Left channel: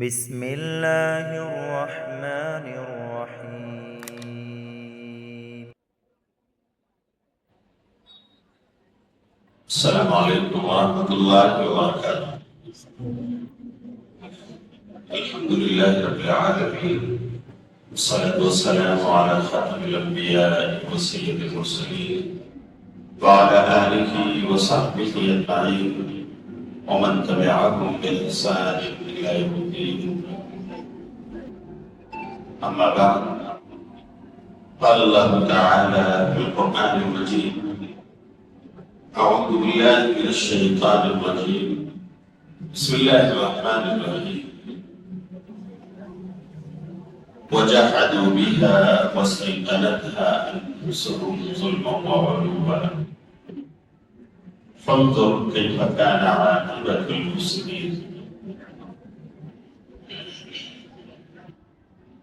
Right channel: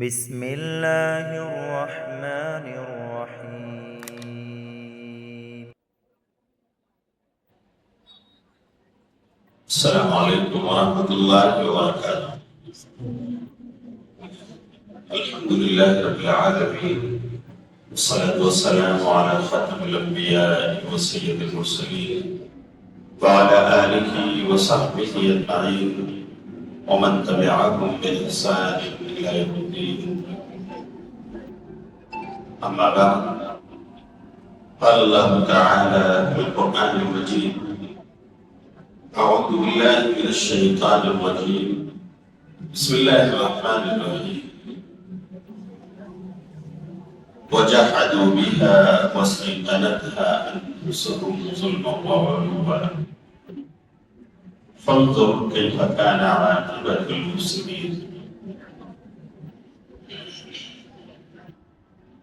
بسم الله الرحمن الرحيم. السلام عليكم ورحمة الله وبركاته. الحمد لله رب العالمين، والصلاة والسلام على خاتم الأنبياء وسيد المرسلين وعلى آله وصحبه أجمعين ومن تبعهم بإحسان إلى يوم الدين. أما بعد، قال الله تعالى في القرآن المجيد: أعوذ بالله من الشيطان الرجيم، بسم الله الرحمن الرحيم. وجحدوا بها واستيقنتها أنفسهم ظلما وعلوا فانظر كيف كان عاقبة المفسدين.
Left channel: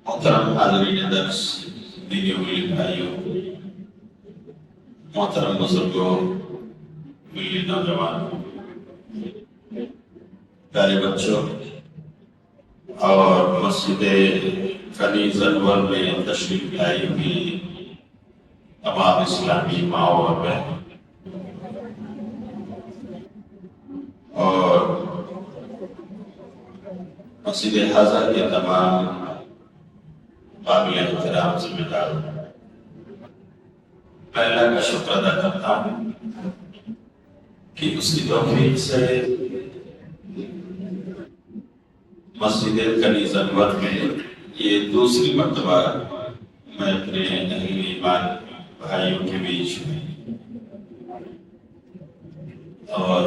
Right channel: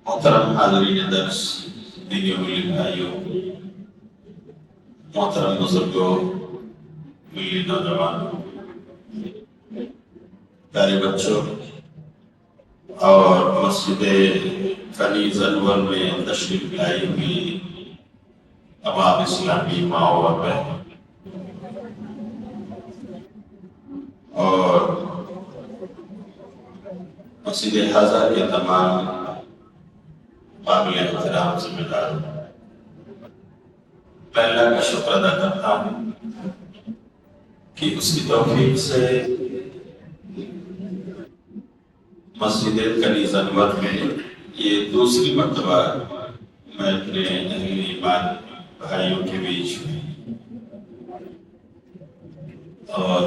محترم حاضرین درس، دینی و ملی بھائیوں، محترم بزرگوں، ملی نوجوانوں، پیارے بچوں اور مسجد کنیز انور میں تشریف لائی ہوئی تمام اسلامی ماں اور بہن، اور مسجد حاضر کے تمام قابل احترام ذمہ دار، میں اللہ کا شکر ادا کرتا ہوں کہ اس کی توفیق سے مسجد کنیز انور میں یہ دوسری مرتبہ میں اپنے اہل ایمان بھائیوں کے بیچ میں، اور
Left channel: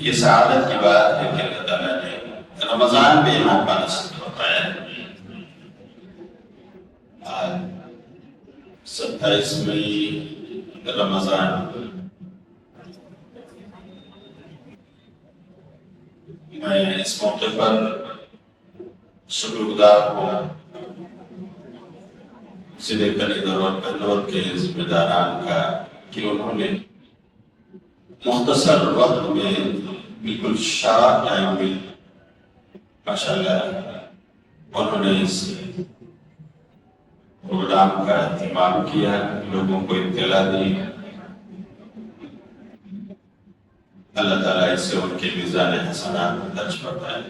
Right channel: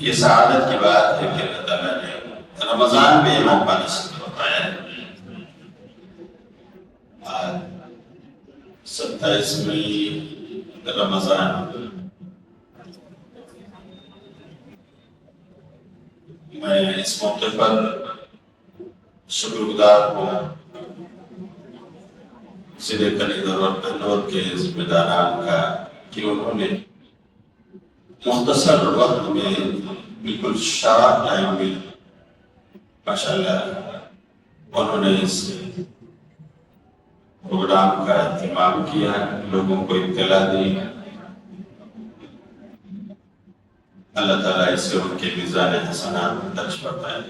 یہ سعادت کی بات ہے کہ اللہ تعالیٰ نے رمضان میں موقع نصیب ہوتا ہے۔ آج 27 مئی رمضان، میں اس موقع پر شکر گزار ہوں مسجد کنیز انور کے ذمہ داران کا کہ انہوں نے مختصر وقت میں بالکل شرح ٹائم میں ماشاءاللہ انہوں نے اس پروگرام کا اہتمام کیا، لوگوں کو اطلاع دی۔ اللہ تعالیٰ اس سے ان کے میزان حسنات میں درج فرمائے۔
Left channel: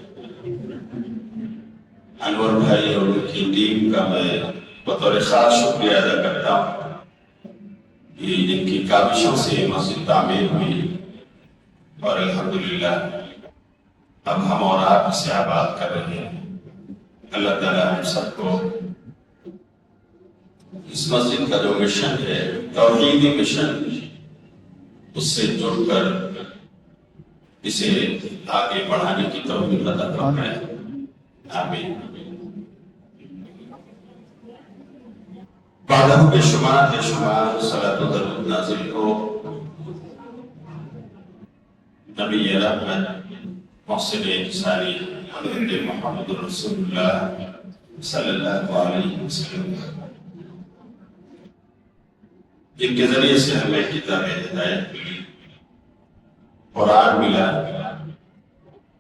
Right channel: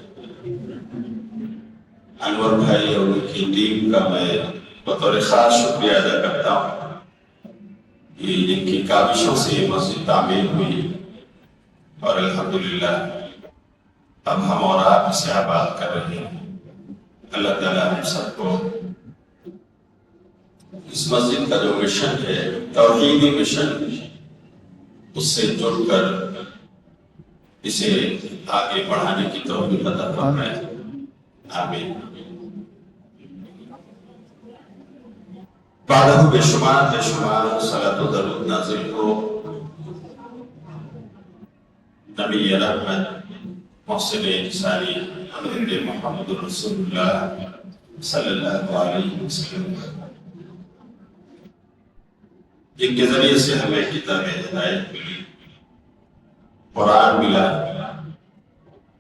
انور بھائی اور ان کی ٹیم کا میں بطور خاص شکریہ ادا کرتا ہوں کہ جن کی کاوشوں سے مسجد تعمیر ہوئی، اور الحمدللہ اب ہم اور آپ اسے آباد کر رہے ہیں۔ اللہ تعالیٰ ہم سب کو اس مسجد کا جو مشن ہے، توحیدی مشن، اس سے جڑ کر اسے آگے بڑھانے کی توفیق عطا فرمائے، آمین۔ بعدہ بے شمار صلاۃ و درود نازل ہو نبی رحمت محسن انسانی حضرت محمد رسول اللہ صلی اللہ علیہ وسلم، جن کے ذریعے سے ہمیں کتاب ہدایت ملی، قرآن ملا،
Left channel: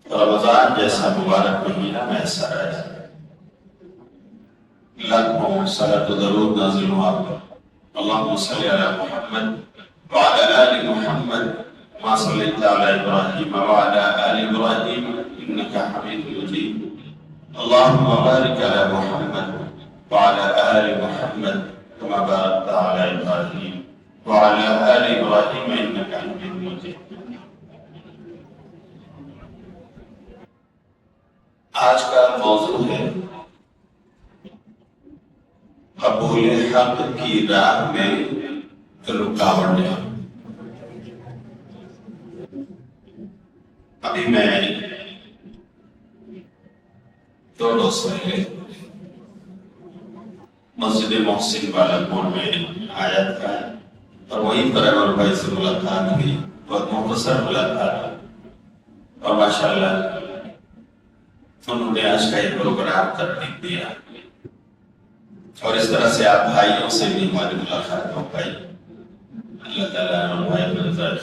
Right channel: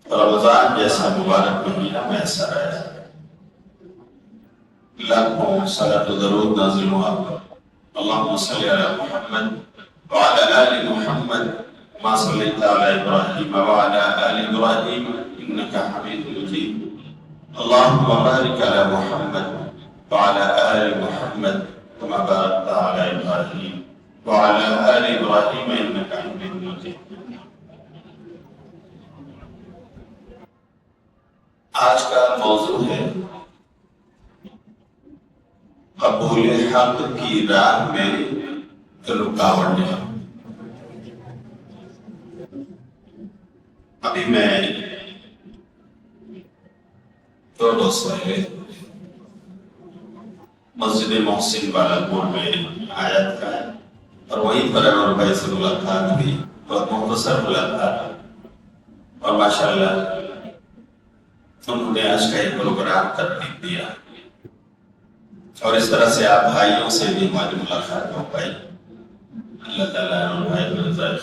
رمضان جیسا مبارک مہینہ میسر آیا۔ لاکھوں صلاۃ و درود نازل ہوا۔ اللہم صلی علی محمد وعلی آل محمد ما صلیت علی ابراہیم وعلی آل ابراہیم انکا حمید مجید۔ اللہم بارک علی محمد وعلی آل محمد كما باركت على إبراهيم وعلى آل إبراهيم إنك حميد مجيد۔ آج کا موضوع ہے قبول حق کی راہ میں رکاوٹیں۔ ابھی میں 2 روز پہلے مسجد محسن والا پور میں آیا تھا، اور وہیں پر انور بھائی سے ملاقات ہوئی، بہت مختصر ملاقات، اور ماشاءاللہ انہوں نے آج کا ایک پروگرام ترتیب دیا، اور اس طرح سے آپ بھائیوں سے بھی ہماری ملاقات ہو پائی۔ اللہ تعالیٰ انور بھائی کو جزائے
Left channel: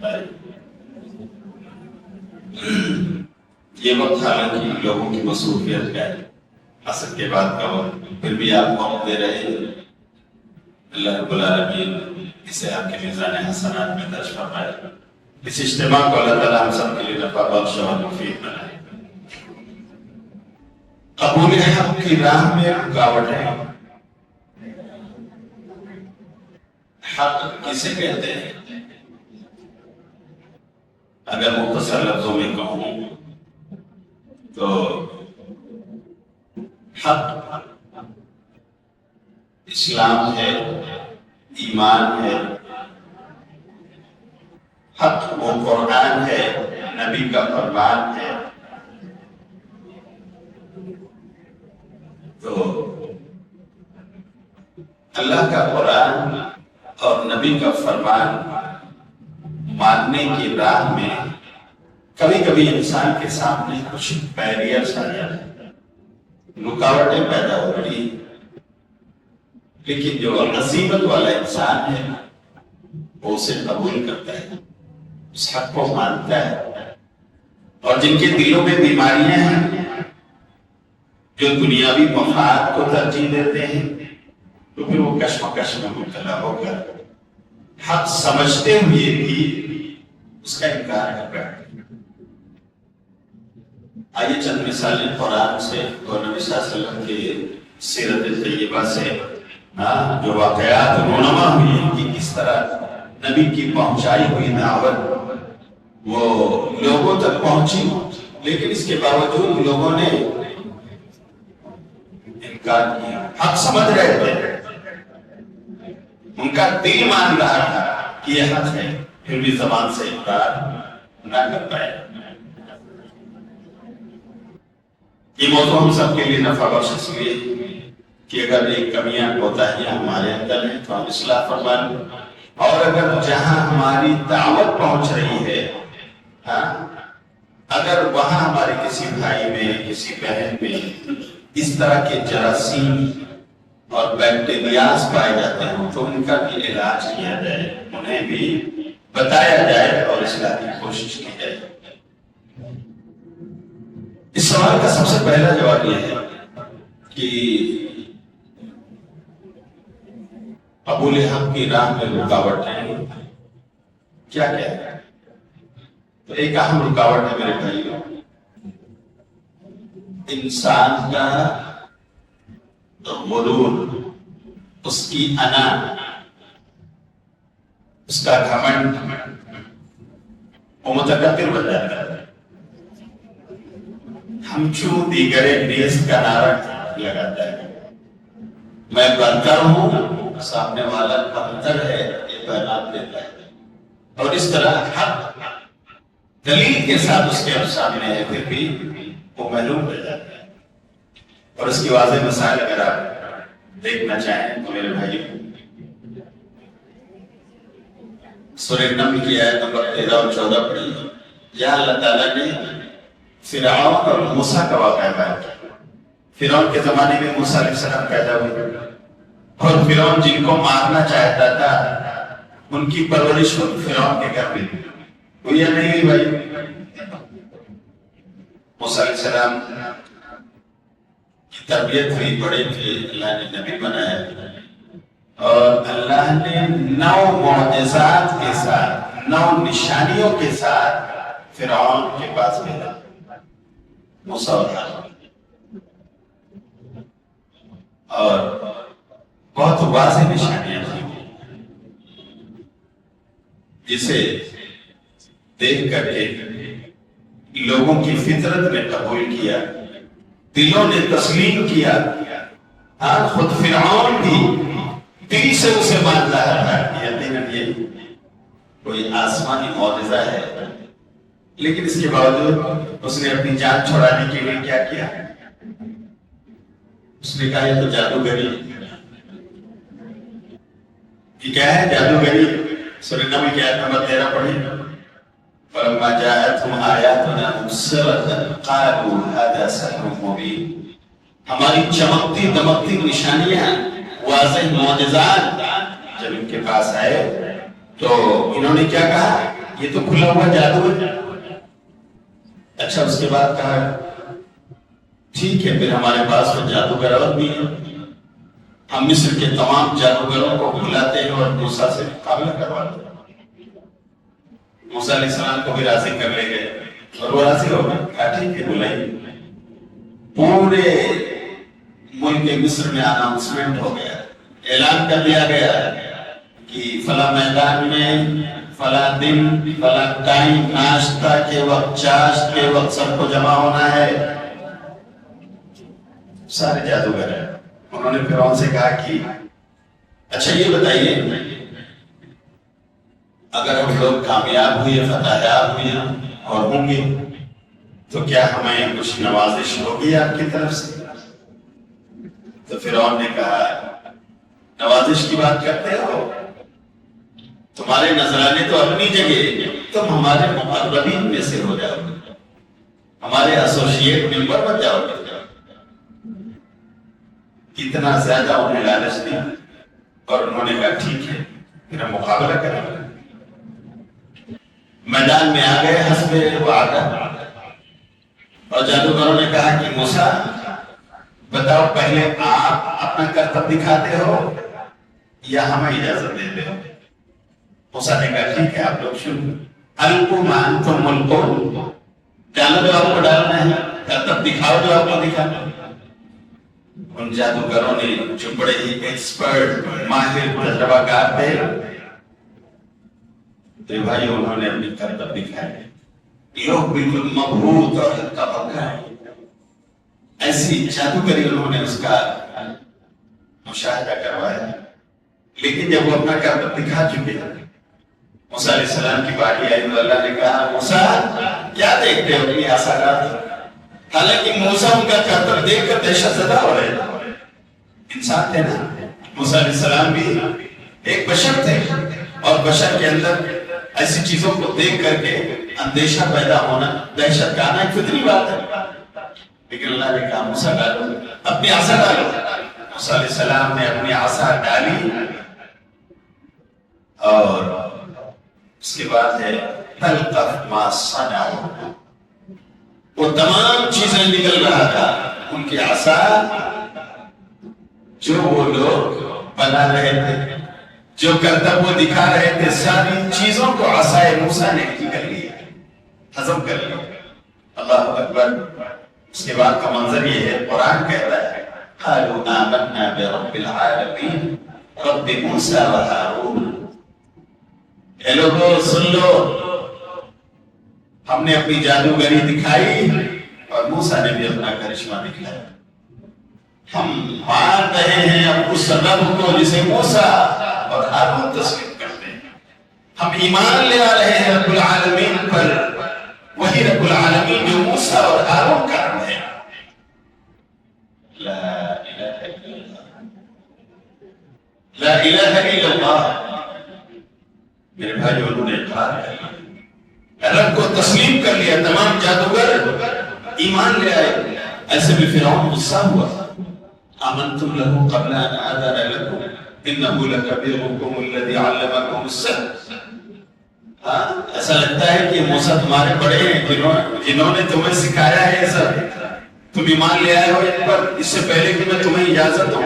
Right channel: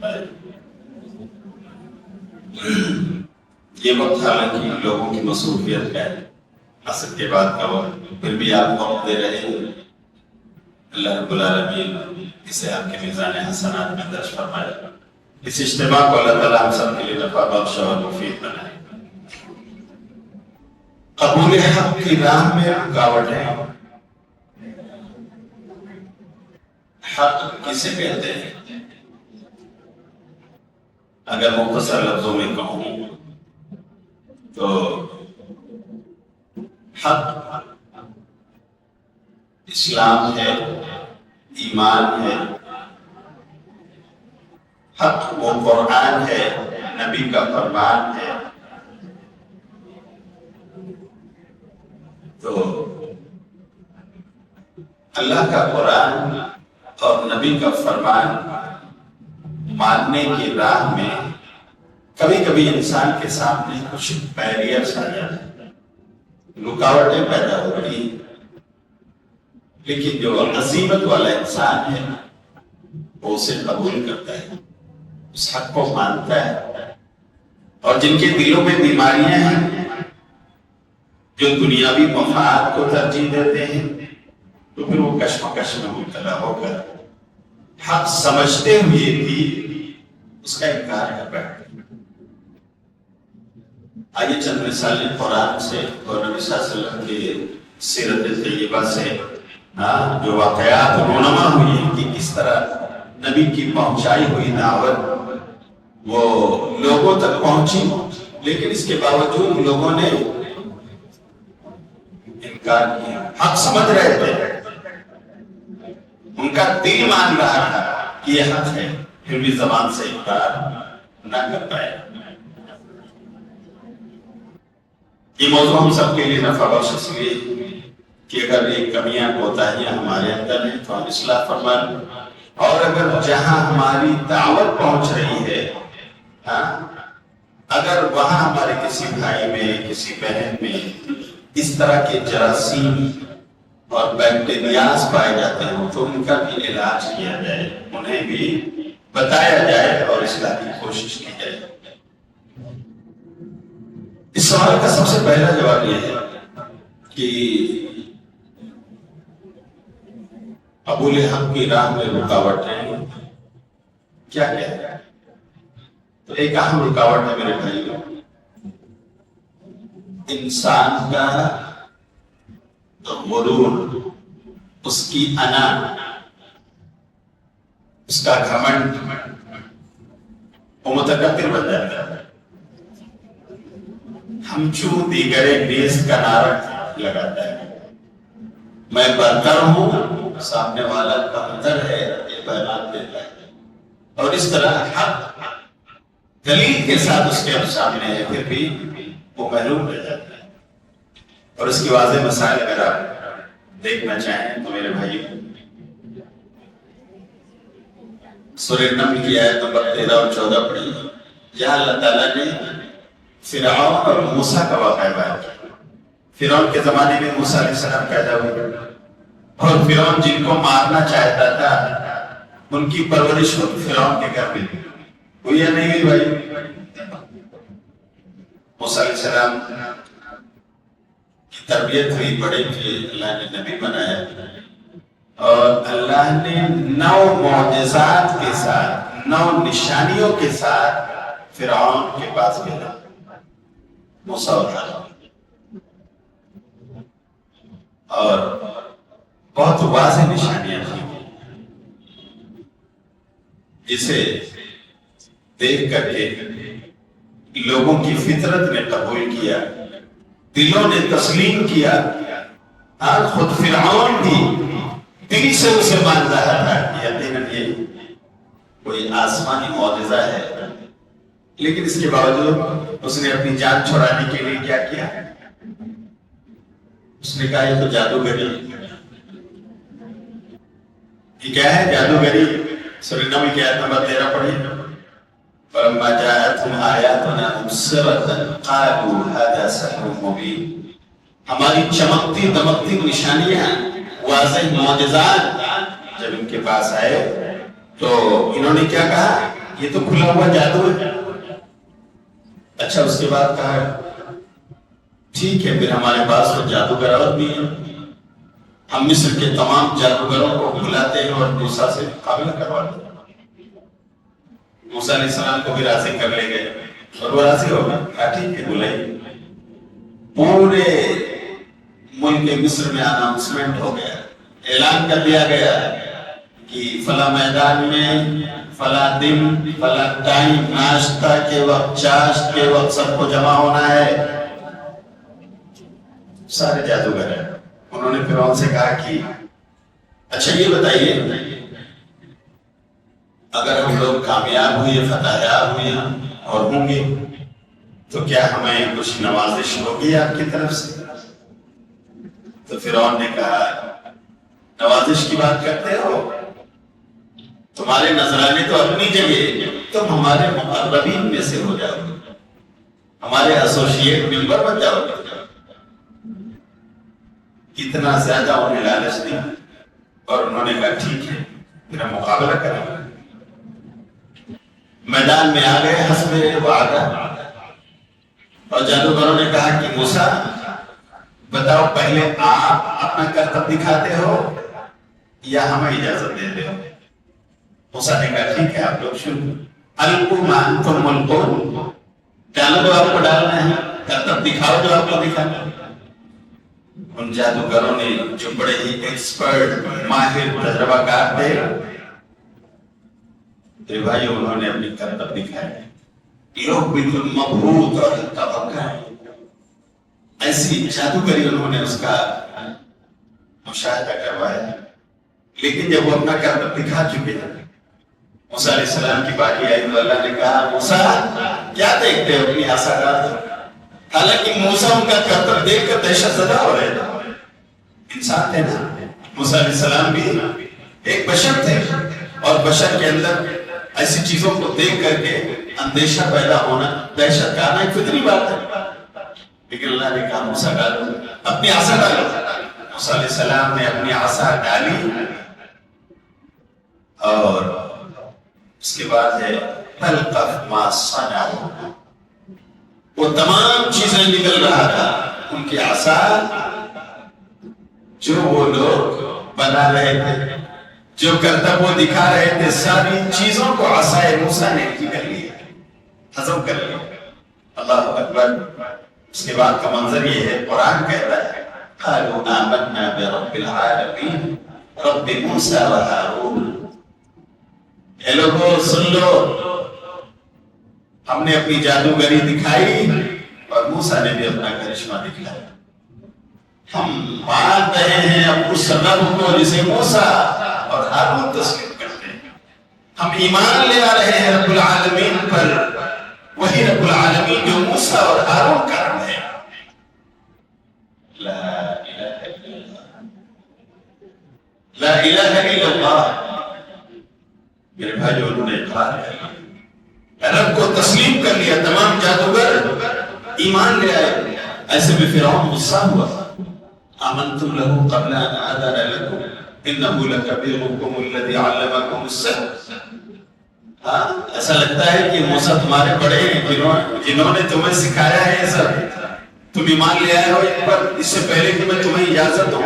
خیر۔ یہ وقت حالانکہ لوگوں کی مصروفیت کا ہے، عصر کے بعد کا وقت، پھر بھی آپ وقت دے رہے ہیں۔ اللہ رب العالمین اسے آپ کے میزان حسنات میں درج فرمائے۔ اس اجتماع کو اللہ تعالیٰ ہم سب کے لیے نفع بخش اور مفید بنائے۔ قبول حق کی راہ میں رکاوٹیں، حق کسے کہتے ہیں؟ اگر مختصر لفظوں میں کہوں تو حق اسلام ہے، ایمان ہے، حق وہ قرآن ہے، نبی کا فرمان ہے۔ تو اللہ کا قرآن اور نبی کا فرمان ماننے کی راہ میں کبھی کبھی انسان کے سامنے کچھ بیریئرز آ جاتے ہیں، رکاوٹیں پیدا ہوتی ہیں، لیکن جو عزیمت والا انسان ہے وہ اسے قبول کرتا ہے، اس حق کو مانتا ہے۔ اور جن کے دلوں میں بیماریاں ہیں، جو دنیاوی مفاد کو ترجیح دیتے ہیں، تو پھر وہ کشمکش میں مبتلا ہو کر حق سمجھتے ہوئے بھی اس کا انکار کر رہا ہے۔ آئیے چند مثالیں قرآن سے اور نبی صلی اللہ علیہ وسلم کے سیرت طیبہ سے جو واقعات رونما ہوئی ہیں کہ کس طرح نبی کی پہنچائی ہوئی دعوت وہ لوگوں تک پہنچی، لیکن اس کے باوجود لوگوں نے انکار کیا۔ حق سمجھ رہے تھے، ان کا دل مان رہا تھا کہ یہ حق ہے، پھر بھی زبان سے انکار نہ کر پائے۔ یہ موضوع ہم سب کے لیے نفع بخش اس لیے کہ اگر ایک کمیاں کوتاہیاں ہمارے اندر ہیں تو ہم اصلاح فرمائیں، اور اگر جہاں ہماری دعوت پہنچ رہی ہے، اگر وہاں ہمارے کسی بھائی میں، کسی بہن میں اس طرح کے جراثیم اور بیکٹیریاز پائے جاتے ہیں تو ان کا بھی علاج کیا جائے، انہیں بھی بتایا جائے اور اصلاح کی کوشش کی جائے۔ اس سوال کا سب سے پہلا جواب یہ ہے کہ قبول حق کی راہ میں رکاوٹیں کیا ہے؟ تو ایک اہم رکاوٹ ہے میرے بھائیوں، انسان کا غرور، اس کی انا، اس کا گھمنڈ، وہ متکبر بن جاتا ہے۔ ہم چوں دیگرے نیست کا نعرہ لگاتا ہے، میں برتر ہوں، سامنے والا کمتر ہے، یہ پیغام دیتا ہے۔ اور اس طرح حق دلیل کے ساتھ اس کے سامنے ہے، پھر بھی وہ محروم رہ جاتا ہے۔ اور اس کی واضح مسائل اگر آپ دیکھنا چاہیں تو میرے بھائی، سورہ نمل کی آیت نمبر 13 اور 14 پڑھی، جہاں اللہ تعالیٰ نے فرعون اور موسیٰ کا واقعہ بیان کیا۔ فرعون کے زمانے میں موسیٰ علیہ السلام پیدا ہوئے، اور فرعون جن کو مارنا چاہتا تھا ان کی پرورش خود فرعون کے گھر میں ہوئی یا نہیں ہوئی بھائی؟ موسیٰ علیہ السلام کی تربیت ہوئی، بڑے تھے، اللہ نے نبی بنایا، اور اللہ نے 9 معجزات کے ساتھ، 9 نشانیوں کے ساتھ فرعون کے پاس بھیجا موسیٰ اور ہارون، اور بہت واضح نشانیاں تھیں جسے دیکھ کر کے لوگوں کی فطرت نے قبول کیا، دلوں نے تسلیم کیا۔ خود فرعون بھی دل سے اسے مان رہا تھا، یقیناً یہ کوئی آسمانی معجزہ ہے، لیکن اس کے باوجود اس نے اپنی جان چھڑانے کے لیے کیا کیا؟ اس نے کہا یہ تو جادوگری، یہ کیا ہے جادوگری؟ سورہ نمل کی آیت نمبر 13 پڑھی، فَلَمَّا جَاءَتْهُمْ آيَاتُنَا مُبْصِرَةً قَالُوا هَذَا سِحْرٌ مُبِينٌ۔ ہماری چمکتی دمکتی نشانیاں، واضح معجزات جب ان کے پاس آئے تو انہوں نے کیا کہا؟ یہ تو کھلا ہوا جادو ہے، اچھا اس کے بعد کہا ٹھیک ہے، پھر ہمارے پاس تو جادوگر اور بھی ہیں، ہم مصر کے تمام جادوگروں کو بلاتے ہیں اور موسیٰ سے مقابلہ کرواتے ہیں۔ موسیٰ علیہ السلام کو بھی راضی کر لے گئے اور وہ راضی ہو گئے، کہا ٹھیک ہے بلائیے۔ پورے ملک مصر میں اناؤنسمنٹ ہو گیا، اعلان کر دیا گیا کہ فلاں میدان میں فلاں دن فلاں ٹائم ناشتہ کے وقت چاشت کے وقت سب کو جمع ہونا ہے۔ سارے جادوگر ہیں، انہوں نے فرعون سے کہا کہ اچھا یہ بتائیے اگر ہم لوگ کامیاب ہوئے فتح یاب ہوئے اور ہوں گے تو کیا ہمیں کچھ نوازش ہوگی آپ کی طرف سے؟ تو فرعون نے کہا نوازش کی بات کرتے ہو، تمہارے نذرانے تو اپنی جگہ، تم ہمارے مقربین میں سے ہو جاؤ گے، ہمارے ایسوسیٹ ممبر بن جاؤ گے۔ اتنا زیادہ انہیں لالچ دی اور انہوں نے کہا ٹھیک ہے میرا مقابلہ کریں گے۔ میدان میں آ گئے حسب وعدہ، اور جادوگروں نے کہا کہ موسیٰ بتاؤ پہلے آپ اپنا کرتب دکھاتے ہو یا ہمیں اجازت دیتے ہو؟ موسیٰ نے کہا ٹھیک ہے آپ لوگ شروع، القوا ما انتم ملقون، کہنا جو آپ کو ڈالنا ہے، کرتب دکھاؤ جو آپ کو دکھانا ہے۔ ان جادوگروں نے جو بڑے ہی ایکسپرٹ ماہر تجربہ کار تھے، تو بھائی انہوں نے اپنی کرتب دکھائے، لوگ بالکل مبہوت اور ہلکا بھگا ہے، ایسی جادوگری انہوں نے اس کا مشاہدہ کروایا۔ لیکن جب وہ اپنا کرتب دکھا چکے موسیٰ علیہ السلام کی باری آئی تو اللہ نے کہا موسیٰ کیا دیکھتے ہو اپنی عصا ڈال دو۔ حالانکہ موسیٰ ان کا کرتب دیکھ کر دہشت زدہ ہو رہے تھے، انسان تھے نا، موسیٰ علیہ السلام بھی ایک بشر تھے، اور بشر کے اندر ایسی چیزوں کو دیکھ کر کے اندیشہ پیدا ہونا، دہشت کا آنا ایک فطری بات ہے۔ لیکن اللہ نے کہا موسیٰ ڈالو، اپنی عصا ڈالو۔ موسیٰ علیہ السلام نے اپنی عصا ڈالی اور اس کے بعد ہے تلقف ما صنعوا، وہ تمام چیزیں نکل رہا تھا ان کی عصا، جو وہ لوگ بنا رہے تھے، جو کرتب وہ دکھا رہے تھے، ساری چیزوں کو عصائے موسیٰ نے نکل لیا، ہضم کر لیا۔ اللہ اکبر۔ اس کے بعد کا منظر یہ ہے، قرآن کہتا ہے قالوا آمنا برب العالمین رب موسیٰ و ہارون، اے لوگوں سن لو، ہم نے اپنی جادوگری دکھائی اور موسیٰ نے بھی اپنا کرشمہ دکھایا۔ ہم مان رہے ہیں اب اس رب کو جسے موسیٰ اور ہارون تسلیم کرتے ہیں، ہم ایمان لے آ رہے ہیں رب العالمین پر، وہی رب العالمین جو موسیٰ اور ہارون کا رب ہے۔ لا الہ الا اللہ، لا الہ الا اللہ۔ میرے بھائی انہوں نے کہا رب کو تسلیم کر لیا، تمام جادوگر ایمان لے آئے۔ ایسے بھی فرعون غصہ ہوا، آمنتم له قبل ان آذن لكم انه لكبيركم الذي علمكم السحر۔ ایسا لگتا ہے کہ موسیٰ تمہارے بڑے ہیں جنہوں نے تمہیں سکھایا ہے یہ سب، تم ایمان لے آئے ہو ان پر اس سے پہلے کہ میں تمہیں اجازت دوں۔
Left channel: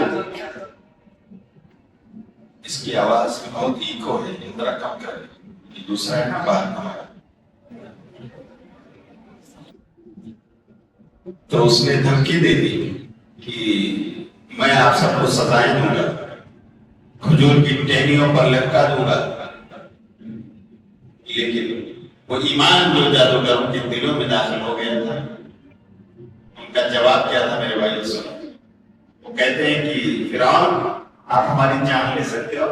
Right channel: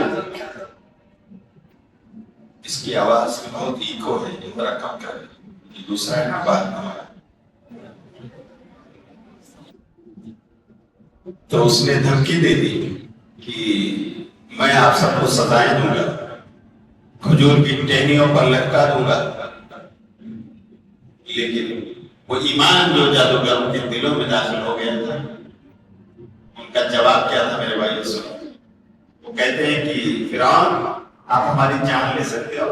اس کی آواز میں بہت ایکو ہے، یہ ذرا کم کرے، یہ دوسرا ہے نا بات۔ تو اس نے دھمکی دے دی کہ میں آپ سب کو سزائیں دوں گا، کھجور کی ٹہنیوں پر لٹکا دوں گا۔ لیکن وہ ایمان جو جادوگروں کے دلوں میں داخل ہو گیا تھا، ان کا جواب کیا تھا میرے بھائی سنو؟ وہ کہتے ہیں کہ فرعون آپ ہماری جان لے سکتے ہو،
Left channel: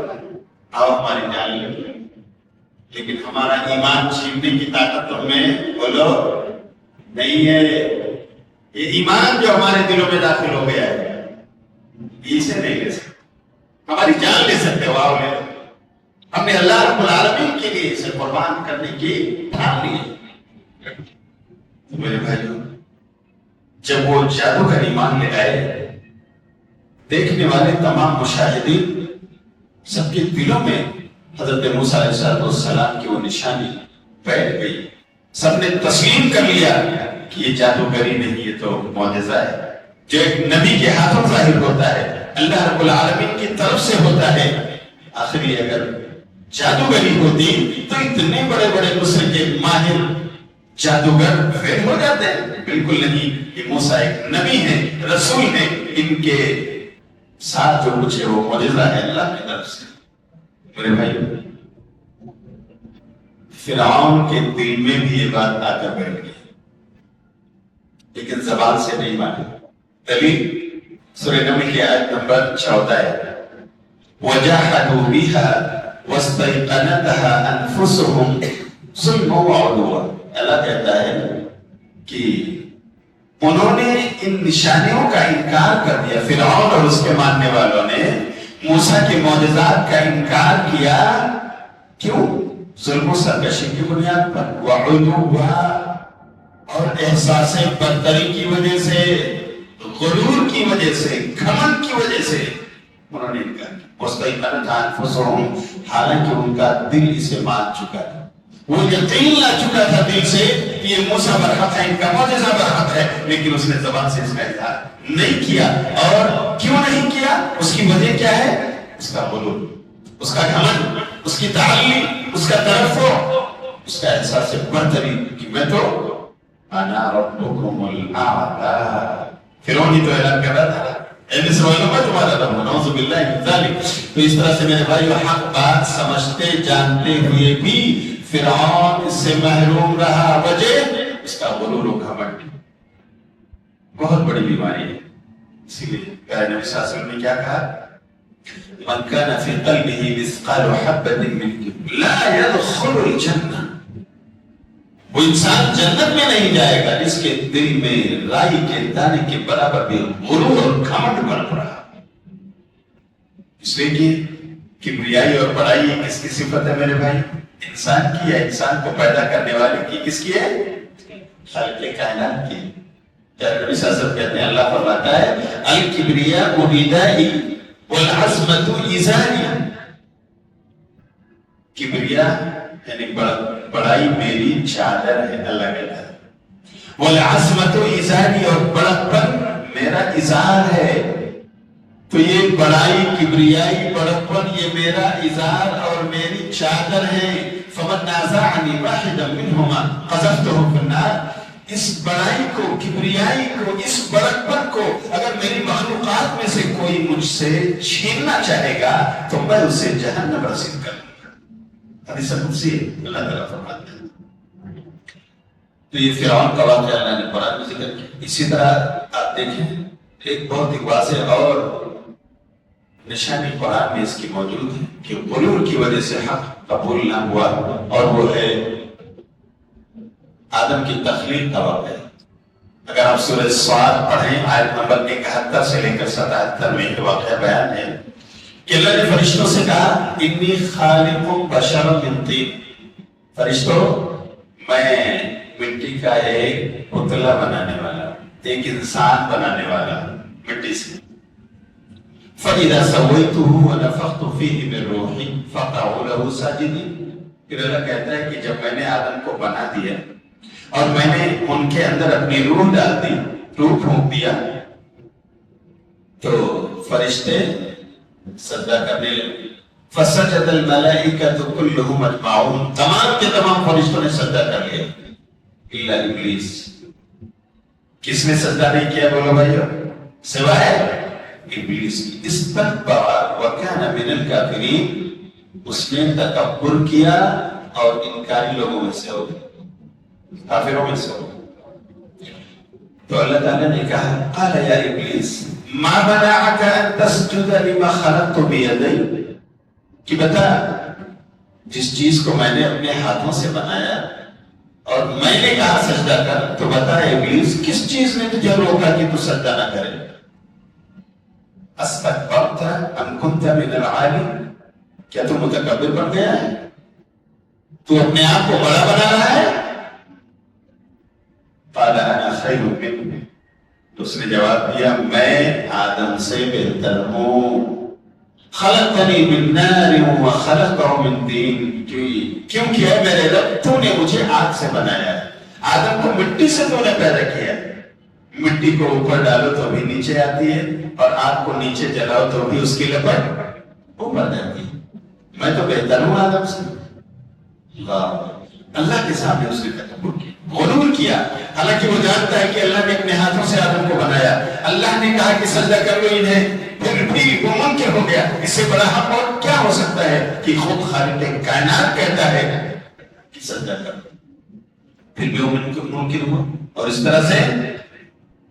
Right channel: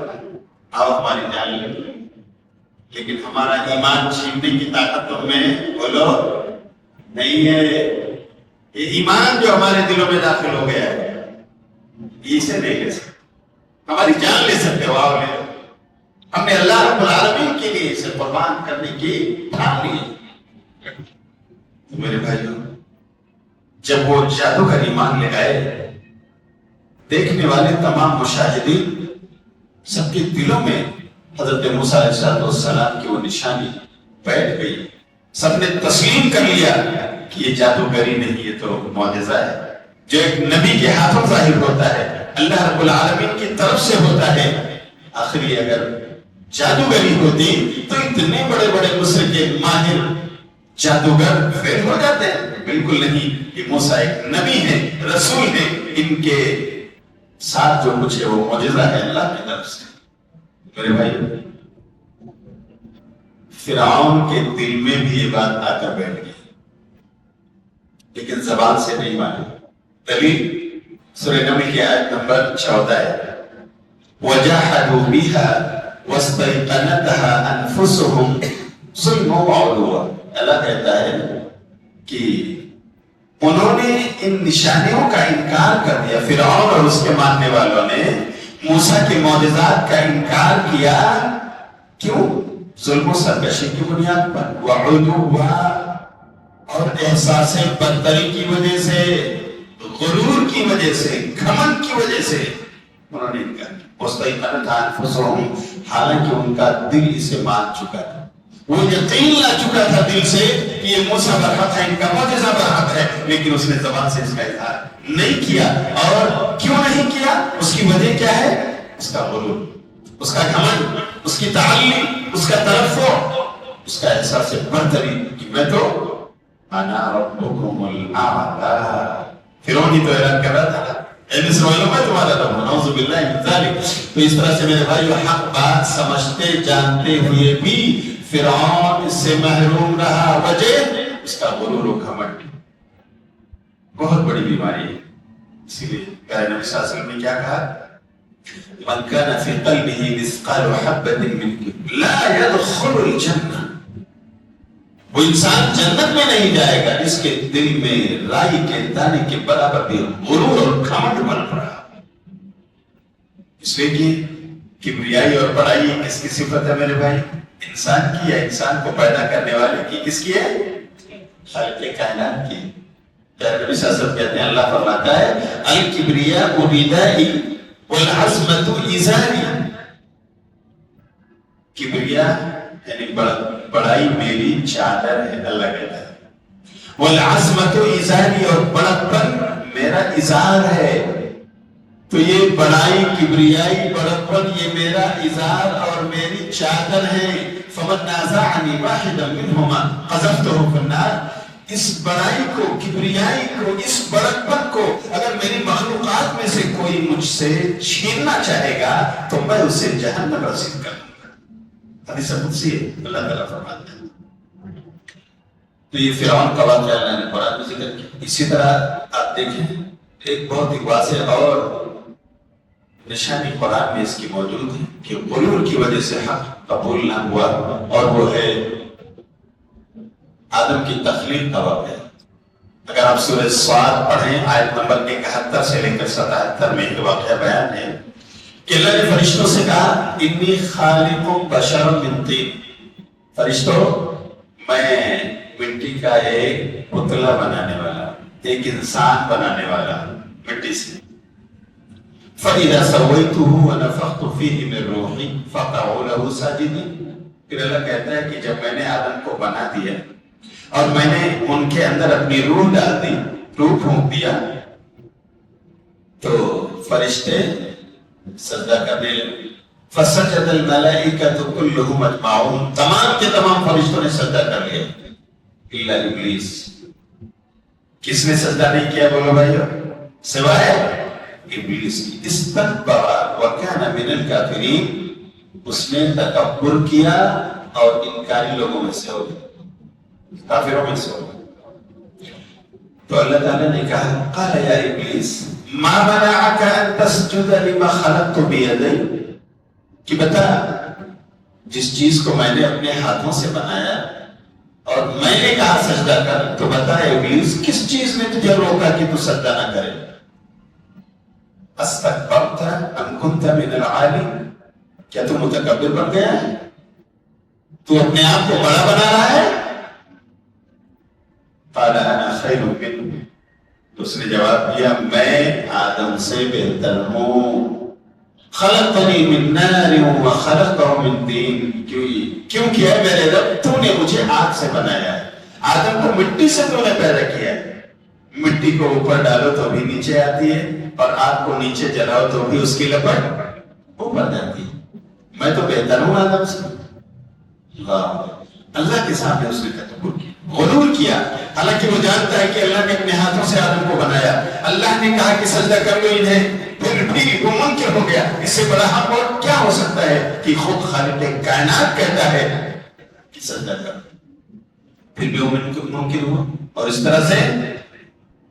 آؤ ہماری جان لے، لیکن ہمارا ایمان چھیننے کی طاقت تم میں بولو نہیں ہے۔ یہ ایمان جو ہمارے دلوں میں داخل ہو گیا ہے اسے نہیں لے سکتے، ہماری جان لے سکتے ہو، آؤ لے۔ ہم نے اللہ رب العالمین کے لیے اسے قربان کرنے کی ٹھان لی۔ میرے بھائیو، جب وہ جادوگر ایمان لے گئے، دیکھنے والے تمام مشاہدین سب کے دلوں میں حضرت موسیٰ علیہ السلام کی وہ نشانی بیٹھ گئی، سب نے تسلیم کر لیا کہ یہ جادوگری نہیں، یہ تو معجزہ ہے جو ایک نبی کے ہاتھوں ظاہر ہوتا ہے، اللہ رب العالمین کی طرف سے ہوتا ہے۔ آخری اگر جادوگری ہوتی تو اتنے بڑے بڑے مصر کے ماہر جادوگر فیل ہو جاتے ہیں؟ بالکل نہیں، یہ موسیٰ ایک نبی ہے، رسول ہے، ان کے ساتھ جو کچھ ہے وہ معجزہ ہے اللہ کی طرف سے۔ میرے بھائی، فرعون کے دل میں بھی یہ بات آ کر بیٹھ گئی، لیکن زبان سے نہیں مانی۔ دلیل سورہ نمل کی آیت نمبر 14 ہے، وَجَحَدُوا بِهَا وَاسْتَيْقَنَتْهَا أَنفُسُهُمْ ظُلْمًا وَعُلُوًّا۔ اللہ کہتا ہے کہ انہوں نے ان نشانیوں کا انکار کر دیا، فرعون اور اس کے ماننے والوں نے موسیٰ کے معجزات کا انکار کیا۔ کیوں؟ ظلم و سرکشی کی بنیاد پر، وعلوا، اور احساس برتری کی وجہ سے، غرور کی وجہ سے، گھمنڈ کی وجہ سے انہوں نے انکار کیا۔ مستيقنتها أنفسهم، حالانکہ ان کا دل اسے مان چکا تھا، وہ یقین لا چکا تھا دل سے کہ یہ موسیٰ برحق ہے، ان کا معجزہ برحق ہے، لیکن اس نے زبان سے اس کا اظہار نہیں کیا۔ اور کیوں نہیں کیا؟ اس کی وجہ کیا ہے؟ اس کا غرور، اس کا گھمنڈ، اس کی تعلیم، اس کا ترفع، اس کا احساس برتری کہ میں تو انا ربکم الاعلی۔ فرعون ہی تو اعلان کر رہا تھا اے مصر والوں، میں تمہارا رب ہوں، نعوذ باللہ من ذالک۔ تو اس طرح سے میرے بھائی حق بات سمجھتے جانتے ہوئے بھی فرعون اس سے محروم رہا، وجہ اس کا غرور و گھمنڈ، بہت بڑی بیماری ہے۔ اسی لیے پیارے نبی صلی اللہ علیہ وسلم نے کیا کہا؟ من كان في قلبه مثقال حبة من كبر لا يدخل الجنة۔ وہ انسان جنت میں نہیں جائے گا جس کے دل میں رائی کے دانے کے برابر بھی غرور اور گھمنڈ بن پڑا۔ اس لیے کہ کبریائی اور بڑائی کس کی صفت ہے میرے بھائی؟ انسان کی ہے، انسان کو پیدا کرنے والے کی، کس کی ہے؟ خالق کائنات کی۔ نبی صلی اللہ علیہ وسلم کہتے ہیں، اللہ فرماتا ہے الکبریاء ردائی والعظمت ازاری۔ کبریاء یعنی بڑائی میری چادر ہے، اللہ کہتا ہے، والعظمت ازاری، اور بڑکپن میرا ازار ہے۔ تو یہ بڑائی، کبریائی، بڑکپن یہ میرا ازار اور میری چادر ہے۔ فمن نازعنی واحدا منہما قذفته فی النار۔ اس بڑائی کو، کبریائی کو، اس بڑکپن کو اگر میری مخلوقات میں سے کوئی مجھ سے چھیننا چاہے گا تو میں اسے جہنم رسید کروں گا۔ حدیث قدسی اللہ تعالیٰ فرماتے ہیں۔ تو یہ فرعون کا واقعہ اللہ نے قرآن میں ذکر کیا۔ اسی طرح آپ دیکھیں ایک بہت ہی واضح اور نشانی قرآن میں اس کی موجود ہے کہ غرور کی وجہ سے حق قبول نہ ہوا، اور وہ ہے آدم کی تخلیق کا واقعہ۔ اگر آپ سورہ صاد پڑھیں آیت نمبر 71 سے لے کر 77 میں یہ واقعہ بیان ہے کہ اللہ نے فرشتوں سے کہا انی خالق بشر من طین، فرشتوں میں مٹی کا ایک پتلا بنانے والا، ایک انسان بنانے والا مٹی سے۔ فَإِذَا سَوَّيْتُهُ وَنَفَخْتُ فِيهِ مِن رُوحِي فَقَعُوا لَهُ سَاجِدِينَ۔ پھر اللہ کہتا ہے کہ جب میں نے آدم کو بنا دیا اور میں نے ان کے اندر اپنی روح ڈال دی، روح پھونک دیا، تو فرشتے سجدہ کرنے لگے۔ فَسَجَدَ الْمَلَائِكَةُ كُلُّهُمْ أَجْمَعُونَ، تمام کے تمام فرشتوں نے سجدہ کر لیا الا ابلیس۔ کس نے سجدہ نہیں کیا بولو بھائیو؟ سوائے ابلیس کی۔ استکبر وکان من الکافرین، اس نے تکبر کیا اور انکاری لوگوں میں سے ہو گیا، کافروں میں سے ہو گیا۔ تو اللہ تعالیٰ نے کہا قال یا ابلیس ما منعك ان تسجد لما خلقت بیدی، کہ بتا جس چیز کو میں نے اپنے ہاتھوں سے بنایا اور میں نے کہا سجدہ کر، تو بتا ابلیس کس چیز نے تجھے روکا کہ تو سجدہ نہ کرے؟ استکبرت ام کنت من العالی، کیا تو متکبر بن گیا ہے؟ تو اپنے آپ کو بڑا بنا رہا ہے؟ قال انا خیر منہ، تو اس نے جواب دیا میں آدم سے بہتر ہوں۔ خلقتنی من نار وخلقته من طین، کیوں کیا میرے رب تو نے مجھے آگ سے بنایا ہے آدم کو مٹی سے تو نے پیدا کیا ہے، مٹی کو اوپر ڈالو تو بھی نیچے آتی ہے، اور آگ کو نیچے جلاؤ تو بھی اس کی لپٹ اوپر جاتی ہے۔ میں تو بہتر ہوں آدم سے۔ اللہ کے سامنے اس نے تکبر کیا، غرور کیا، حالانکہ وہ جانتا ہے کہ اللہ نے اپنے ہاتھوں سے آدم کو بنایا۔ اللہ نے کہا کہ سجدہ کر لو انہیں، پھر بھی وہ منکر ہو گیا۔ اس سے بڑا حق اور کیا ہو سکتا ہے کہ خود خالق کائنات کہتا ہے کہ سجدہ کر لو، پھر بھی وہ منکر ہوا۔ اور اس طرح سے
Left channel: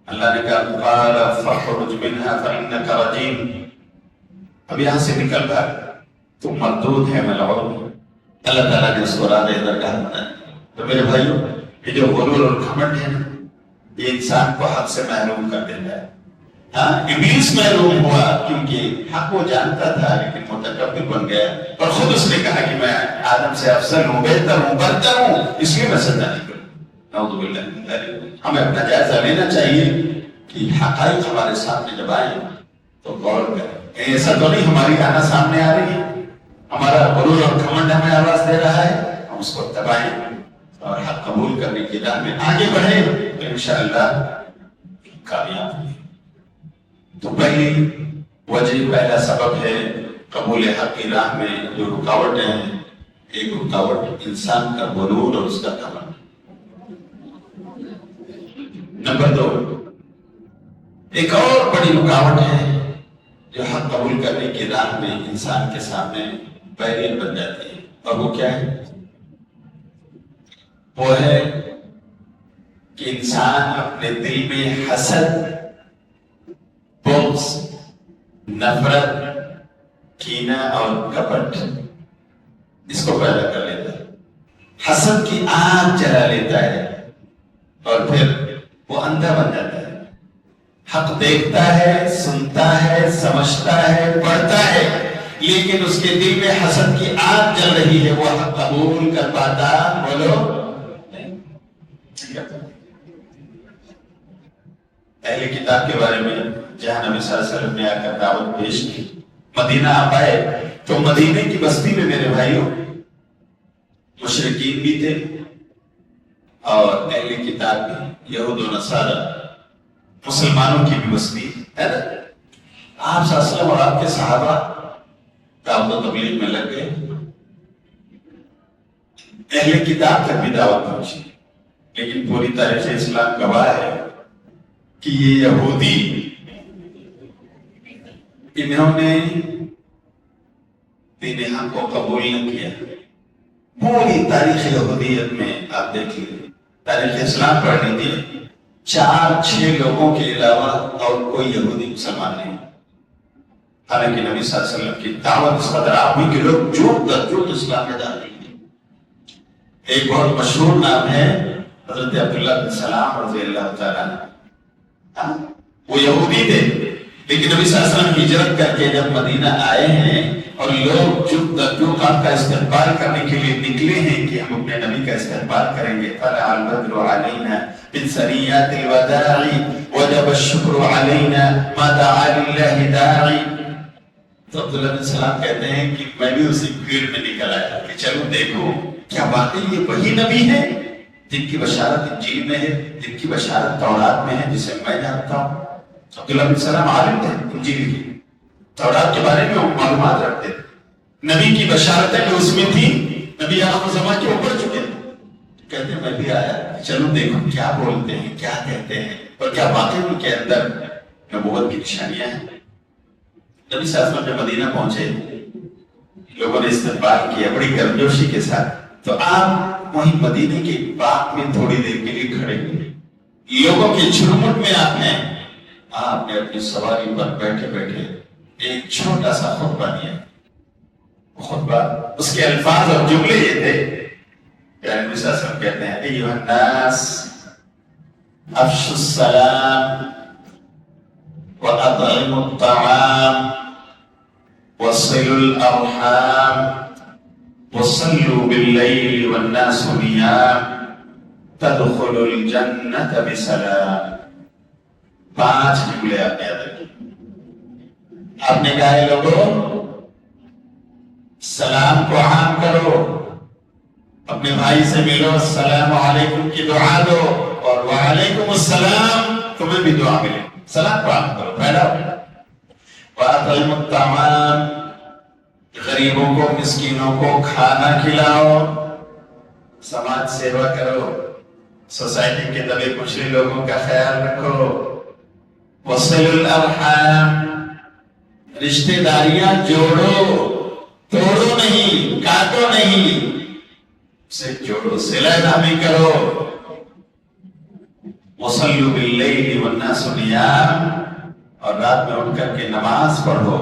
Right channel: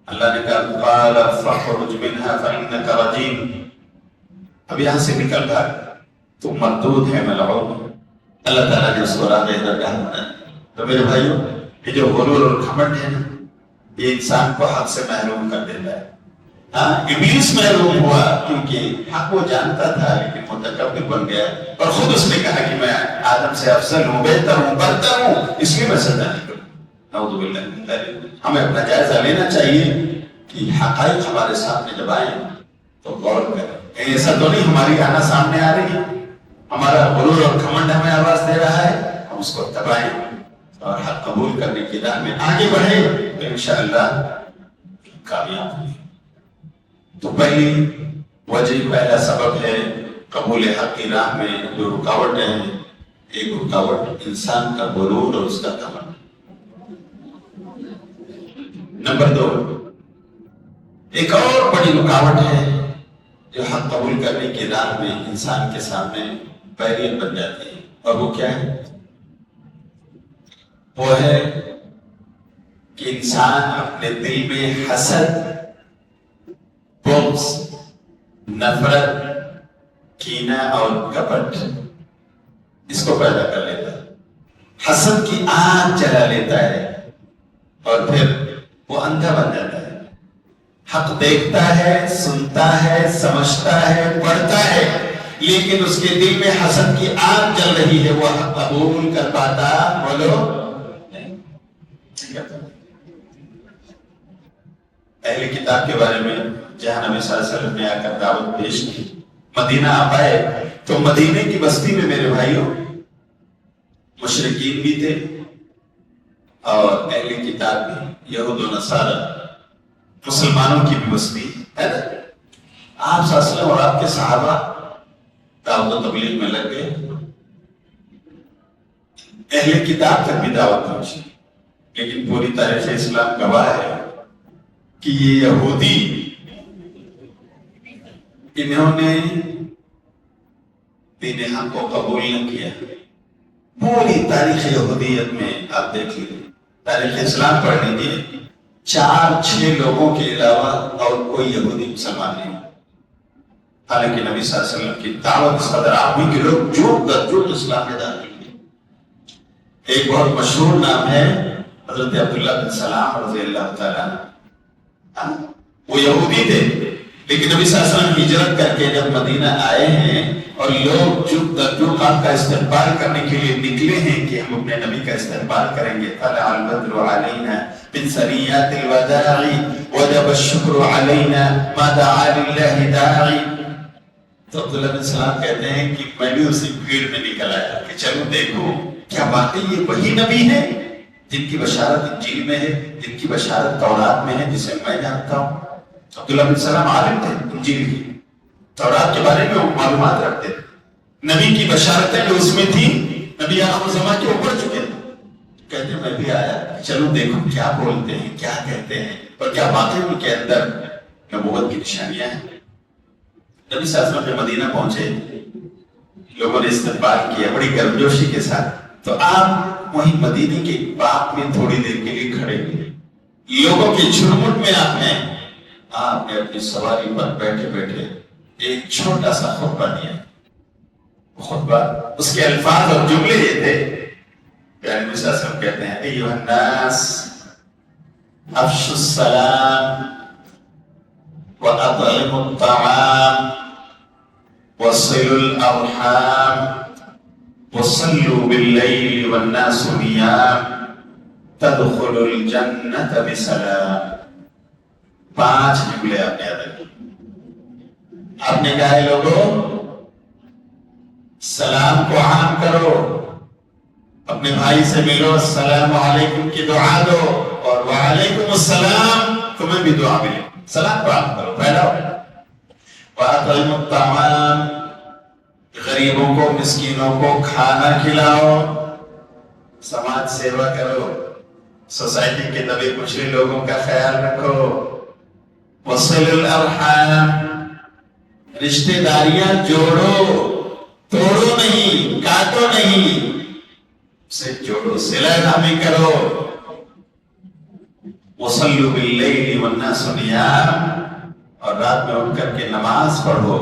اللہ نے کہا قال فاخرج منها فانك رجيم، اب یہاں سے نکل بھاگ، تو مردود ہے ملعون۔ اللہ تعالیٰ نے اس کو راہ ادھر ڈالنا ہے۔ تو میرے بھائیوں، یہ جو غرور اور گھمنڈ ہے نا، یہ انسان کو حق سے محروم کر دیتا ہے۔ ہاں، ابلیس محروم ہوا کیونکہ حق وہ جانتا تھا لیکن متکبر بن گیا، اور خود اس نے کہا کہ میں آدم سے افضل ہوں، بہتر ہوں، برتر ہوں، اس لیے میں سجدہ نہیں کروں۔ نعوذ باللہ من ذلک۔ ہمیں اپنا جائزہ لینا چاہیے کہ حقائق ہمارے سامنے جب آئیں تو غور کریں۔ ایسا تو نہیں ہماری آنا سامنے آ رہی ہے، ہمارا غرور اور گھمنڈ ہمیں آواز دے رہا ہے، ہم اس کو دبائیں اور حق قبول کرنے کی راہ میں آگے بڑھیں تو انشاءاللہ کامیاب ہوئے۔ تو پہلی وجہ، پہلا سبب ہے قبول حق کی راہ میں جو رکاوٹیں ہیں، ایک رکاوٹ انسان کا غرور اور اس کا گھمنڈ۔ نمبر 2، ایک اور بڑی رکاوٹ ہے جو حق قبول کرنے کی راہ میں انسان کے سامنے بیرئر بن جاتی ہے، اور وہ کیا ہے؟ وہ ہے کہ انسان اپنے دل میں حسد، بغض، نفرت، کینہ اور کپٹ اس کو پیدا کر لیتا ہے۔ حسد کی آگ جلا لیتا ہے اور پھر وہ اندھا بن جاتا ہے۔ حق دیکھتا ہے، سنتا ہے، سمجھتا ہے، پڑھتا ہے، لیکن اس کے دل میں حسد کی آگ جل رہی ہے، وہ حق قبول کر پاتا؟ بولو۔ اہل کتاب کے بارے میں جہاں نبی صلی اللہ علیہ وسلم نے آ کر دعوت پیش کی، مدینہ آپ آئے تو مدینے کی بستی میں میرے بھائیوں مشرکین بھی تھے اور اہل کتاب بھی، یہود و نصارہ، مسلمانوں کی بھی بستی ہے۔ آپ صلی اللہ علیہ وسلم اور آپ کے صحابہ دعوت و تبلیغ میں لگ گئے، اہل کتاب تک بھی دعوت پہنچی، لیکن پوری تاریخ اسلام گواہ ہے کہ یہ یہودی، انہوں نے دین حق کو قبول نہ کیا۔ پوری تاریخ یہودیت میں آپ دیکھ لیجیے، تاریخ اسلام پڑھ لیجیے، 4-6 لوگوں کے علاوہ اور کوئی یہودی مسلمان نہیں۔ حالانکہ نبی صلی اللہ علیہ وسلم کی دعوت اس قدر آپ ہوئی کہ لوگ جوڑ کر جوڑ اسلام میں داخل ہوئے۔ ایک بہت مشہور نام ہے حضرت عبداللہ بن سلام رضی اللہ تعالیٰ عنہ۔ وہ یہودی تھے لیکن نبی صلی اللہ علیہ وسلم ہجرت کر کے جب مدینہ آئے ہیں اور لوگ جو آپ کا استقبال کرنے کے لیے نکلے ہیں کہ ہم اپنے نبی کا استقبال کریں گے، طلع البدر علینا من ثنیات الوداع وجب الشکر علینا ما دعا للہ داعی۔ تو عبداللہ بن سلام کہتے ہیں کہ میں بھی اسی بھیڑ میں نکل آیا کہ چلو دیکھو کیا واقعی یہ وہی نبی ہے جن کی بشارت انجیل میں ہے، جن کی بشارت تورات میں ہے جسے میں جانتا ہوں۔ عبداللہ بن سلام عالم تھے انجیل کی، تورات کے بارے میں وہ معلومات رکھتے، نبی کی بشارتیں جو اس میں تھی، نبی آخر زمان کے اوپر چکے، کہتے ہیں میں بھی آیا چلو دیکھو کیا بولتے ہیں، کیا کہتے ہیں، اور کیا واقعی ان کے اندر نبوت کی نشانیاں ہیں۔ نبی صلی اللہ علیہ وسلم مدینہ پہنچے، لوگوں نے استقبال کیا بڑی گرمجوشی کے ساتھ، تو آپ وہیں مدینے کے باغ میں تھوڑی دیر کے لیے کھڑے ہوئے، لوگوں کے جھرمٹ میں آپ نے اپنی سواری پر بیٹھے بیٹھے ایک چھوٹا سا خطبہ دیا۔ خطبہ، اس کے الفاظ اور جملے یہ تھے کہ نبی صلی اللہ علیہ وسلم کہتے ہیں ایھا الناس افشوا السلام واطعموا الطعام وصلوا الارحام وصلوا باللیل والناس نیام تدخلوا الجنة بسلام۔ 5 جملے آپ نے یاد رکھے۔ آپ نے کہا لوگوں سلام کو عام کرو، اپنے بھائی سے ملو، السلام علیکم کی دعا دو، اور وعلیکم السلام تمہیں بھی دعا ملے، سلام پراپت کرو، پہلا وَأَطْعِمُ الطَّعَامَ، غریبوں کو مسکینوں کو کھانا کھلاؤ، سماج سیوا کرو، سوسائٹی کے دبے کچھڑے لوگوں کا خیال رکھو، وَصِلُ الْأَرْحَامَ، رشتہ داریاں جوڑو، توڑو نہیں، کاٹو نہیں، سے جوڑو، صلہ رحمی کرو، وَصَلُّوا بِاللَّيْلِ وَالنَّاسُ نِيَامٌ، اور رات میں اٹھ کر کے نماز پڑھو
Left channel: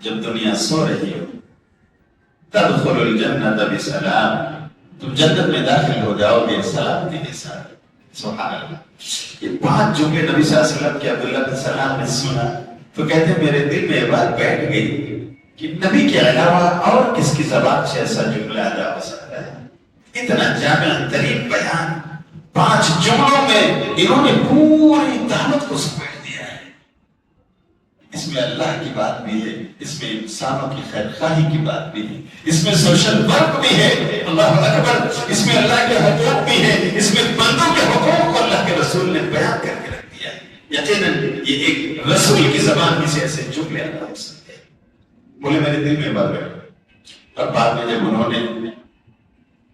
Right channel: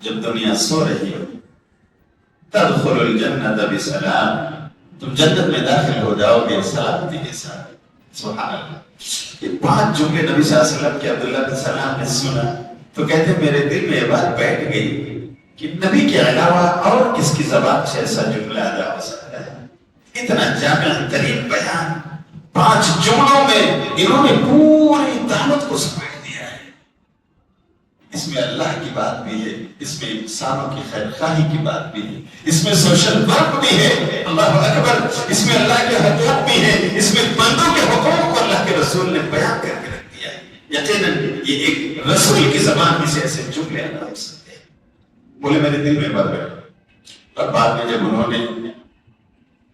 جب دنیا سو رہی ہو، تدخلوا الجنة بسلام، تم جنت میں داخل ہو جاؤ گے سلامتی کے ساتھ۔ سبحان اللہ، یہ 5 جملے نبی صلی اللہ علیہ وسلم کے عبداللہ بن سلام نے سنا تو کہتے میرے دل میں یہ بات بیٹھ گئی کہ نبی کے علاوہ اور کس کی زبان سے ایسا جملہ ادا ہو سکتا ہے؟ اتنا جامع ترین بیان 5 جملوں میں انہوں نے پوری دعوت کو سمیٹ دیا ہے۔ اس میں اللہ کی بات بھی ہے، اس میں انسانوں کی خیر خواہی کی بات بھی ہے، اس میں سوشل ورک بھی ہے، اللہ اکبر، اس میں اللہ کے حقوق بھی ہے، اس میں بندوں کے حقوق کو اللہ کے رسول نے بیان کر کے رکھ دیا ہے۔ یقیناً یہ ایک رسول کی زبان میں سے ایسے جملے ادا ہو سکتے ہیں۔ بولے میرے دل میں بات ہے، اور بعد میں جب انہوں نے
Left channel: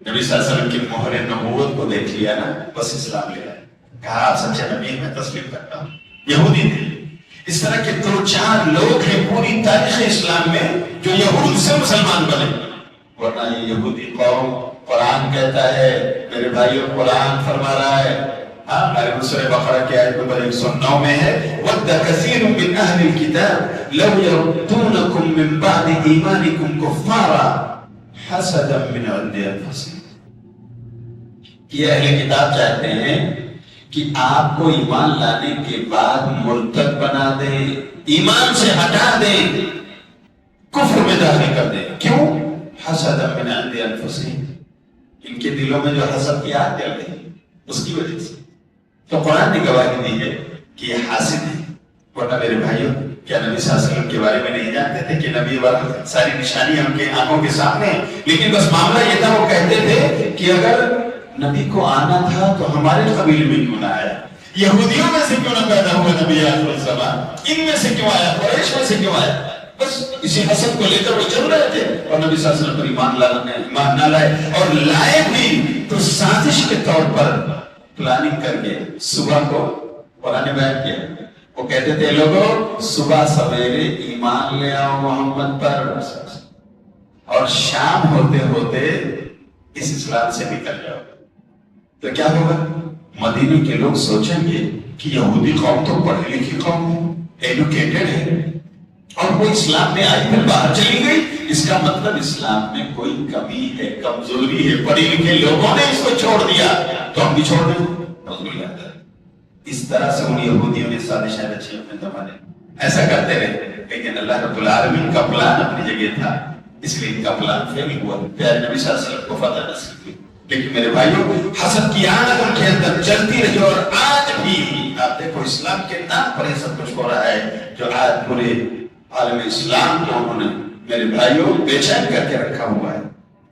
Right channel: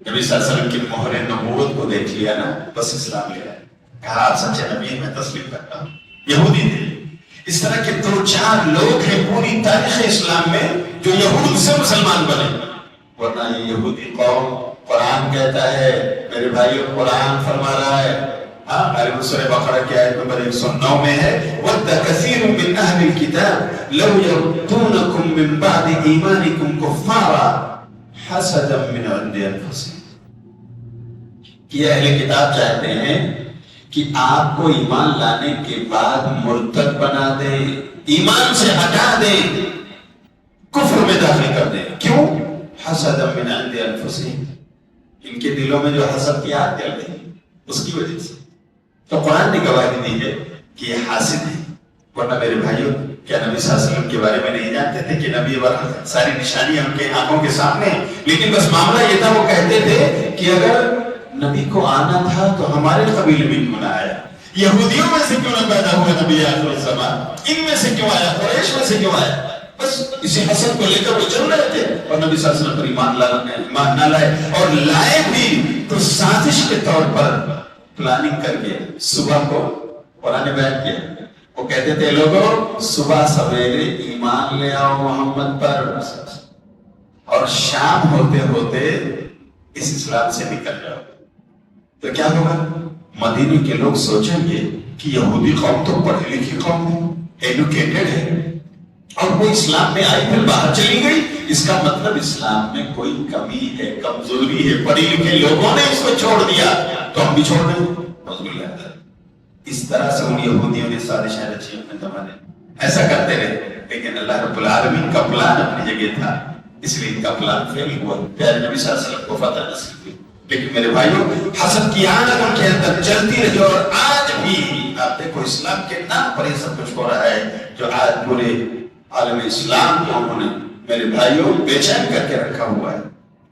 نبی صلی اللہ علیہ وسلم کی مہر نبوت کو دیکھ لیا نا، بس اسلام لے آئے، کہا آپ سچے نبی ہیں، میں تسلیم کرتا ہوں۔ یہودی تھے، اس طرح کے 2-4 لوگ ہیں پوری تاریخ اسلام میں جو یہود سے مسلمان بنے، ورنہ یہ یہودی قوم، قرآن کہتا ہے میرے بھائیوں، قرآن فرما رہا ہے، ہمارے سورہ بقرہ کی آیت نمبر 109 میں ہے وَدَّ كَثِيرٌ مِّنْ أَهْلِ الْكِتَابِ لَوْ يَرُدُّونَكُم مِّن بَعْدِ إِيمَانِكُمْ كُفَّارًا حَسَدًا مِّنْ عِندِ أَنفُسِهِمْ، یہ اہل کتاب چاہتے ہیں کہ آپ کو ایمان لانے کے بعد مرتد بنا دیں، ایمان سے ہٹا دیں، کفر میں داخل کر دیں۔ کیوں؟ حَسَدًا مِّنْ عِندِ أَنفُسِهِمْ، ان کے دلوں میں جو حسد کی آگ جل گئی اس کی وجہ سے۔ تو قرآن نے گواہی دی ہے کہ یہ حاسد ہے، ورنہ میرے بھائیوں کیا نبی صلی اللہ علیہ وسلم کے بارے میں نہیں جانتے تھے کہ نبی ورحمت ساری نشانیاں ان کے آنکھوں کے سامنے ہیں، لیکن بس معاملہ یہ تھا، وہ کہتے تھے کہ اگر نبی کو آنا تھا تو ہمارے قبیل میں کیوں نہ آیا، یہودیوں میں سے کیوں نہ پیدا ہوا نبی آخر الزمان، ان میں سے کیوں آیا، قریش میں سے کیوں آیا؟ بس اسی حسد کو لے کر وہ چل رہے تھے، اور نبی صلی اللہ علیہ وسلم پر ایمان نہ لائے، اور لائے بھی تو سازش کے طور پر پلاننگ کر کے صبح کو قرآن بیان کیا۔ وہ کہتے تھے لوگوں صبح سویرے ایمان لے آؤ محمد پر، اور شام ہوتے ہوتے اس اسلام سے نکل جاؤ۔ تو کیا ہوگا؟ مدینے کے لوگ سوچیں گے کہ یہودی قوم تو پڑھی لکھی قوم ہے، ایڈوکیٹڈ ہے، اور وہ اسلام میں آئی پھر باہر چلی گئی، اس کا مطلب اسلام میں کوئی کمی ہے، کمزوری ہے، پڑھی لکھے لوگوں نے اس کو چھوڑ دیا تو ہم بھی چھوڑ دیں۔ اس طرح سے ان یہودیوں نے سازشیں رچی اپنے زمانے ایسا کرتے رہے، لیکن اللہ رب العالمین کا پلان اپنی جگہ تھا، اس لیے ان کا پلان فیل ہوا، پیارے نبی صلی اللہ علیہ وسلم کو فتح نصیب ہوئی۔ لیکن میرے بھائیوں حسد کی آگ ان کے اندر چلتی رہی، اور آج بھی آپ دیکھو اسلام کے نام پر یہ سب کچھ ہو رہا ہے جو آج پورے عالم اسلام کو انہوں نے میرے بھائیوں بے چین کر کے رکھا ہوا ہے۔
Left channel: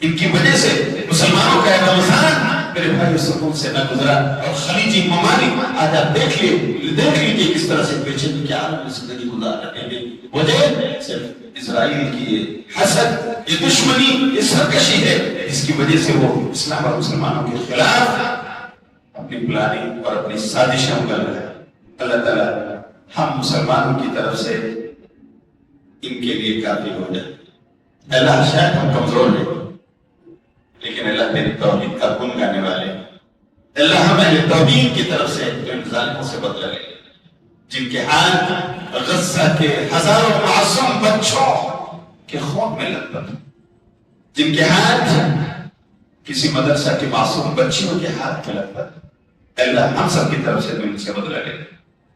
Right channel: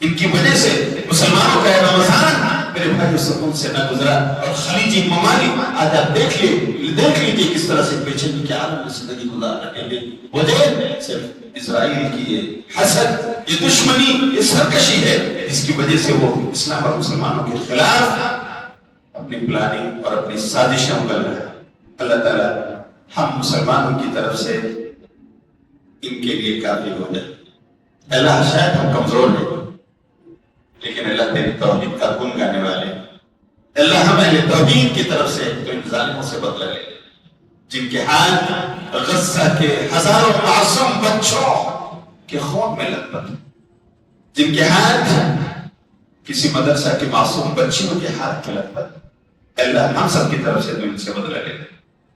ان کی وجہ سے مسلمانوں کا رمضان میرے بھائیوں سکون سے نہ گزرا، اور خلیجی ممالک آج آپ دیکھ لیجیے کس طرح سے بے چینی کے عالم میں زندگی گزار رہے ہیں۔ وجہ صرف اسرائیل کی یہ حسد، یہ دشمنی، یہ سرکشی ہے، جس کی وجہ سے وہ اسلام اور مسلمانوں کے خلاف اپنی پلاننگ اور اپنی سازشیں کر رہے ہیں۔ اللہ تعالیٰ ہم مسلمانوں کی طرف سے ان کے لیے کافی ہو جائے۔ اللہ شاید ہم کمزور ہیں، لیکن اللہ تیری توحید کا گن گانے والے، اللہ ہمیں اہل توحید کی طرف سے ان ظالموں سے بدلہ لے، جن کے حال غزہ کے ہزاروں معصوم بچوں کے خون میں لت پت، جن کے ہاتھ کسی مدرسہ کی معصوم بچیوں کے ہاتھ میں لت پت، اللہ ہم سب کی طرف سے ان سے بدلہ لے۔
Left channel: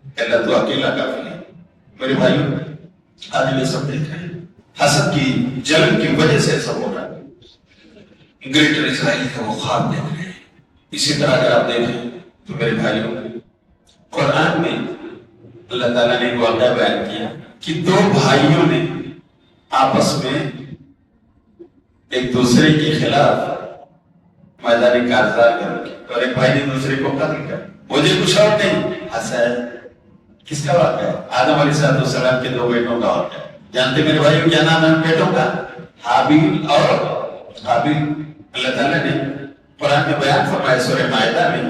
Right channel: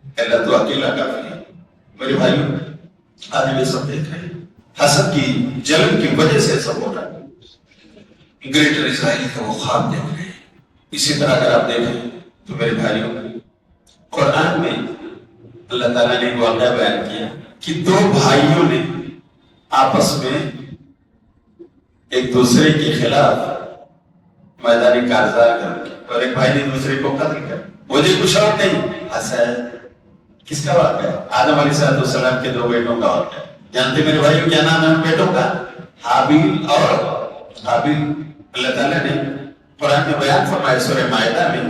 اللہ تو اکیلا کافی ہے۔ میرے بھائیوں آج یہ سب دیکھ رہے ہیں، حسد کی جلن کی وجہ سے سب ہو رہا ہے۔ گریٹر اسرائیل کا وہ خواب دیکھ رہے ہیں۔ اسی طرح اگر آپ دیکھیں تو میرے بھائیوں قرآن میں اللہ تعالیٰ نے واقعہ بیان کیا کہ 2 بھائیوں نے آپس میں ایک دوسرے کے خلاف میدانی کارزار کر اور ایک بھائی نے دوسرے کو قتل کر، مجھے کچھ اور نہیں ہنسا ہے۔ کس کا واقعہ ہے؟ آدم علیہ السلام کے 2 بیٹوں کا واقعہ ہے۔ جانتے میرے بھائیوں کیا نام ہے ان بیٹوں کا؟ حابیل اور قابیل۔ اللہ تعالیٰ نے قرآن میں بیان فرمایا سورہ مائدہ میں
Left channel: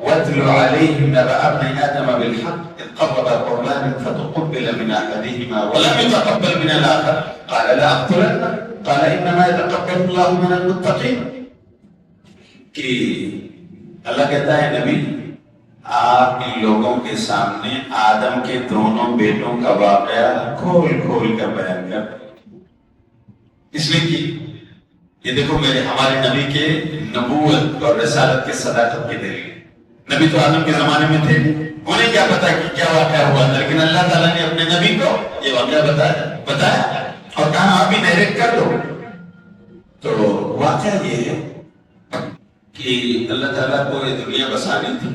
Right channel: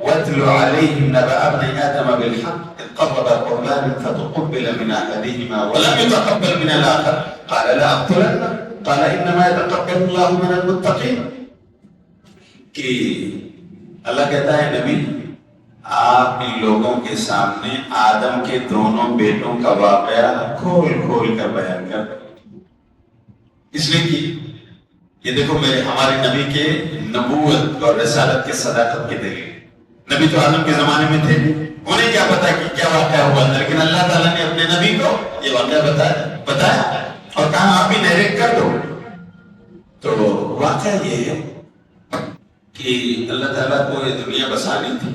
وَاتْلُ عَلَيْهِمْ نَبَأَ ابْنَيْ آدَمَ بِالْحَقِّ إِذْ قَرَّبَا قُرْبَانًا فَتُقُبِّلَ مِنْ أَحَدِهِمَا وَلَمْ يُتَقَبَّلْ مِنَ الْآخَرِ قَالَ لَأَقْتُلَنَّكَ قَالَ إِنَّمَا يَتَقَبَّلُ اللَّهُ مِنَ الْمُتَّقِينَ کہ اللہ کہتا ہے نبی آپ ان لوگوں کے سامنے آدم کے دونوں بیٹوں کا واقعہ کھول کھول کر بیان کر، اس لیے کہ یہ دیکھو ہمارے نبی کے نبوت اور رسالت کے صداقت کی دلیل۔ نبی تو آدم کے زمانے میں تھے، انہیں کیا پتا کہ کیا واقعہ ہوا تھا، لیکن اللہ تعالیٰ نے اپنے نبی کو یہ واقعہ بتایا اور کہا آپ بھی ڈائریکٹ کر دو۔ تو واقعہ یہ ہے کہ اللہ تعالیٰ کو یہ دنیا بسانی تھی،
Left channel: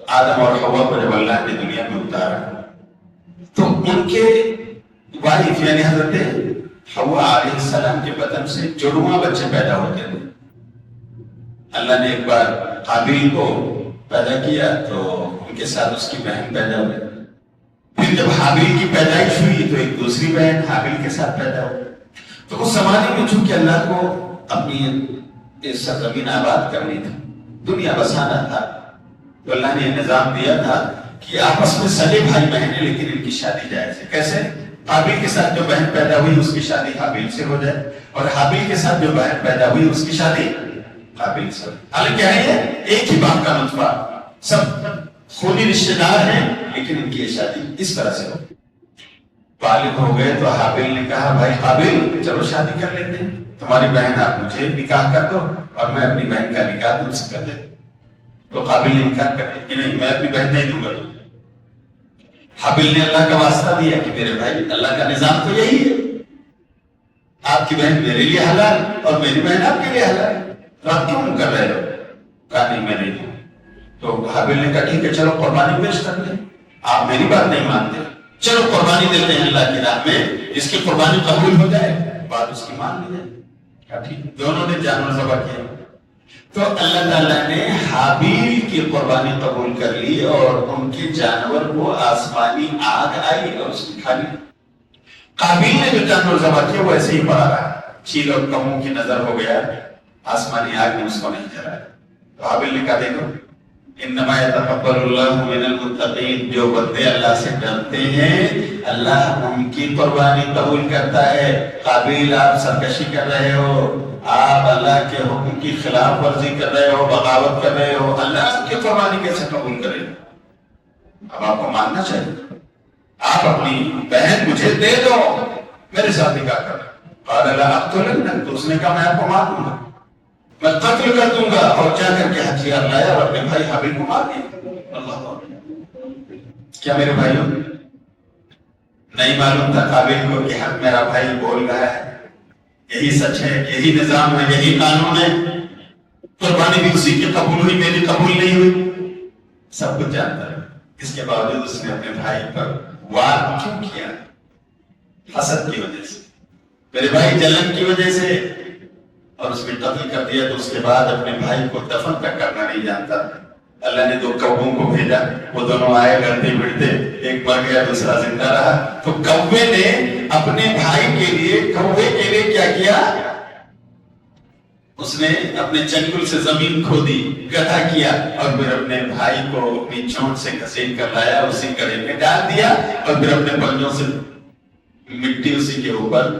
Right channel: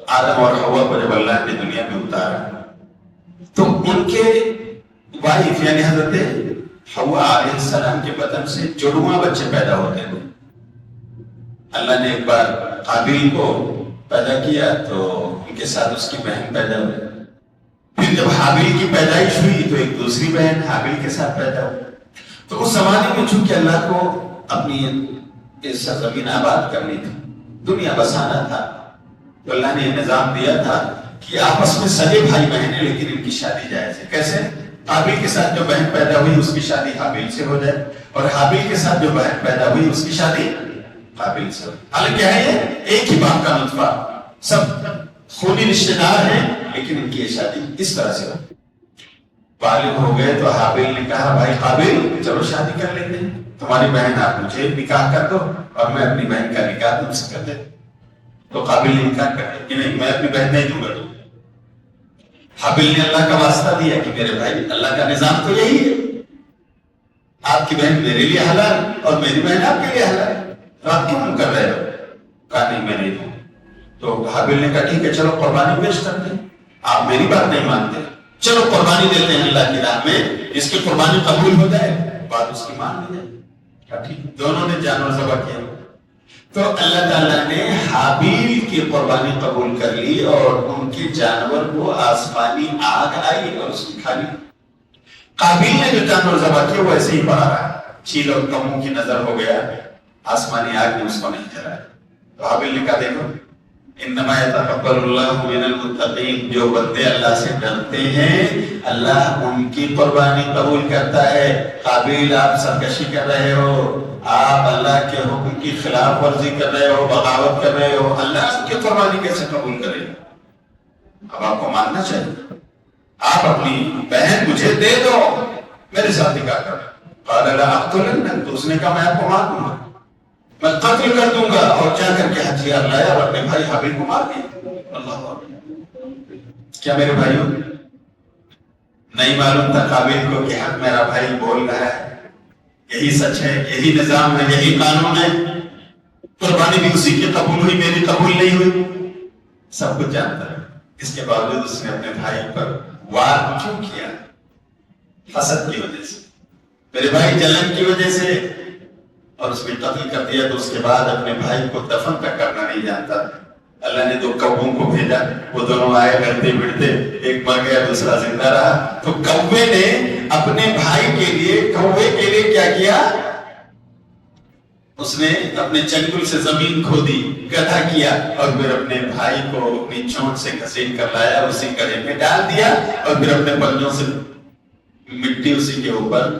آدم اور حوا کو جب اللہ نے دنیا میں اتارا تو ان کے وائف یعنی حضرت حوا علیہ السلام کے بدن سے جڑواں بچے پیدا ہوتے تھے۔ اللہ نے ایک بار قابیل کو پیدا کیا تو ان کے ساتھ اس کی بہن پیدا ہوئی، پھر جب حابیل کی پیدائش ہوئی تو ایک دوسری بہن حابیل کے ساتھ پیدا ہوئی۔ تو اس زمانے میں چونکہ اللہ کو اپنی سرزمین آباد کرنی تھی، دنیا بسانا تھا، تو اللہ نے یہ نظام دیا تھا کہ آپس میں سگے بھائی بہن ہیں لیکن ان کی شادی جائز ہے۔ کیسے؟ قابیل کے ساتھ جو بہن پیدا ہوئی اس کی شادی حابیل سے ہو جائے اور حابیل کے ساتھ جو بہن پیدا ہوئی اس کی شادی قابیل سے ہو۔ حالانکہ ہے ایک ہی باپ کا نطفہ، سب خونی رشتے دار ہیں لیکن ان کی یہ شادی اس طرح سے ہو۔ بالغ ہو گئے تو حابیل نے کہا بھائی قابیل چلو شادی کر لیتے ہیں، تمہاری بہن آپ مجھے نکاح کر دو اور میں اپنی بہن کا نکاح تم سے کر دیتا۔ تو قابل نے انکار کر دیا کہ نہیں میں اپنی بہن نہیں دوں گا۔ حابیل نے اللہ کا واسطہ دیا کہ میرے بھائی اللہ کا نظام تو یہی ہے، آپ کی بہن میرے لیے حلال اور میری بہن آپ کے لیے حلال، تو آپ کیوں کر رہے ہو؟ کہا نہیں میں نہیں دوں۔ تو حابیل نے کہا ٹھیک ہے چلو قربانی پیش کر دیں، آپ میری بات نہیں مانتے، چلو قربانی دیتے ہیں اللہ کی راہ میں، جس کی قربانی قبول ہو جائے بات اس کی مان لی جائے۔ کہا ٹھیک، دونوں نے جانور ذبح کیا۔ تو اللہ تعالیٰ نے حابیل کی قربانی قبول کر لی اور ان کے جانور کو آسمانی آگ آئی اور اس کی کھا لی۔ قابیل نے جو جانور ذبح کیا وہ ایسے ہی پڑا رہا، چیل اور تمو کی نظر ہو گیا، آسمانی آگ نے اس کو نہیں جلایا۔ تو حابیل نے کہا دیکھو انما یتقبل اللہ من المتقین، جو بندے اللہ سے ڈرتے ہیں اللہ ان کی قربانی قبول کرتا ہے۔ قابیل آپ سرکشی کر رہے ہو، آپ اللہ کے حکم کی خلاف ورزی کر رہے ہو، بغاوت کر رہے ہو، اللہ کی قربانی کیسے قبول کرے؟ اب آپ کو ماننا چاہیے، آپ اپنی بہن مجھے دے دو، میرے ساتھ نکاح کر۔ قال لا اقتلنک، تو اس نے کہا میں آپ کو مار دوں گا، میں قتل کر دوں گا، اور کیا کر کے ہتھیار لایا اور اپنے بھائی حابیل کو مار دیا۔ اللہ اکبر۔ کیا میرے بھائیوں نہیں معلوم تھا قابیل کو کہ حق میرا بھائی بول رہا ہے، یہی سچ ہے، یہی نظام ہے، یہی قانون ہے، قربانی بھی اسی کی قبول ہوئی، میری قبول نہیں ہوئی، سب کچھ جانتا ہے۔ اس کے باوجود اس نے اپنے بھائی پر وار کیوں کیا؟ حسد کی وجہ سے، میرے بھائی جلن کی وجہ سے، اور اس نے قتل کر دیا۔ تو اس کے بعد اپنے بھائی کو دفن تک کرنا نہیں جانتا، اللہ نے 2 کووں کو بھیجا، وہ دونوں آئے بڑھتے بڑھتے، ایک مر گیا دوسرا زندہ رہا۔ تو کوے نے اپنے بھائی کے لیے، کوے کے لیے کیا کیا؟ اس نے اپنے چنگل سے زمین کھودی، گڈھا کیا اور پھر اپنے بھائی کو اپنی چونچ سے گھسیٹ کر لایا، اسی گڑھے میں ڈال دیا اور پھر اپنے پنجوں سے مٹی اسی کے اوپر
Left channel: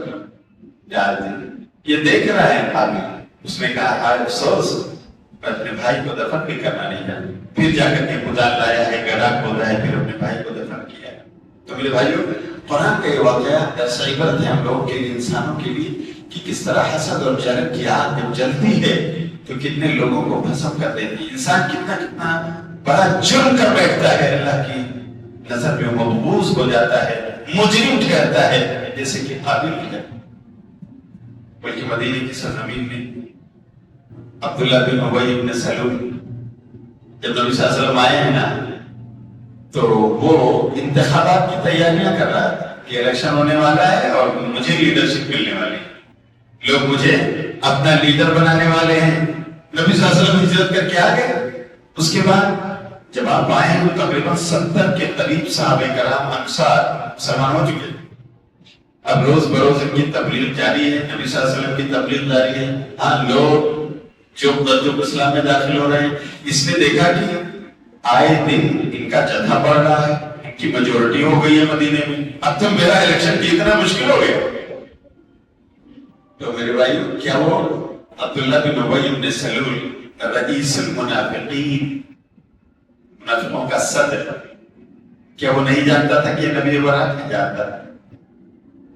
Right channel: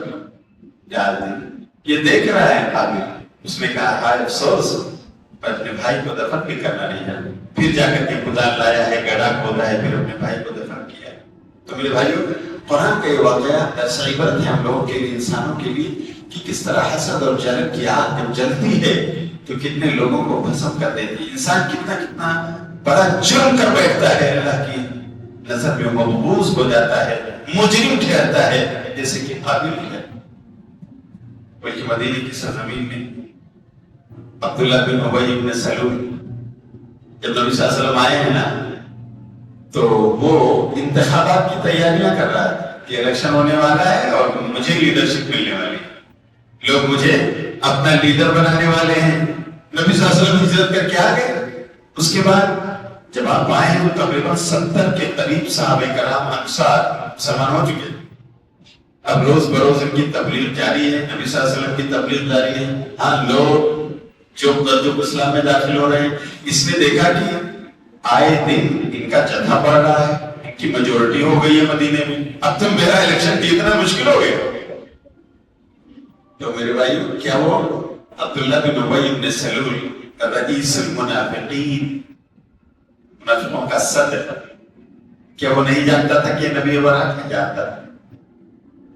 ڈال دی۔ یہ دیکھ رہا ہے قابیل، اس نے کہا ہائے افسوس، اپنے بھائی کو دفن بھی کرنا نہیں جانا۔ پھر جا کر کے کدال لایا ہے، گڑھا کھودا ہے، پھر اپنے بھائی کو دفن کیا۔ تو میرے بھائیوں قرآن کا یہ واقعہ درس عبرت ہے ہم لوگوں کے لیے، انسانوں کے لیے، کہ کس طرح حسد اور جلن کی آگ جب جلتی ہے تو کتنے لوگوں کو بھسم کر دیتی ہے۔ انسان کتنا بڑا جرم کر بیٹھتا ہے، اللہ کی نظر میں مبغوض ہو جاتا ہے، مجرم ٹھہرتا ہے، جیسے کہ قابیل ہے۔ بلکہ مدینے کی سرزمین میں عبداللہ بن ابی بن سلول جب نبی صلی اللہ علیہ وسلم آئے ہیں نا، تو وہ انتخابات کی تیاریاں کر رہا تھا کہ الیکشن ہونے والا ہے اور مجھے لیڈرشپ ملنے والی ہے، لوگ مجھے اپنا لیڈر بنانے والے ہیں، نبی صلی اللہ علیہ وسلم ہجرت کر کے آ گئے. اس کے بعد جب آپ آئے ہیں تو تقریباً 70 کے قریب صحابہ کرام انصار مسلمان ہو چکے. اب روز بروز ان کی تبلیغ جاری ہے، نبی صلی اللہ علیہ وسلم کی تبلیغ جاری ہے. ہاں لوگ جو اسلام میں داخل ہو رہے ہیں، اس نے دیکھا کہ آئے دن ان کا جتھا بڑھ رہا ہے، ان کی میجورٹی ہو گئی ہے مدینے میں. اب تو میرا الیکشن کی اتنا مشکل ہو گیا. تو میرے بھائی کیا وہ عبداللہ بن ابی بن سلول رئیس المنافقین، منافقوں کا صدر، کیا وہ نہیں جانتا تھا کہ نبی برات نہیں جانتا تھا؟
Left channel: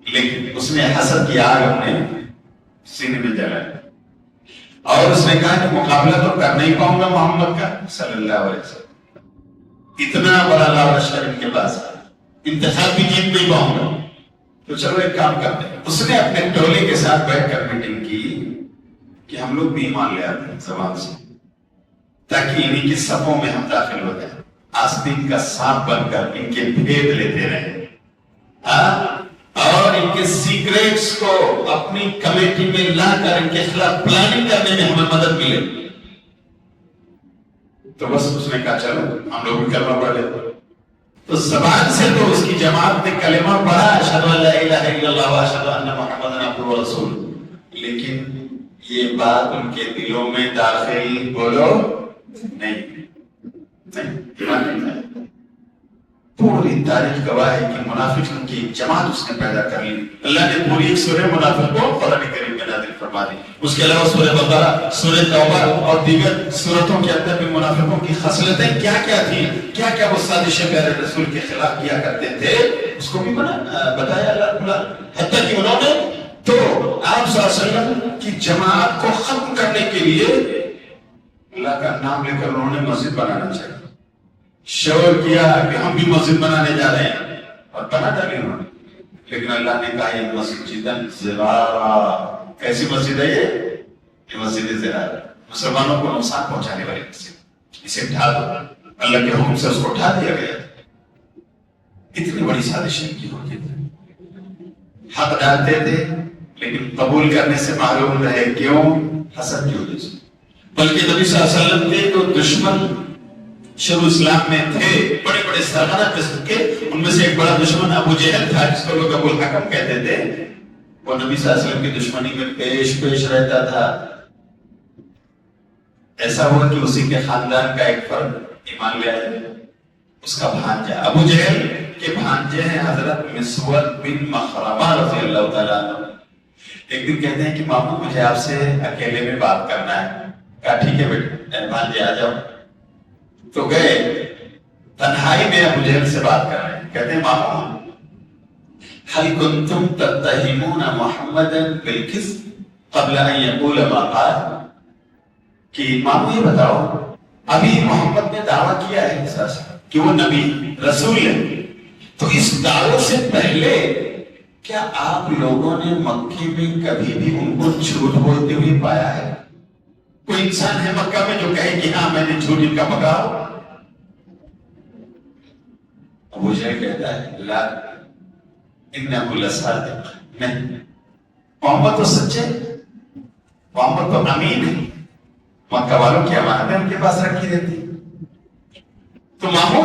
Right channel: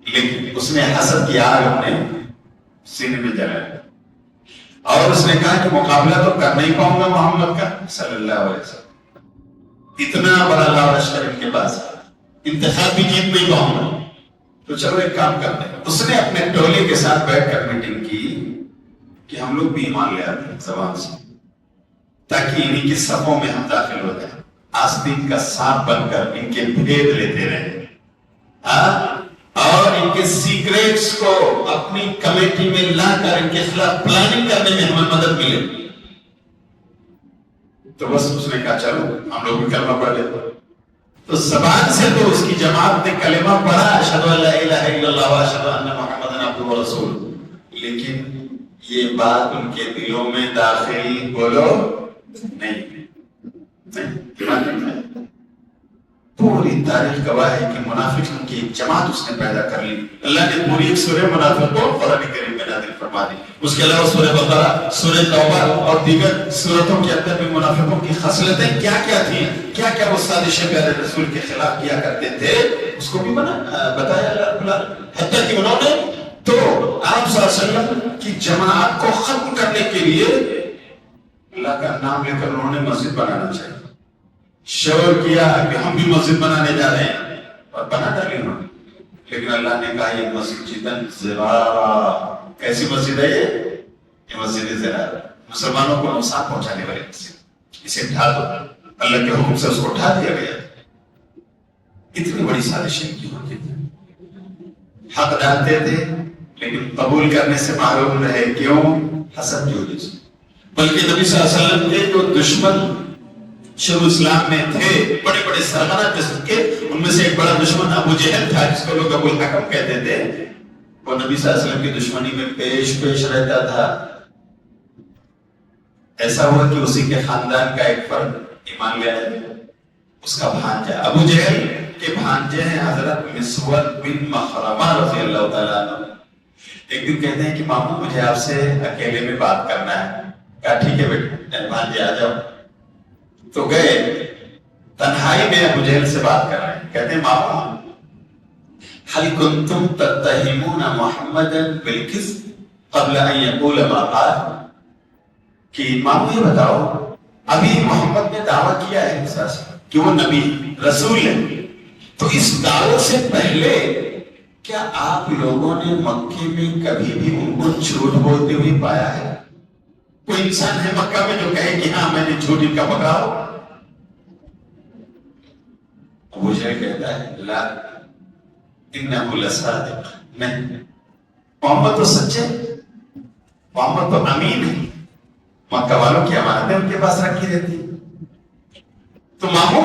لیکن اس نے حسد کی آگ اپنے سینے میں جلایا اور اس نے کہا کہ مقابلہ تو کر نہیں پاؤں گا محمد کا صلی اللہ علیہ وسلم. اتنا بڑا لشکر ان کے پاس، انتخاب بھی جیت نہیں پاؤں گا. تو چلو ایک کام کرتے ہیں. اس نے اپنے ٹولے کے ساتھ بیٹھ کر میٹنگ کی کہ ہم لوگ بھی ایمان لے آتے ہیں زبان سے، تاکہ انہیں کی صفوں میں ہم داخل ہو جائیں، آستین کا سانپ بن کر ان کے بھید لیتے رہیں، اور ان کے سیکریٹس کو اپنی کمیٹی میں لا کر ان کے خلاف پلاننگ کرنے میں ہمیں مدد ملے. تو بس اس نے کہا چلو ہم لوگ بھی کلمہ پڑھ لیتے. تو زبان سے تو اس کی جماعت نے کلمہ پڑھا، اشہدو ان لا الہ الا اللہ و اشہدو ان محمدًا عبدہ و رسولہ، لیکن یہ بات ان کے دلوں میں داخل بولو نہیں. پوری تاریخ گواہ ہے کہ منافقوں کی جماعت اس نے پیدا کر لی. اللہ نے پوری ایک سورہ منافق کو قرآن کریم میں نازل فرما دی. اس کے علاوہ سورہ بقرہ، سورہ توبہ اور دیگر سورتوں کے اندر بھی منافقوں کی خصلتیں کیا کیا تھیں، کیا کیا وہ سازشیں پیارے رسول کے خلاف کیا کرتے تھے، اس کو بھی بتایا اللہ. حتیٰ کہ انہوں نے تو آپ صلی اللہ علیہ وسلم کی جماعت کو ختم کرنے کے لیے اللہ کا نام لے کر انہوں نے مسجد بنانا چاہیے. شور کیا کہ ہم بھی مسجد بنانے جا رہے ہیں اور بنا ڈالی انہوں نے. لیکن اللہ نے کہا یہ مسجد زرارا. کیسی مسجد ہے یہ مسجد زرارا، مسلمانوں کو نقصان پہنچانے والی مسجد، اسے ڈھا دو. اللہ کے حکم سے اس کو ڈھا دیا گیا. اتنی بڑی سازشیں کی ہوتی تھی، حق ڈالتے تھے لیکن قبول کرنے سے معلوم رہے کیوں؟ حسد کی وجہ سے. بلکہ نبی صلی اللہ علیہ وسلم کے جو دشمن شروع اسلام میں تھے، بڑے بڑے سربراہ قسم کے، ان میں سے ایک بڑا دشمن ابو جہل تھا جس کو لوگ ابو الحکم کہتے تھے. وہ نبی صلی اللہ علیہ وسلم کی دشمنی میں پیش رہتا تھا. ایسا ہوا کہ اسی کے خاندان کا ایک فرد ایمان لے آیا، اس کا بھانجا. ابو جہل کے بھانجے ہیں حضرت مسور بن مخرمہ رضی اللہ تعالیٰ عنہ. ایک دن کہتے ہیں کہ مامو مجھے آپ سے اکیلے میں بات کرنا ہے. کہا ٹھیک ہے بیٹے بھانجے آ جاؤ. تو گئے، تنہائی میں ابو جہل سے بات کر رہے ہیں. کہتے ہیں مامو هل كنتم تتهمون محمدا بالكذب قبل ان يقول ما قال؟ کہ مامو یہ بتاؤ، ابھی محمد نے دعویٰ کیا ہے کہ وہ نبی رسول ہے، تو اس دعوے سے پہلے کیا آپ لوگوں نے مکے میں کبھی بھی ان کو جھوٹ بولتے ہوئے پایا ہے؟ کوئی انسان ہے مکہ میں جو کہے کہ ہاں میں نے جھوٹ ان کا بگاؤ؟ ابو جہل کہتا ہے لا انہ لصادق، نہیں، محمد تو سچے، محمد تو امین ہے، مکہ والوں کی امانتیں ان کے پاس رکھی رہتی. تو مامو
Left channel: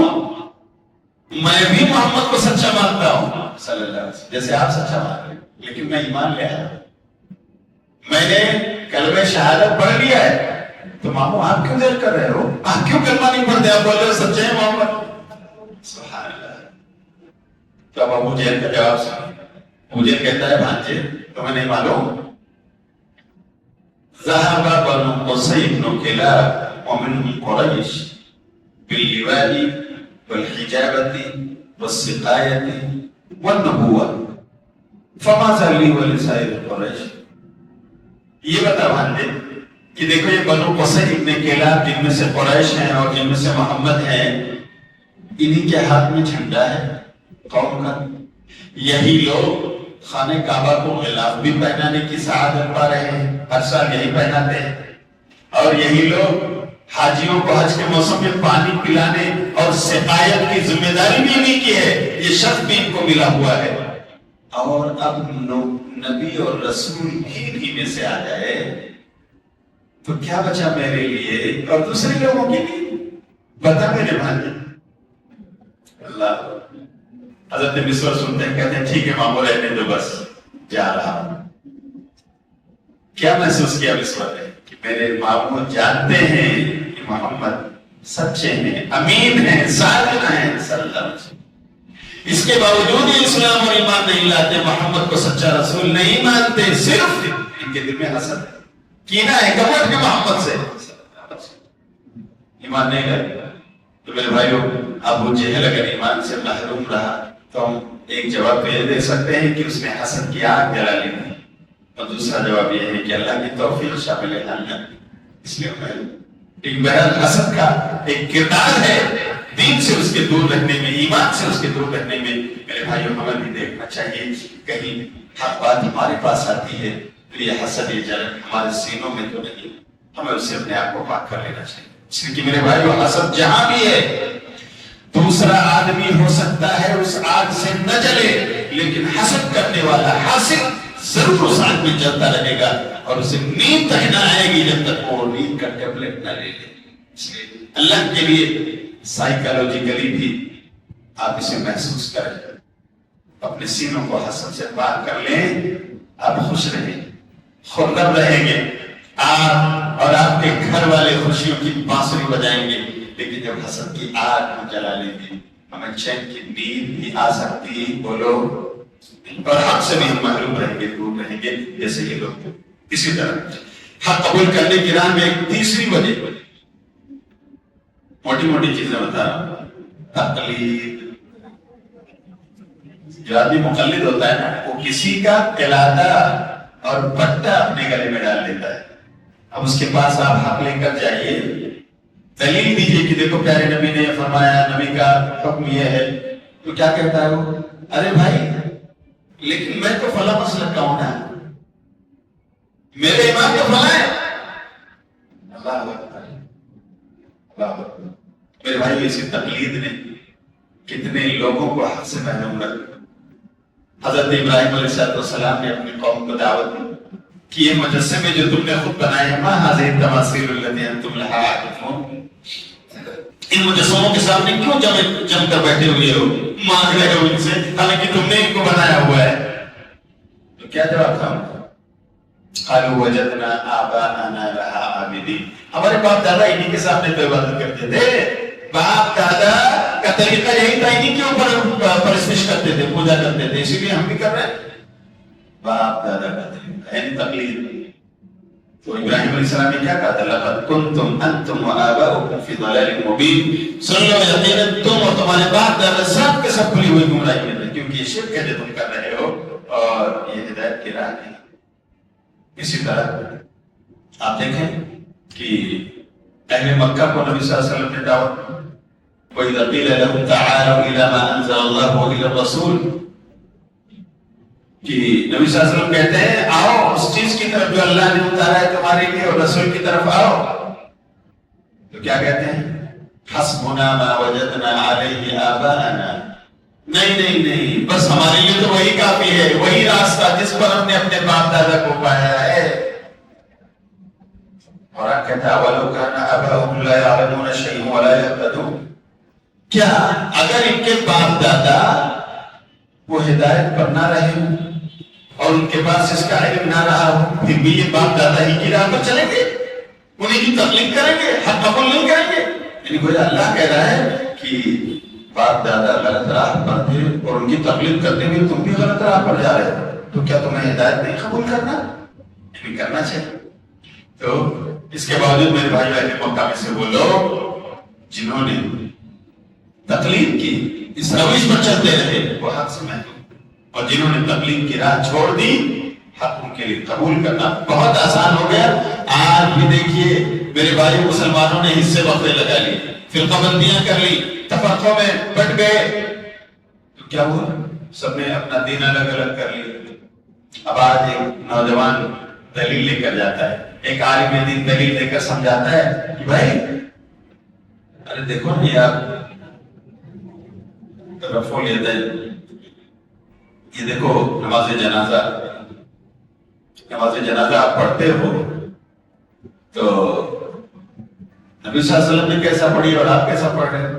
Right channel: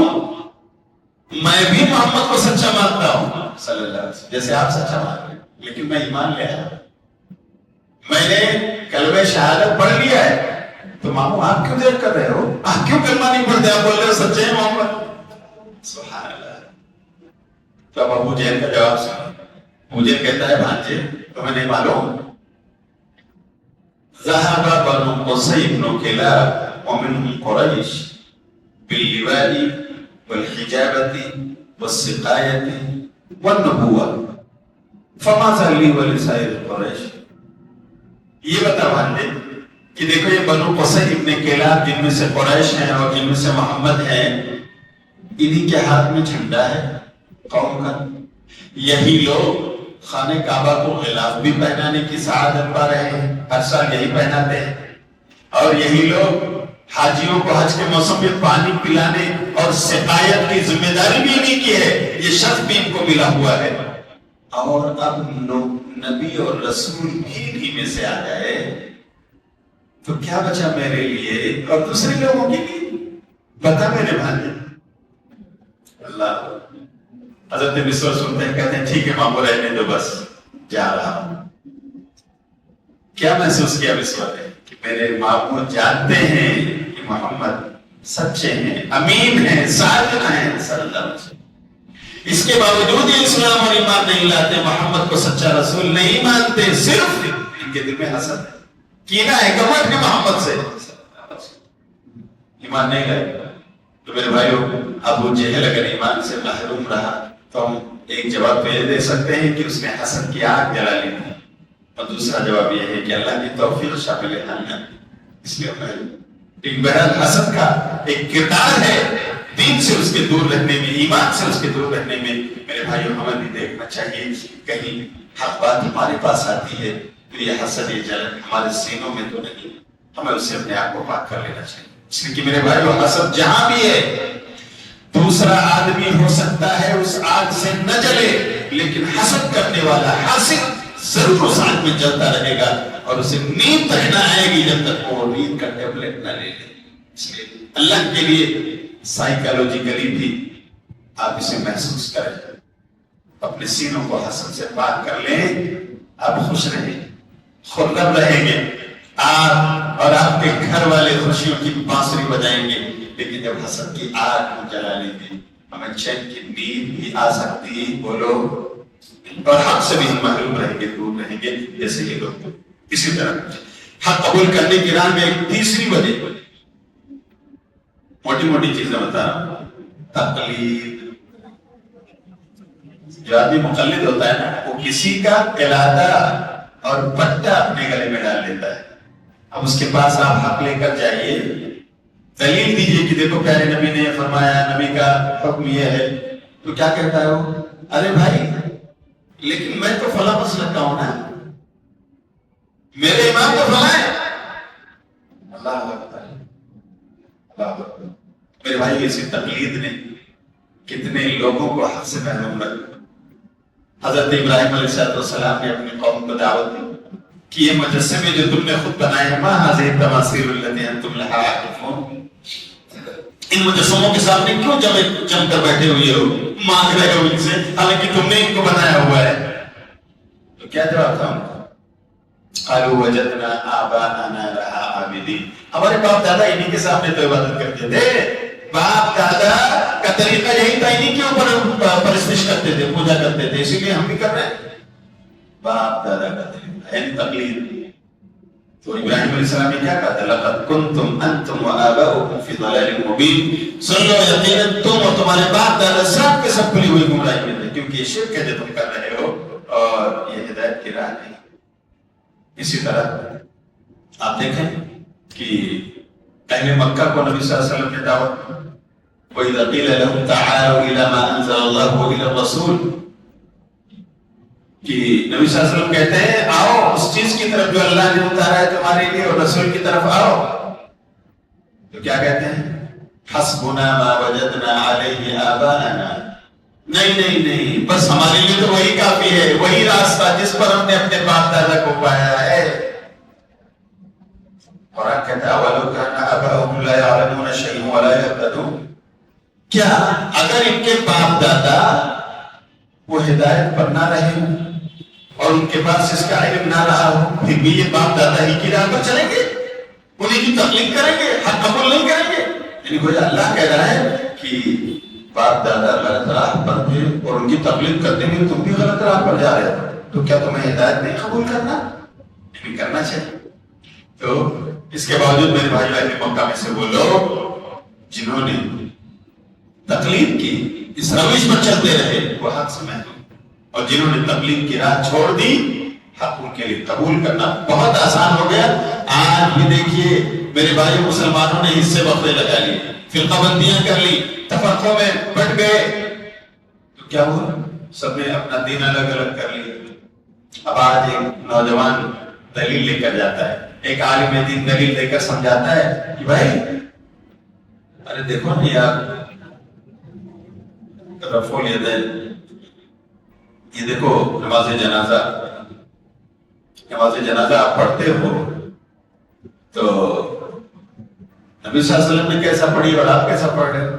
میں بھی محمد کو سچا مانتا ہوں صلی اللہ علیہ وسلم جیسے آپ سچا مان رہے ہیں، لیکن میں ایمان لے آیا، میں نے کلمہ شہادت پڑھ لیا ہے. تو مامو آپ کیوں دیر کر رہے ہو؟ آپ کیوں کلمہ نہیں پڑھتے؟ آپ بول رہے ہو سچے ہیں محمد. سبحان اللہ. تو اب ابو جہل کا جواب سن. مجھے کہتا ہے بھانجے تمہیں نہیں معلوم، ذهب بنو قصي بن كلاب ومنهم قريش باللواء والحجابة والسقاية والنبوة فماذا لي ولسائر قریش. یہ بتا بھانجے کہ دیکھو یہ بنو قصي ابن کلاب جن میں سے قریش ہیں اور جن میں سے محمد ہیں، انہی کے ہاتھ میں جھنڈا ہے قوم کا. یہی لوگ خانہ کعبہ کو غلاف بھی پہنانے کی سعادت پا رہے ہیں، ہر سال یہی پہناتے ہیں. اور یہی لوگ حاجیوں کو حج کے موسم میں پانی پلانے اور سقایت کی ذمہ داری بھی انہیں کی ہے، یہ شرف بھی ان کو ملا ہوا ہے. اور اب نبی اور رسول بھی انہی میں سے آ گئے. تو کیا بچا میرے لیے اور دوسرے لوگوں کے لیے؟ بتا میرے بھائی. اللہ حضرت مصور سنتے ہیں، کہتے ہیں ٹھیک ہے مامو رہنے دو، بس جا رہا ہوں. کیا محسوس کیا مصور نے کہ میرے مامو جانتے ہیں کہ محمد سچے ہیں، امین ہیں، صادق ہیں صلی اللہ علیہ وسلم. اس کے باوجود یہ اسلام اور ایمان نہیں لاتے، محمد کو سچا رسول نہیں مانتے، صرف ان کے دل میں حسد کینہ ہے، گمنڈ بھی محمد سے، ایمان نہیں لائے. تو میرے بھائیو، ابو جہل اگر ایمان سے محروم رہا تو ہم ایک جواب تو یہ دے سکتے ہیں کہ اس نے حسد کی آگ جلا لی، اور دوسرا جواب یہ ہے کہ اللہ کی توفیق شامل ہے. اس لیے ایک بہرحال حسد کا ایک کردار ہے دین سے اس کے دور رہنے میں، ایمان سے اس کے دور رہنے میں. میرے بھائیوں کو ہمیں بھی دیکھنا چاہیے، کہیں حق بات ہمارے پاس آتی ہے تو یہ حسد یہ جل ہمارے سینوں میں تو نہیں، ہمیں اس سے اپنے آپ کو پاک کر لینا چاہیے. اس لیے کہ میرے بھائیوں، حسد جہاں بھی ہے، دوسرا آدمی ہو سکتا ہے اس آگ سے نہ جلے، لیکن حسد کرنے والا حاسد ضرور اس آگ میں جلتا رہے گا، اور اسے نیند تک نہ آئے گی جب تک وہ نیند کا ٹیبلٹ نہ لے لے. اس لیے اللہ کے لیے سائیکالوجیکلی بھی آپ اسے محسوس کریں، اپنے سینوں کو حسد سے پاک کر لیں، آپ خوش رہیں، خرم رہیں گے، آپ اور آپ کے گھر والے خوشیوں کی بانسری بجائیں گے. لیکن جب حسد کی آگ کو جلا لیں گے، ہمیں چین کی نیند بھی آ سکتی ہے، بولو، اور حق سے بھی محروم رہیں گے، دور رہیں گے جیسے یہ لوگ. اسی طرح حق قبول کرنے کی راہ میں ایک تیسری وجہ، موٹی موٹی چیزیں بتا رہا ہوں، تقلید. جو آدمی مقلد ہوتا ہے نا، وہ کسی کا قلادہ اور پٹا اپنے گلے میں ڈال دیتا ہے. اب اس کے پاس آپ حق لے کر جائیے، دلیل دیجیے کہ دیکھو پیارے نبی نے فرمایا، نبی کا حکم یہ ہے، تو کیا کہتا ہے وہ؟ ارے بھائی لیکن میں تو فلاں مسلک کا ہوں نا، میرے امام تو فلاں ہے. اللہ اکبر. میرے بھائی، اسی تقلید نے کتنے لوگوں کو حق سے محروم رکھا. حضرت ابراہیم علیہ السلام نے اپنی قوم کو دعوت دی کہ یہ مجسمے جو تم نے خود بنائے، ما هذه التماثيل التي انتم لها عاكفون، ان مجسموں کے سامنے کیوں جم کر بیٹھے ہوئے ہو، مانگ رہے ہو ان سے، حالانکہ تم نے ان کو بنایا ہوا ہے. تو کیا جواب تھا؟ قالوا وجدنا آباءنا لها عابدين. ہمارے باپ دادا انہی کے سامنے تو عبادت کرتے تھے. باپ دادا کا طریقہ یہی تھا، انہی کے اوپر پرستش کرتے تھے، پوجا کرتے تھے، اسی لیے ہم بھی کر رہے ہیں. باپ دادا کا طریقہ یعنی تقلید. تو ابراہیم علیہ السلام نے کیا کہا تھا؟ لقد کنتم انتم وآباؤکم فی ضلال مبین. سن لو، یقیناً تم اور تمہارے باپ دادا سب کے سب کھلی ہوئی گمراہی میں تھے، کیونکہ یہ شرک ہے جو تم کر رہے ہو، اور یہ ہدایت کی راہ نہیں. اسی طرح آپ دیکھیں کہ اہل مکہ کو نبی صلی اللہ علیہ وسلم نے دعوت دی، وَإِذَا قِيلَ لَهُمْ تَعَالَوْا إِلَىٰ مَا أَنزَلَ اللَّهُ وَإِلَى الرَّسُولِ، کہ نبی صلی اللہ علیہ وسلم کہتے ہیں آؤ اس چیز کی طرف جو اللہ نے اتارا ہے تمہارے لیے، اور رسول کی طرف آؤ. تو کیا کہتے ہیں؟ حسبنا ما وجدنا علیہ آباءنا. نہیں نہیں نہیں، بس ہمارے لیے تو وہی کافی ہے، وہی راستہ جس پر ہم نے اپنے باپ دادا کو پایا ہے. اور آپ کہتے ہیں اولو کان آباؤہم لا یعلمون شیئا ولا یہتدون. کیا اگر ان کے باپ دادا وہ ہدایت پر نہ رہے اور ان کے پاس اس کا علم نہ رہا ہو، پھر بھی یہ باپ دادا ہی کی راہ پر چلیں گے، انہیں کی تقلید کریں گے، حق قبول نہیں کریں گے؟ یعنی گویا اللہ کہہ رہا ہے کہ باپ دادا غلط راہ پر تھے اور ان کی تقلید کرتے ہوئے تم بھی غلط راہ پر جا رہے ہو، تو کیا تمہیں ہدایت نہیں قبول کرنا؟ نہیں کرنا چاہیے. تو اس کے باوجود میرے بھائی اہل مکہ میں سے وہ لوگ جنہوں نے تقلید کی، اس روش پر چلتے رہے، وہ حق سے محروم، اور جنہوں نے تقلید کی راہ چھوڑ دی، حق ان کے لیے قبول کرنا بہت آسان ہو گیا. آج بھی دیکھیے میرے بھائی، مسلمانوں نے حصے وقفے لگا لی، فرقہ بندیاں کر لی، تفرقوں میں بٹ گئے، تو کیا ہوا؟ سب نے اپنا دین الگ الگ کر لیا. اب آج ایک نوجوان دلیل لے کر جاتا ہے، ایک عالم دین دلیل لے کر سمجھاتا ہے کہ بھائی ارے دیکھو نا یار، رفع الیدین، یہ دیکھو نماز جنازہ آپ پڑھتے ہو، تو نبی صلی اللہ علیہ وسلم نے کیسا پڑھی اور آپ کیسا پڑھ رہے ہیں؟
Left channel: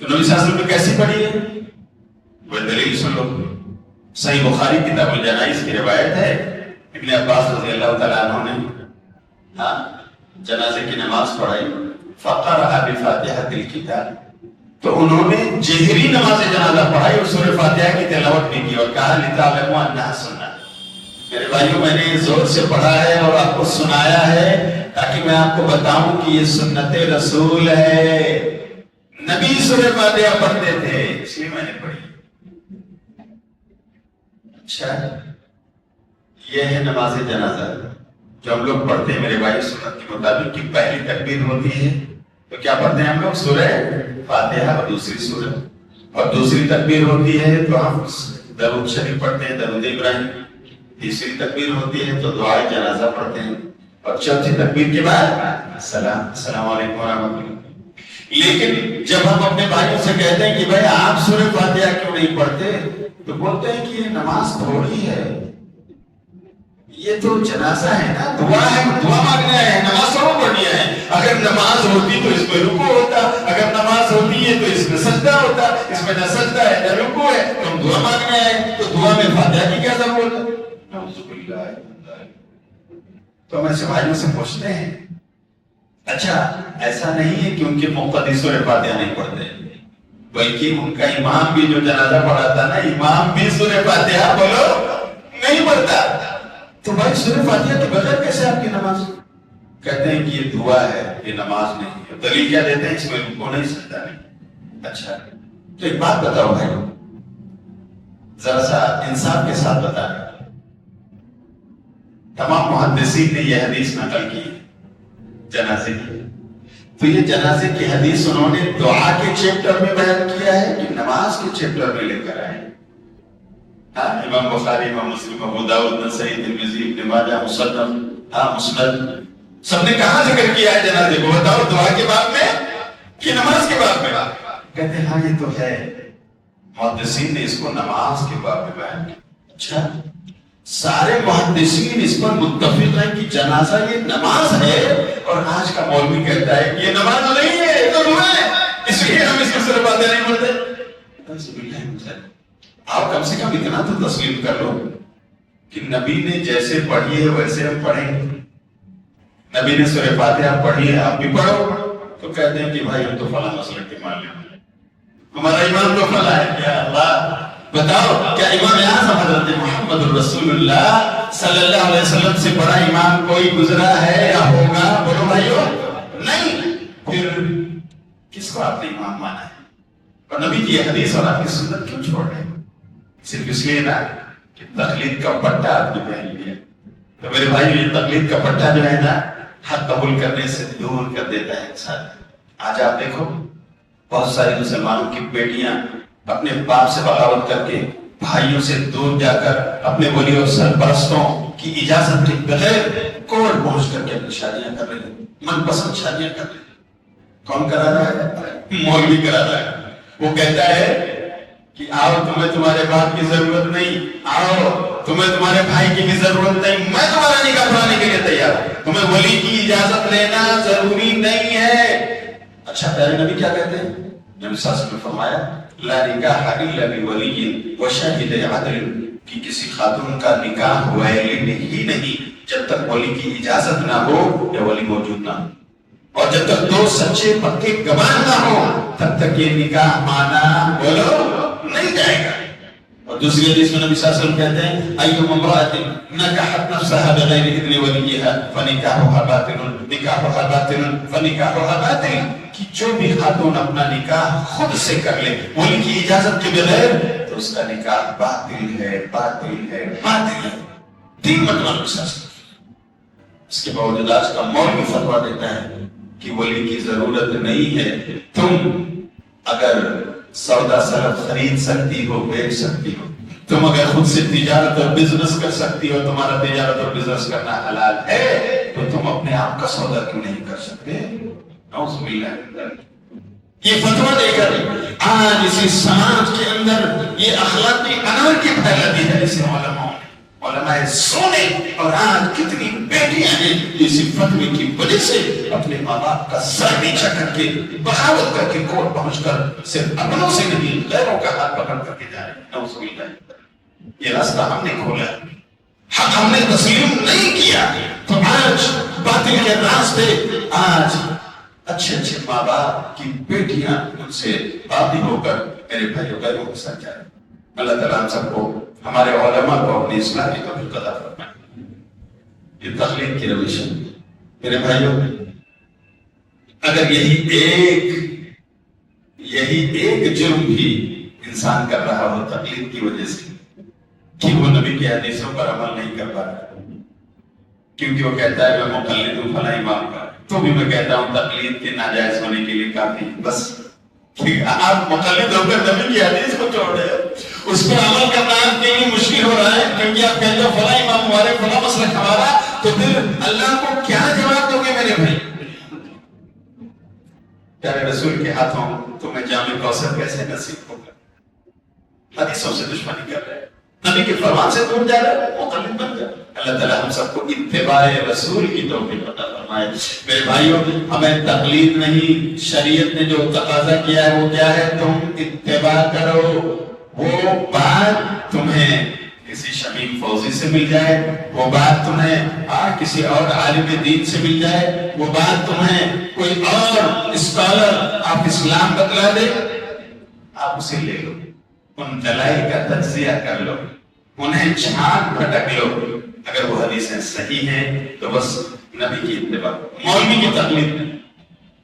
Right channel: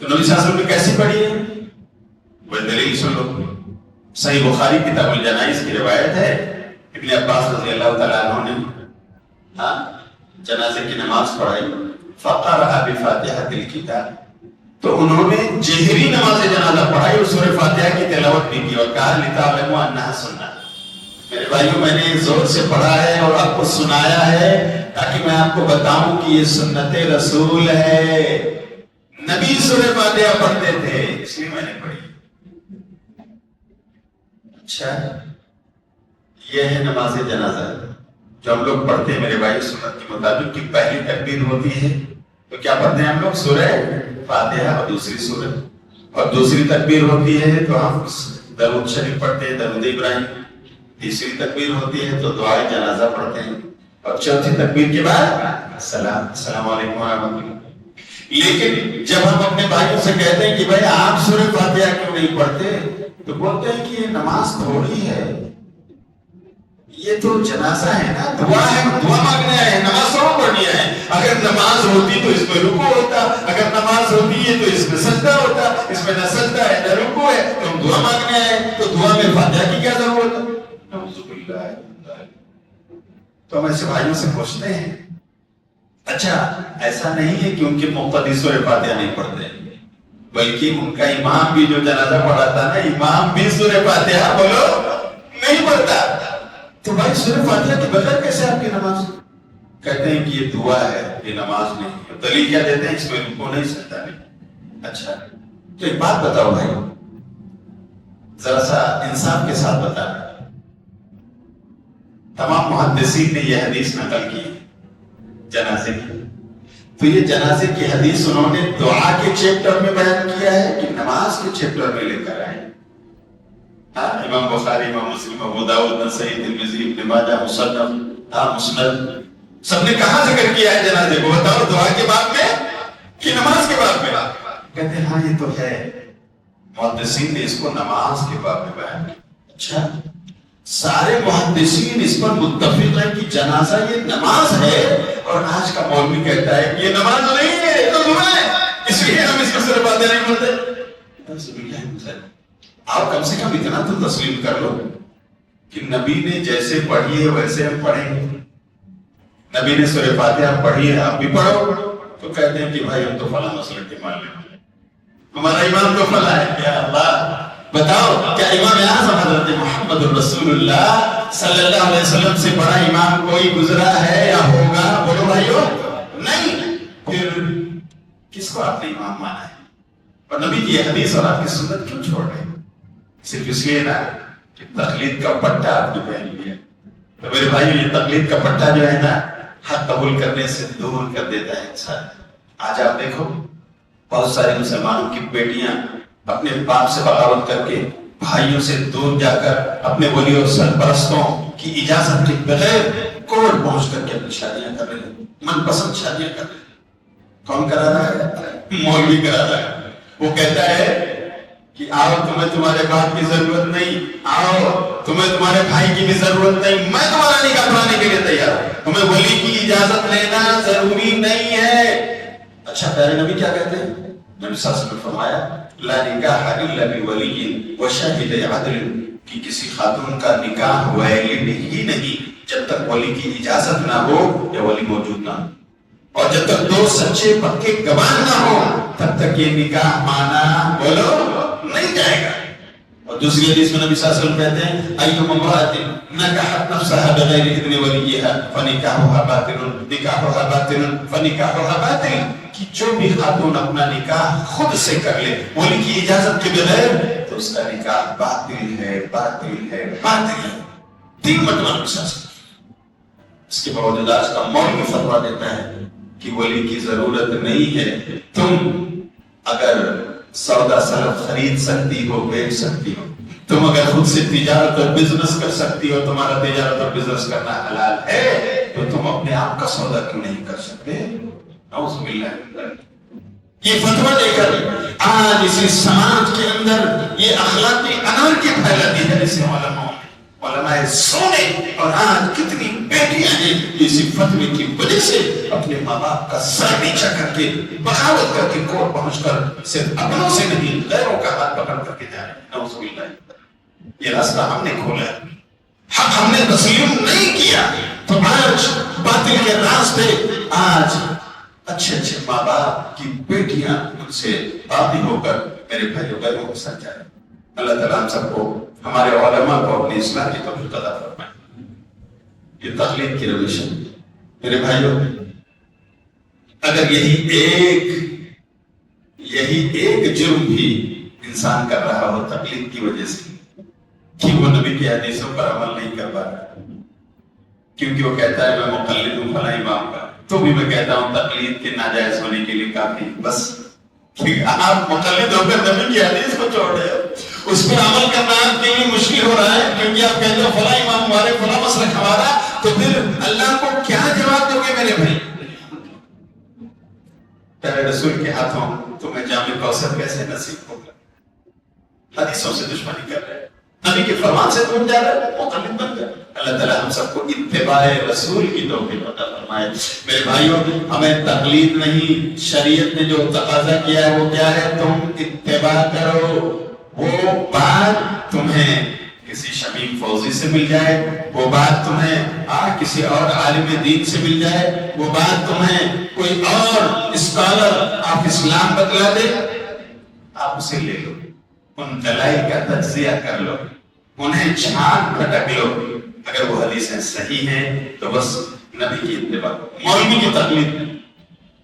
تو نبی صلی اللہ علیہ وسلم نے کیسی پڑھی ہے وہ دلیل سن لو. صحیح بخاری کتاب الجنائز کی روایت ہے ابن عباس رضی اللہ تعالیٰ عنہ نے جنازے کی نماز پڑھائی. فقرأ بفاتحة الكتاب، تو انہوں نے جہری نماز جنازہ پڑھائی اور سورہ فاتحہ کی تلاوت بھی کی اور کہا لتعلموا انها سنہ. میرے بھائیوں میں نے زور سے پڑھا ہے اور آپ کو سنایا ہے تاکہ میں آپ کو بتاؤں کہ یہ سنت رسول ہے. نبی سورہ فاتحہ پڑھتے تھے اس لیے میں نے پڑھی. اچھا یہ ہے نماز جنازہ جو ہم لوگ پڑھتے ہیں میرے بھائی سنت کے مطابق کہ پہلی تکبیر ہوتی ہے تو کیا پڑھتے ہیں ہم لوگ سورہ فاتحہ اور دوسری سورہ، اور دوسری تکبیر ہوتی ہے تو ہم درود شریف پڑھتے ہیں درود ابراہیم. تیسری تکبیر ہوتی ہے تو دعائے جنازہ پڑھتے ہیں اور چوتھی تکبیر کے بعد السلام علیکم ورحمۃ اللہ. لیکن جب ہم اپنے بھائیوں سے کہتے ہیں کہ بھائی آپ سورہ فاتحہ کیوں نہیں پڑھتے تو بولتے ہیں کہ یہ نماز تھوڑی ہے، یہ تو جنازہ ہے نا، دعا ہے، دعا مانگنا ہے، نماز تھوڑا پڑھنی ہے. اگر نماز ہوتی تو اس میں رکوع ہوتا، اگر نماز ہوتی ہے تو اس میں سجدہ ہوتا، اس میں نہ سجدہ ہے نہ رکوع ہے، تو ہم دعا مانگنا ہے تو دعا میں فاتحہ کی کیا ضرورت ہے؟ تو ہم ایسے بھائیوں سے پوچھتے ہیں. اچھا ایسا نہیں ہے کہ ان کے مقتدی سورہ فاتحہ نہیں پڑھتے، بلکہ ان کا امام بھی جو جنازہ پڑھاتا نا امام بھی سورہ فاتحہ بولو نہیں پڑھتا. تو بھائی سورہ فاتحہ کے بغیر کیسے آپ کی نماز؟ کہتے ہیں کہ یہ دعا ہے یہ نماز نہیں ہے. دلیل کیا دیتے ہیں؟ اس میں رکوع نہیں سجدہ نہیں. اچھا تو ایک بات بتاؤ بھائی، ذرا سا انصاف کے ساتھ بتا رہے تمام محدثین نے یہ حدیث نقل کی جنازے کی، تو یہ جنازے کی حدیث انہوں نے دعا کے چیپٹر میں بیان کیا ہے کہ نماز کے چیپٹر میں لے کر آئے؟ امام بخاری، امام مسلم، ابو داؤد، نسائی، ترمذی، ابن ماجہ، مسند سب نے کہاں ذکر کیا ہے جنازے کو؟ بتاؤ دعا کے بعد میں کہ نماز کے بعد میں؟ کہتے ہیں ہاں یہ تو ہے، محدثین نے اس کو نماز کے بعد میں بیان کیا. اچھا سارے محدثین اس پر متفق ہیں کہ جنازہ یہ نماز ہے، اور آج کا مولوی کہتا ہے کہ یہ نماز نہیں ہے یہ تو دعا ہے، اس لیے ہم اس کو صرف باتیں نہیں پڑھتے. آپ کم سے کم اتنا تو تسلیم کر لو کہ نبی نے جیسے پڑھی ہے ویسے ہم پڑھیں گے. نبی نے سورہ فاتحہ پڑھی ہے آپ بھی پڑھو تو کہتے ہیں کہ بھائی ہم تو فلاں مسلک کے معلوم ہیں، ہمارا امام تو فلاں ہے. کیا اللہ بتاؤ کیا امام اعظم حضرت محمد رسول اللہ صلی اللہ علیہ وسلم سے بڑا امام کوئی گزرا ہے یا ہوگا؟ بولو بھائیو نہیں. پھر کس کو آپ نے امام مانا ہے؟ اور نبی کی یہ حدیث اور آپ کی سنت کیوں چھوڑ رہے ہیں؟ صرف اس لیے نا تقلید کا پٹا آپ نے پہن لیا. تو میرے بھائی یہ تقلید کا پٹا جو ہے نا حق قبول کرنے سے دور کر دیتا ہے انسان. آج آپ دیکھو بہت سارے مسلمانوں کی بیٹیاں اپنے باپ سے بغاوت کر کے بھائیوں سے دور جا کر اپنے ولی اور سرپرستوں کی اجازت کے بغیر کورٹ پہنچ کر کے اپنی شادیاں کر رہے ہیں، من پسند شادیاں کر رہے ہیں. کون کرا رہا ہے؟ مولوی کرا رہا ہے. وہ کہتا ہے کہ آؤ تمہیں تمہارے باپ کی ضرورت نہیں، آؤ تمہیں تمہارے بھائی کی بھی ضرورت نہیں، میں تمہارا نکاح پڑھانے کے لیے تیار ہوں، تمہیں ولی کی اجازت لینا ضروری نہیں ہے. اچھا پیارے نبی کیا کہتے ہیں؟ نبی صلی اللہ علیہ وسلم نے فرمایا لا نکاح الا بولی وشاہد عدل، کہ کسی خاتون کا نکاح ولی ہی نہیں جب تک ولی کی اجازت نہ ہو یا ولی موجود نہ ہو، اور جب تک دو سچے پکے گواہ نہ ہو تب تک یہ نکاح مانا بولو نہیں جائے گا. اور دوسری حدیث میں نبی صلی اللہ علیہ وسلم کہتے ہیں ایما امرأۃ نکحت نفسها بغیر اذن ولیها فنکاحها باطل نکاحها باطل فنکاحها باطل، کہ جو بھی خاتون اپنا نکاح خود سے کر لے ولی کی اجازت کے بغیر تو اس کا نکاح باطل ہے باطل ہے باطل ہے. تین مطلب اس کے باوجود آج کا مولوی فتویٰ دیتا ہے کہ ولی کی ضرورت نہیں ہے. تم اگر سودا سلف خرید سکتی ہو بیچ سکتی ہو، تم اگر خود سے تجارت اور بزنس کر سکتی ہو، تمہارا تجارت اور بزنس کرنا حلال ہے، تو تم اپنے آپ کا سودا کیوں نہیں کر سکتے؟ نعوذ باللہ. یہ فتویٰ دے کر آج اسی سماج کے اندر یہ اخلاقی انار کی پھیلاتی ہے. اسے علماء علماء سونے اور آج کتنی بیٹیاں ہیں اسی فتوے کی وجہ سے اپنے ماں باپ کا سر نیچا کر کے بغاوت کر کے کورٹ پہنچ کر صرف اپنوں سے نہیں غیروں کا ہاتھ پکڑ کر کے جائے. نعوذ باللہ. یہ راستہ ہم نے کھولا، حق ہم نے تسلیم نہیں کیا تو آج باطل کے راستے، آج اچھے اچھے ماں باپ کی بیٹیاں ان سے باغی ہو کر میرے بھائیوں بھائیوں کو سچ جائے. اللہ تعالیٰ ہم سب کو، ہمارے علماء کو اپنی اصلاح کی توفیق عطا فرمائے. یہ تخلیق کی روش ہے میرے بھائیوں. اگر یہی ایک جرم بھی انسان کر رہا ہو تقلید کی وجہ سے کہ وہ نبی کی حدیثوں پر عمل نہیں کر پا رہا کیونکہ وہ کہتا ہے میں مقلد ہوں فلاں امام کا، تو بھی میں کہتا ہوں تقلید کے ناجائز ہونے کے لیے کافی بس آپ مقلد ہو کر نبی کی حدیث کو چھوڑ رہے ہو، اس پر عمل کرنا آپ کے لیے مشکل ہو رہا ہے کیونکہ آپ کہتے ہو فلاں امام ہمارے فلاں مسلک ہمارا، تو پھر اللہ کو کیا جواب دو گے میرے بھائی؟ پیارے رسول کے ہاتھوں تمہیں جامع کوثر کیسے نصیب ہوگا؟ حدیثوں سے دشمنی کر رہے ہیں، نبی کے فرمان سے دور جا رہے ہیں، مقلد بن گئے. اللہ تعالیٰ ہم سب کو اتباع رسول کی توفیق عطا فرمائے. میرے بھائیوں ہمیں تقلید نہیں، شریعت نے جو تقاضا کیا ہے وہ کیا ہے؟ تم اتباع کرو. وہ بات تمہیں کسی شمیم فوزی سے مل جائے، وہ بات تمہیں کسی اور عالم دین سے مل جائے، وہ بات تمہیں کوئی اور اسکالر آف اسلام بتلا دے، آپ اسے لے لو، ان دلائل کا تجزیہ کر لو، انہیں چھان پھٹک لو. اگر وہ حدیثیں صحیح ہیں تو بس نبی کی اتباع. مولوی کی تقلید،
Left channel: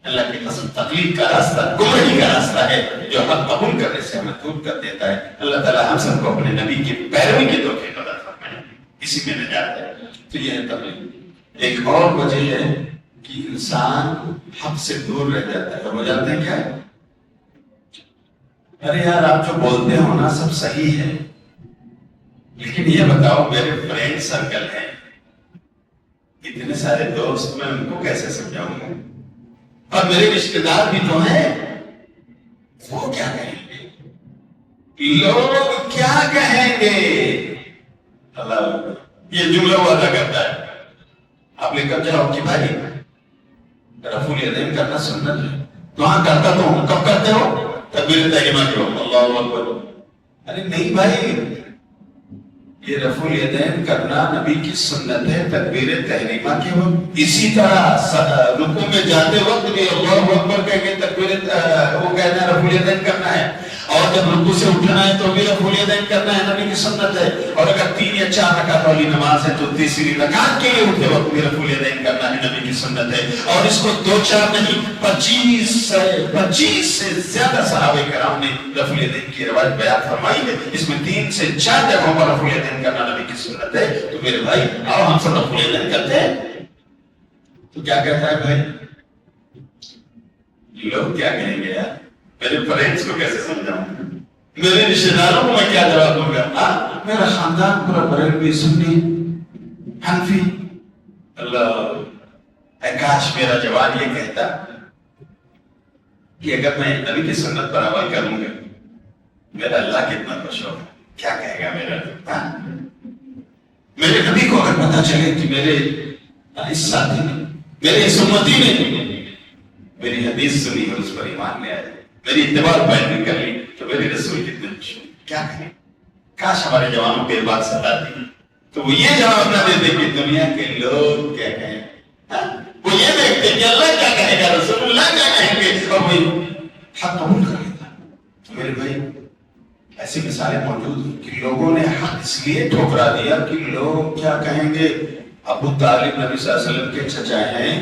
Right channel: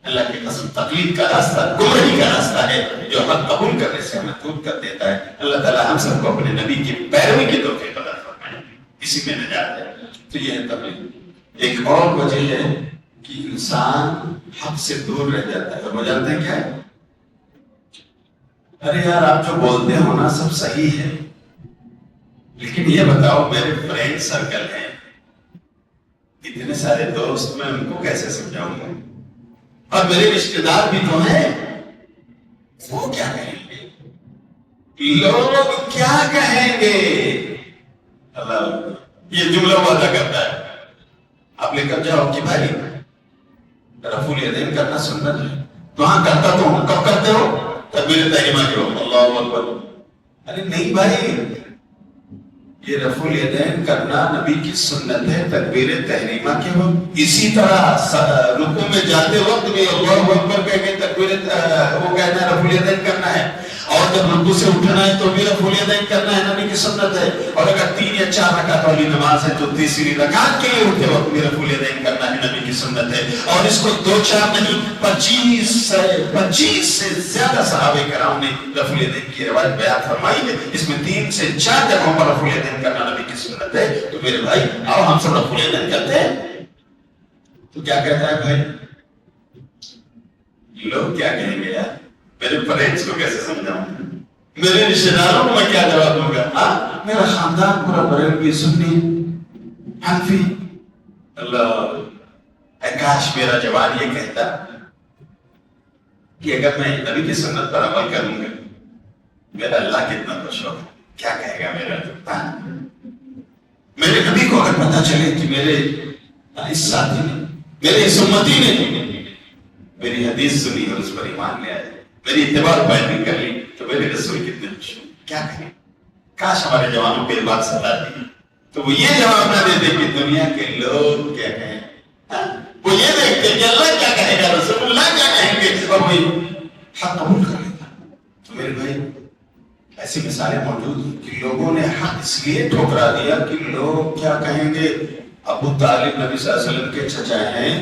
اللہ کی قسم تقلید کا راستہ گمراہی کا راستہ ہے جو حق قبول کرنے سے ہمیں دور کر دیتا ہے. اللہ تعالیٰ ہم سب کو اپنے نبی کی پیروی کی توفیق عطا فرمائے، اسی میں نجات ہے. تو یہ ہے تقلید. ایک اور وجہ ہے کہ انسان حق سے دور رہ جاتا ہے. وہ جانتے ہیں کیا؟ ارے یار آپ جو بولتے ہو نا سب صحیح ہے، لیکن یہ بتاؤ میرے فرینڈ سرکل ہیں اتنے سارے دوست، میں ان کو کیسے سمجھاؤں گا؟ اور میرے رشتے دار بھی تو ہیں، وہ کیا کہیں گے؟ لوگ کیا کہیں گے؟ اللہ یہ جملہ وہ ادا کرتا ہے. آپ لے کر جاؤ کہ بھائی رفع الیدین کرنا سنت ہے، تو ہاں کرتا تو ہوں. کب کرتے ہو؟ تکبیر تحریمہ کرو، اللہ اکبر. ارے نہیں بھائی، یہ رفع الیدین کرنا نبی کی سنت ہے تکبیر تحریمہ کی ہو. اسی طرح رکوع میں جاتے وقت بھی اللہ اکبر کہہ کے تکبیر وہ کہتے ہیں رفع الیدین کرنا ہے، اور جب رکوع سے اٹھنا ہے تو بھی رفع الیدین کرنا ہے، نبی کی سنت ہے. اور اگر 3 یا 4 رکعت والی نماز ہے تو تیسری رکعت کے لیے اٹھتے وقت بھی رفع الیدین کرنا ہے، نبی کی سنت ہے. اور اس کو 2-4 نہیں 25 سے زیادہ صحابہ کرام نے رفع الیدین کی روایت بیان فرمائی ہے. اس میں 3 سے 4 جگہوں پر رفع الیدین کرنا نبی کی سنت ہے. تو میرے بھائی آؤ ہم سب رفع الیدین کرتے ہیں. تو کیا کہتا ہے بھائی؟ لوگ کیا کہیں گے یار؟ میرے فرینڈز کو کیسے سمجھاؤں؟ میرے رشتے داروں کو میں کیا جواب دوں گا؟ میرا خاندان پورا بریلوی سنی حنفی. اللہ اے کاش میرا جواب یہ کہتا کہ اگر میں نبی کی سنت پر عمل کروں گا میرا اللہ کتنا خوش ہوگا. کیا کہے گا میرا میرے نبی کو اگر پتا چلے کہ میرے اس ساتھی نے، میرے اس امتی نے میری حدیث سنی اور اس پر ایمان لے آئے، میری اتباع پیروی کر لی، تو میرے رسول کتنے خوش ہوں. کیا کہیں؟ کاش ہمارے جوانوں کے بات سمجھاتی تو وہ یہ جواب نہ دیتے کہ دنیا کے لوگ کیا کہیں. وہ یہ دیکھتے کہ اللہ کیا کہے گا، رسول اللہ کیا کہیں گے، اور وہ حق قبول کر لیتا. تو میرے بھائی ایسی مثالیں موجود ہیں کہ لوگوں نے حق اس لیے ٹھکرا دیا کہ لوگ کیا کہیں گے. ابو طالب نبی صلی اللہ علیہ وسلم کے چچا ہیں،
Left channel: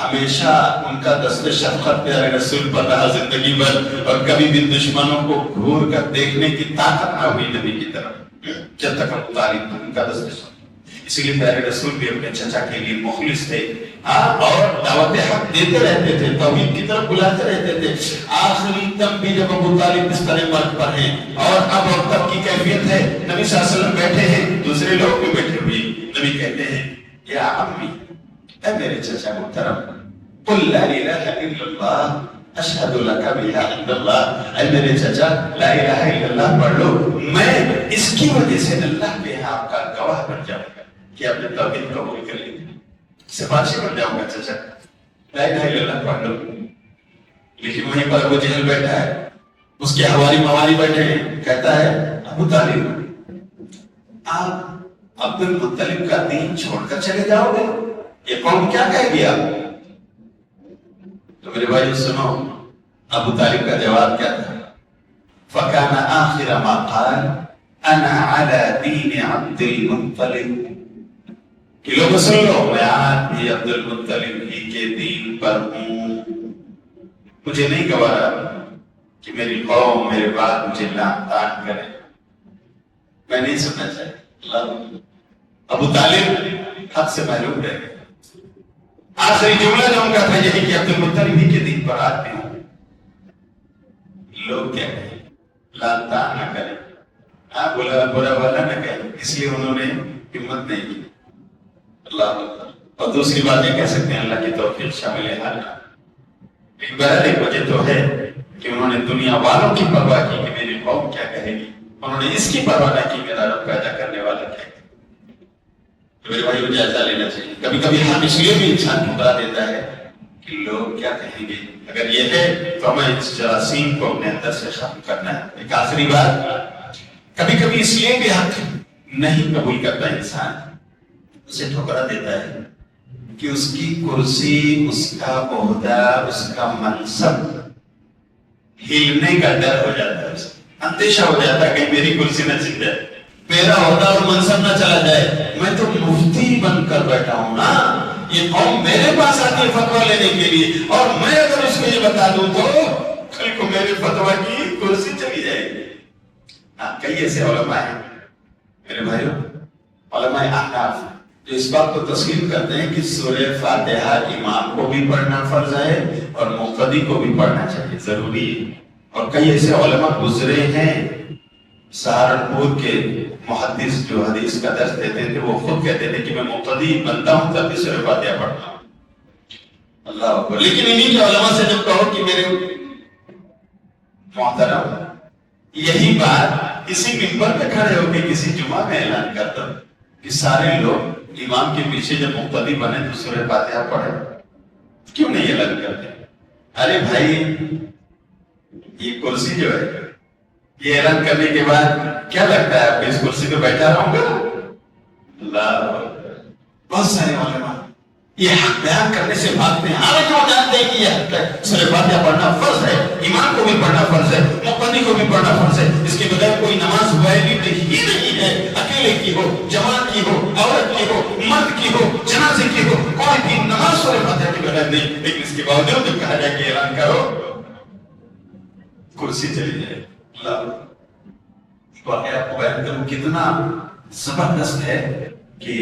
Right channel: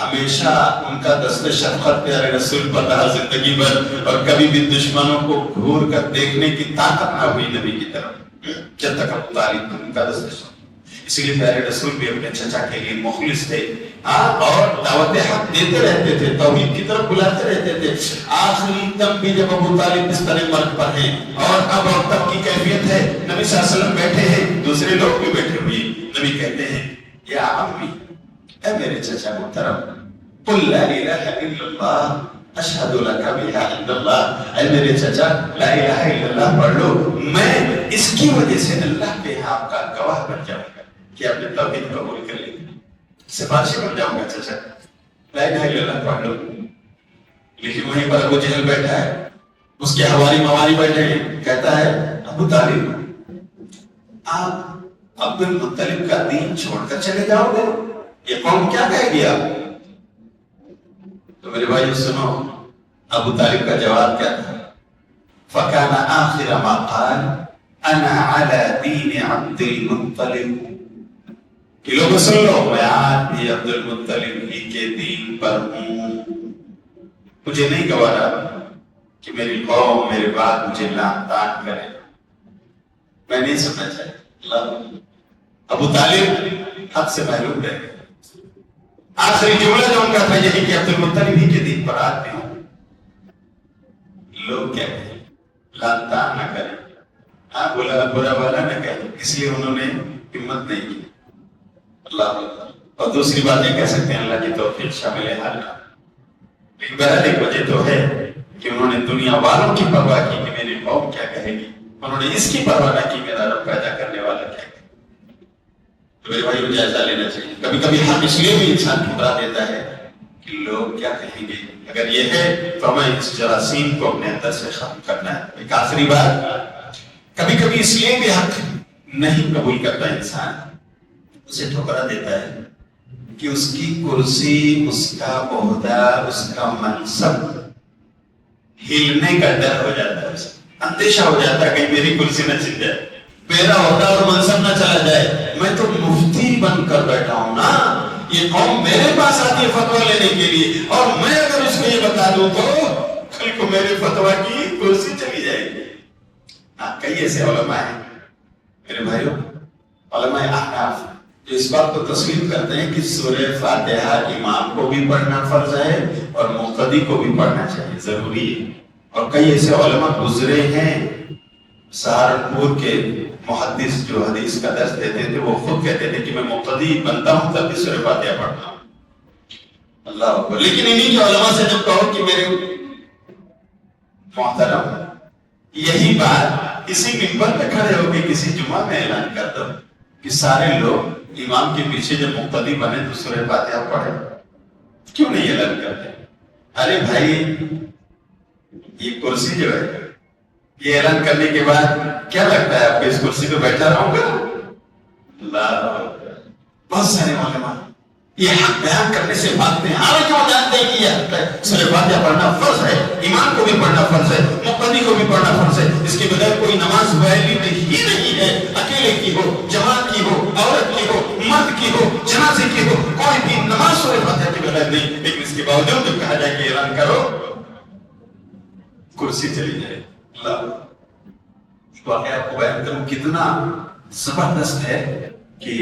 ہمیشہ ان کا دست شفقت پیارے رسول پر رہا زندگی بھر، اور کبھی بھی دشمنوں کو گھور کر دیکھنے کی طاقت نہ ہوئی نبی کی طرف جب تک ابو طالب ان کا دست شفقت. اسی لیے پیارے رسول بھی اپنے چچا کے لیے مخلص تھے اور دعوت حق دیتے رہتے تھے، توحید کی طرف بلاتے رہتے تھے. آخری دم بھی جب ابو طالب بستر مرگ پر ہیں اور اب اور تب کی کیفیت ہے، نبی صلی اللہ علیہ وسلم بیٹھے ہیں، دوسرے لوگ بھی بیٹھے ہوئے، نبی کہتے ہیں یا عمی اے میرے چچا محترم قل لا الہ الا اللہ اشہد لک بلا الا اللہ. اے میرے چچا لا الہ الا اللہ پڑھ لو، میں اس کی وجہ سے اللہ کے آپ کا گواہ بن جاؤں گا کہ آپ نے توحید قبول کر لی، سفارشی بن جاؤں گا چچا، لا الہ الا اللہ پڑھ لوں۔ لیکن وہیں پر ابو جہل بیٹھا ہے، اس کے حوالی موالی بیٹھے ہیں، کہتا ہے ابو طالب آپ عبد المطلب کا دین چھوڑ کر چلے جاؤ گے، یہ قوم کیا کہے گی آپ؟ تو میرے بھائی سنو ابو طالب کا جواب کیا تھا؟ فَكَانَ آخِرَ مَا قَالَ أَنَا عَلَى دِينِ عَبْدِ الْمُطَّلِبِ کہ لوگ سن لو میں آج بھی عبد المطلب ہی کے دین پر ہوں، مجھے نہیں گوارا کہ میری قوم میرے بعد مجھے لعن طعن کرے، میں نہیں سننا چاہیے۔ ابو طالب حق سے محروم رہے، آخری جملہ جو ان کا تھا یہی کہ عبد المطلب ہی کے دین پر آج بھی ہوں، لوگ کیا کہیں لعن طعن نہ کریں، بولا برا والا نہ کہیں، اس لیے انہوں نے ہمت نہیں کی۔ اللہ اور دوسری بات یہ کہہ سکتے ہیں اللہ کی توفیق شامل حال، بہرحال ایک وجہ تو ہے کہ انہوں نے دنیا والوں کی پرواہ کی کہ میری قوم کیا کہے گی، انہوں نے اس کی پرواہ نہ کی میرا رب پیدا کرنے والا کیا کہے گا۔ میرے بھائی کو جائزہ لینا چاہیے، کبھی کبھی حق اس لیے بھی انسان ٹھکرا دیتا ہے کہ لوگ کیا کہیں گے، اگر یہ ہے تو ہمیں اس جراثیم کو اپنے اندر سے ختم کرنا ہے۔ ایک آخری بات، کبھی کبھی اس لیے بھی حق نہیں قبول کرتا انسان، اسے ٹھکرا دیتا ہے کہ اس کی کرسی، اس کا عہدہ، اس کا منصب ہلنے کا ڈر ہو جاتا ہے، اندیشہ ہو جاتا ہے کہ میری کرسی نہ چھن جائے، میرا عہدہ اور منصب نہ چلا جائے، میں تو مفتی بن کر بیٹھا ہوں نا، یہ قوم میرے پاس آتی ہے فتویٰ لینے کے لیے، اور میں اگر اس کو یہ بتا دوں تو کل کو میرے فتویٰ کی کرسی چلی جائے گی۔ کئی ایسے علماء ہیں میرے بھائیوں، علماء احناف جو اس بات کو تسلیم کرتے ہیں کہ سورہ فاتحہ امام کو بھی پڑھنا فرض ہے اور مقتدی کو بھی پڑھنا چاہیے، ضروری ہے۔ اور کئی ایسے علماء گزرے ہیں، سہارنپور کے محدث جو حدیث کا درس دیتے تھے وہ خود کہتے تھے کہ میں مقتدی بنتا ہوں تب بھی سورہ فاتحہ پڑھتا ہوں۔ اللہ اکبر۔ لیکن انہی جو علماء سے جب کہو کہ میرے محترم یہی بات اسی منبر پہ کھڑے ہو کے کسی جمعہ میں اعلان کر دو کہ سارے لوگ امام کے پیچھے جب مقتدی بنے تو سورہ فاتحہ پڑھے، کیوں نہیں اعلان کرتے؟ ارے بھائی یہ کرسی جو ہے یہ اعلان کرنے کے بعد کیا لگتا ہے آپ اس کرسی پہ بیٹھا رہوں گا؟ اللہ، بہت سارے علماء یہ حق بیان کرنے سے بھاگتے ہیں، حالانکہ وہ جانتے ہیں کہ یہ حق ہے، سورہ فاتحہ پڑھنا فرض ہے، امام کو بھی پڑھنا فرض ہے، مقتدی کو بھی پڑھنا فرض ہے، اس کے بغیر کوئی نماز ویلڈ ہی نہیں ہے، اکیلے کی ہو، جماعت کی ہو، عورت کی ہو، مرد کی ہو، جنازے کی ہو، کوئی بھی نماز سورہ فاتحہ کے بغیر نہیں۔ لیکن اس کے باوجود جب کہا جائے کہ اعلان کرو کرسی چلی جائے۔ واقعہ آپ کو بیان کروں کتنا زبردست ہے کہ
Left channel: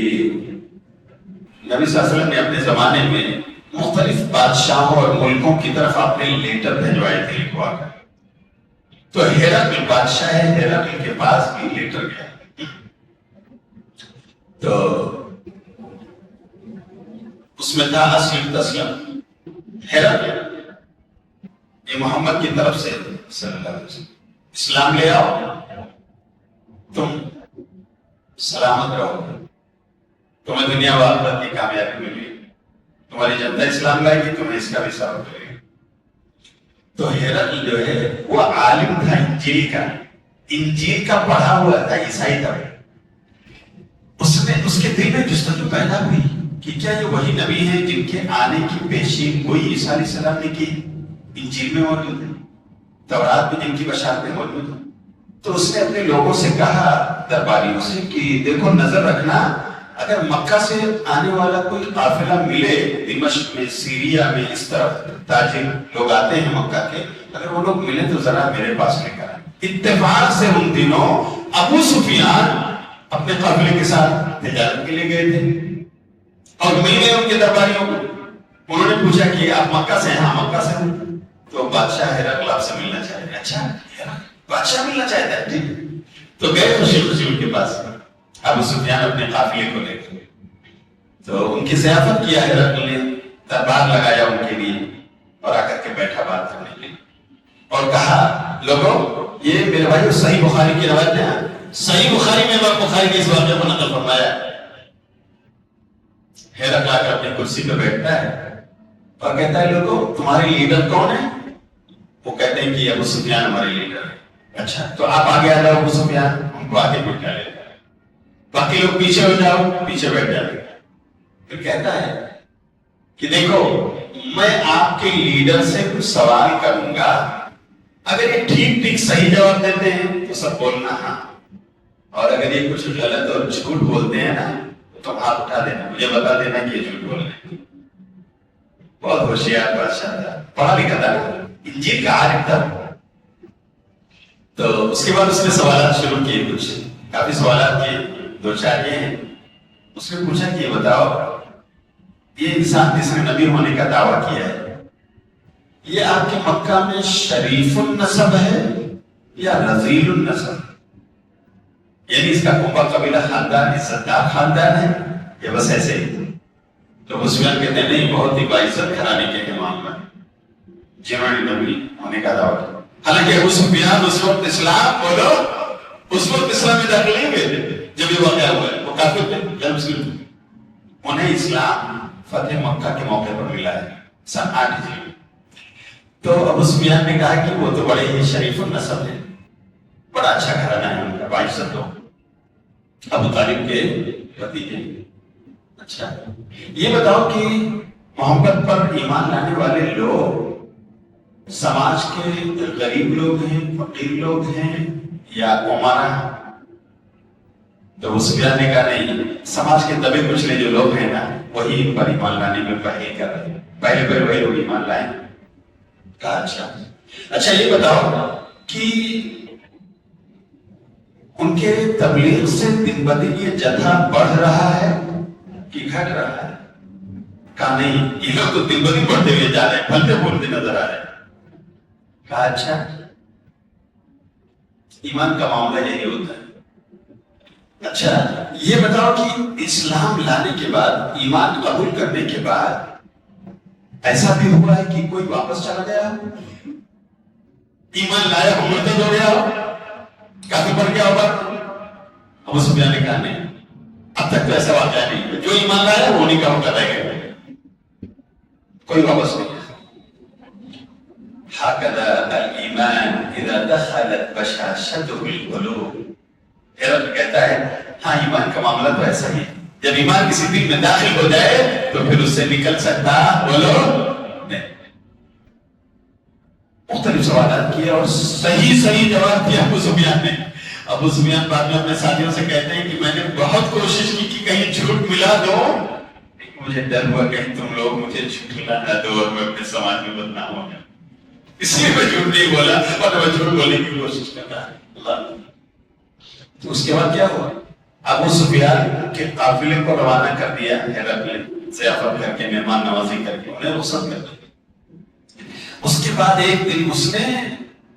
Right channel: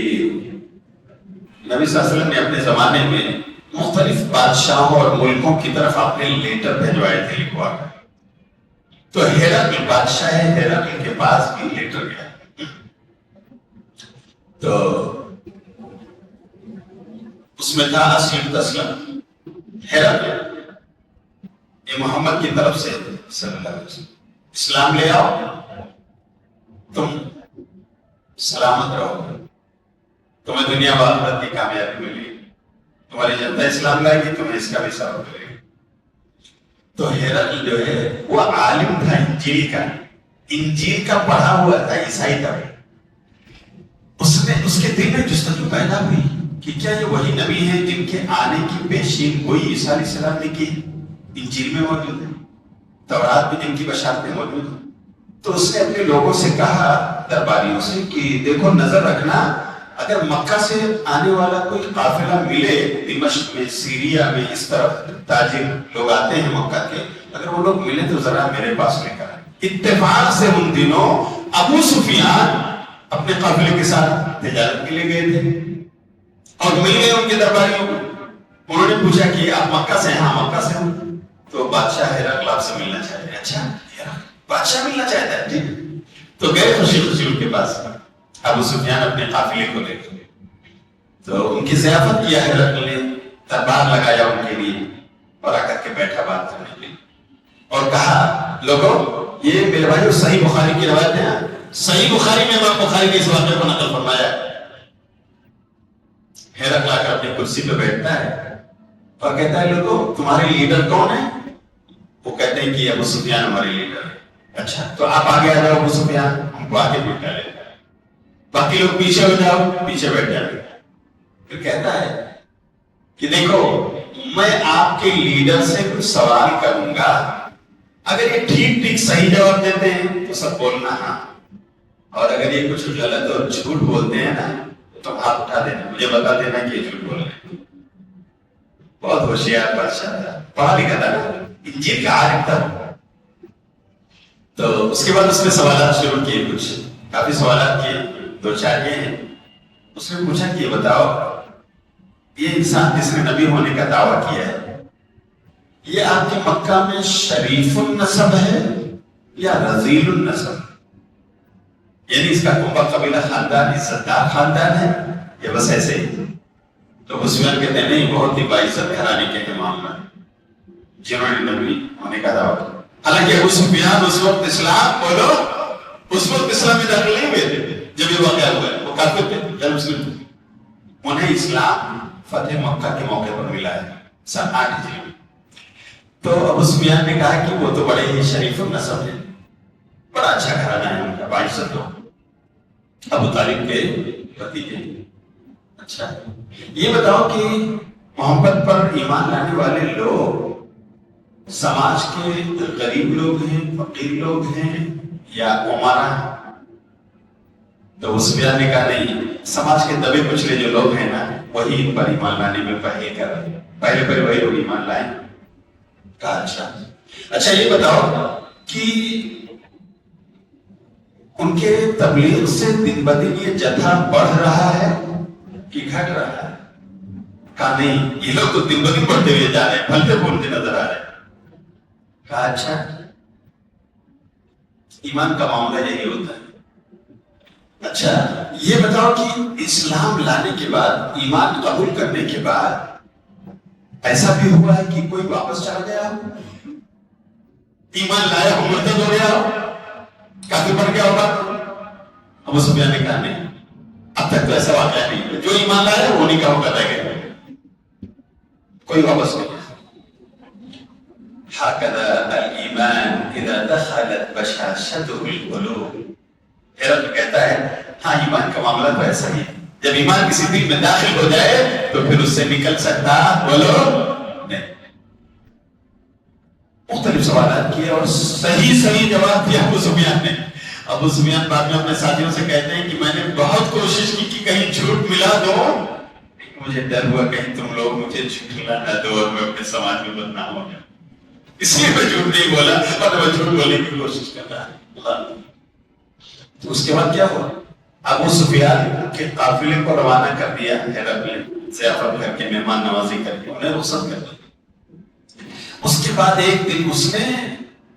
نبی صلی اللہ علیہ وسلم نے اپنے زمانے میں مختلف بادشاہوں اور ملکوں کی طرف اپنے لیٹر بھیجوائے تھے لکھوا کر، تو ہیراکل بادشاہ ہے، ہیراکل کے پاس بھی لیٹر گیا، تو اس میں تھا اسلم تسلم، ہیراکل یہ محمد کی طرف سے صلی اللہ علیہ وسلم اسلام لے آؤ تم سلامت رہو گے، تمہیں دنیا و آخرت کی کامیابی ملے گی، تمہاری جنتا اسلام لائے گی، تمہیں اس کا بھی ثابت کرے گی۔ تو ہیرکل جو ہے وہ عالم تھا انجیل کا پڑھا ہوا تھا، عیسائی تھا، اس کے دل میں جستجو پیدا ہوئی کہ کیا یہ وہی نبی ہیں جن کے آنے کی پیشین گوئی عیسیٰ علیہ السلام نے کی انجیل میں موجود ہے، تورات میں جن کی بشارتیں موجود ہیں۔ تو اس نے اپنے لوگوں سے کہا، درباریوں سے، کہ دیکھو نظر رکھنا، اگر مکہ سے آنے والا کوئی قافلہ ملے، دمشق میں، سیریا میں، اس طرف تاجر لوگ آتے ہیں مکہ کے، اگر وہ لوگ ملے تو ذرا میرے پاس لے کر آئے۔ اتفاق سے ان دنوں ابو سفیان اپنے قافلے کے ساتھ تجارت کے لیے گئے تھے اور مل گئے ان کے درباریوں کو، انہوں نے پوچھا کہ آپ مکہ سے ہیں؟ ہاں مکہ سے ہیں۔ تو بادشاہ ہیرکل آپ سے ملنا چاہتے ہیں۔ اچھا بادشاہ ملنا چاہتا ہے، ٹھیک۔ تو گئے خوشی خوشی ان کے پاس، ابو سفیان اپنے قافلے کو لے کے، تو ان کی ضیافت کیا ہے، ہیرکل نے دربار لگایا ان کے لیے اور آ کر کے بیٹھا بات کرنے کے لیے۔ اور کہا لوگوں یہ میرے بھائی صحیح بخاری کی روایت ہے، صحیح بخاری میں امام بخاری کے اس واقعے کو نقل فرمایا۔ ہرقل آ کر اپنی کرسی پہ بیٹھتا ہے اور کہتا ہے لوگوں تمہارے لیڈر کون ہے؟ وہ کہتے ہیں کہ ابو سفیان ہمارے لیڈر ہے۔ اچھا تو آپ آگے آ جاؤ ابو سفیان، ہم کو آگے بٹھا لے، باقی لوگ پیچھے ہو جاؤ، پیچھے بیٹھ جاتے۔ پھر کہتا ہے کہ دیکھو میں آپ کے لیڈر سے کچھ سوال کروں گا، اگر یہ ٹھیک ٹھیک صحیح جواب دیتے ہیں تو سب بولنا ہاں، اور اگر یہ کچھ غلط اور جھوٹ بولتے ہیں نا تو آپ اٹھا دینا، مجھے بتا دینا کہ یہ جھوٹ بول رہے ہیں۔ بہت ہوشیار بادشاہ تھا، پڑھا لکھا تھا، یہ کہا تھا۔ تو اس کے بعد اس نے سوالات شروع کیے، کچھ کافی سوالات کیے، دو چار یہ ہیں۔ اس نے پوچھا کہ یہ بتاؤ یہ انسان جس نے نبی ہونے کا دعویٰ کیا ہے یہ آپ کے مکہ میں شریف النسب ہے یا رذیل النسب؟ یعنی اس کا کنبہ قبیلہ خاندان عزت دار خاندان ہے یا بس ایسے ہی؟ تو ابو سفیان کہتے ہیں نہیں، بہت ہی باعزت گھرانے کے امام ہے جنہوں نے نبی ہونے کا دعویٰ کیا۔ حالانکہ ابو سفیان اس وقت اسلام بولو اس وقت اسلام میں داخل نہیں ہوئے تھے جب یہ واقعہ ہوا ہے، وہ کافر تھے جب مسلم تھے۔ انہیں اسلام فتح مکہ کے موقع پر ملا ہے سن 8 ہجری میں۔ تو ابو سفیان نے کہا کہ وہ تو بڑے ہی شریف النسب ہے، بڑا اچھا گھرانہ ہے ان کا، باعزت ہو، ابو طالب کے بھتیجے۔ اچھا یہ بتاؤ کہ محمد پر ایمان لانے والے لوگ سماج کے غریب لوگ ہیں، فقیر لوگ ہیں یا عمرا؟ تو ابو سفیان نے کہا نہیں، سماج کے دبے کچلے جو لوگ ہیں نا وہی ان پر ایمان لانے میں پہلے وہی لوگ ایمان لائیں۔ کہا اچھا یہ بتاؤ کہ ان کے تبلیغ سے دن بدن یہ جتھا بڑھ رہا ہے کہ گھٹ رہا ہے؟ کہا نہیں، یہ لوگ تو دن بدن بڑھتے ہوئے جا رہے ہیں، پھلتے پھولتے نظر آ رہے ہیں۔ کہا اچھا ایمان کا معاملہ یہی ہوتا ہے۔ اچھا یہ بتاؤ کہ اسلام لانے کے بعد، ایمان قبول کرنے کے بعد ایسا بھی ہوا ہے کہ کوئی واپس چلا گیا، ایمان لایا ہو مرتد ہو گیا ہو، کافر بن گیا ہوگا؟ ابو سفیان نے کہا نہیں، اب تک تو ایسا واقعہ نہیں، جو ایمان لایا وہ نہیں کہا رہ گیا، کوئی واپس نہیں۔ ہکذا الایمان اذا دخلت بشاشته القلوب۔ ہرقل کہتا ہے ہاں ایمان کا معاملہ تو ایسا ہی ہے، جب ایمان کسی دل میں داخل ہو جائے تو پھر اس سے نکل سکتا بولو نہیں۔ مختلف سوالات کیے اور صحیح جواب دیا ابو سفیان نے۔ ابو سفیان بعد میں اپنے ساتھیوں سے کہتے ہیں کہ میں نے بہت کوشش کی کہ کہیں جھوٹ ملا دو، مجھے ڈر ہوا کہیں تم لوگ مجھے جھٹلا نہ دو اور میں اپنے سماج میں بدنام ہو گیا، اس لیے میں جھوٹ نہیں بولا اور میں جھوٹ بولنے کی کوشش کر رہا ہوں۔ تو اس کے بعد کیا ہوا؟ ابو سفیان کے قافلے کو روانہ کر دیا ہرقل نے، ضیافت کر کے، مہمان نوازی کر کے انہیں رخصت کر دیا۔ اس کے بعد ایک دن اس نے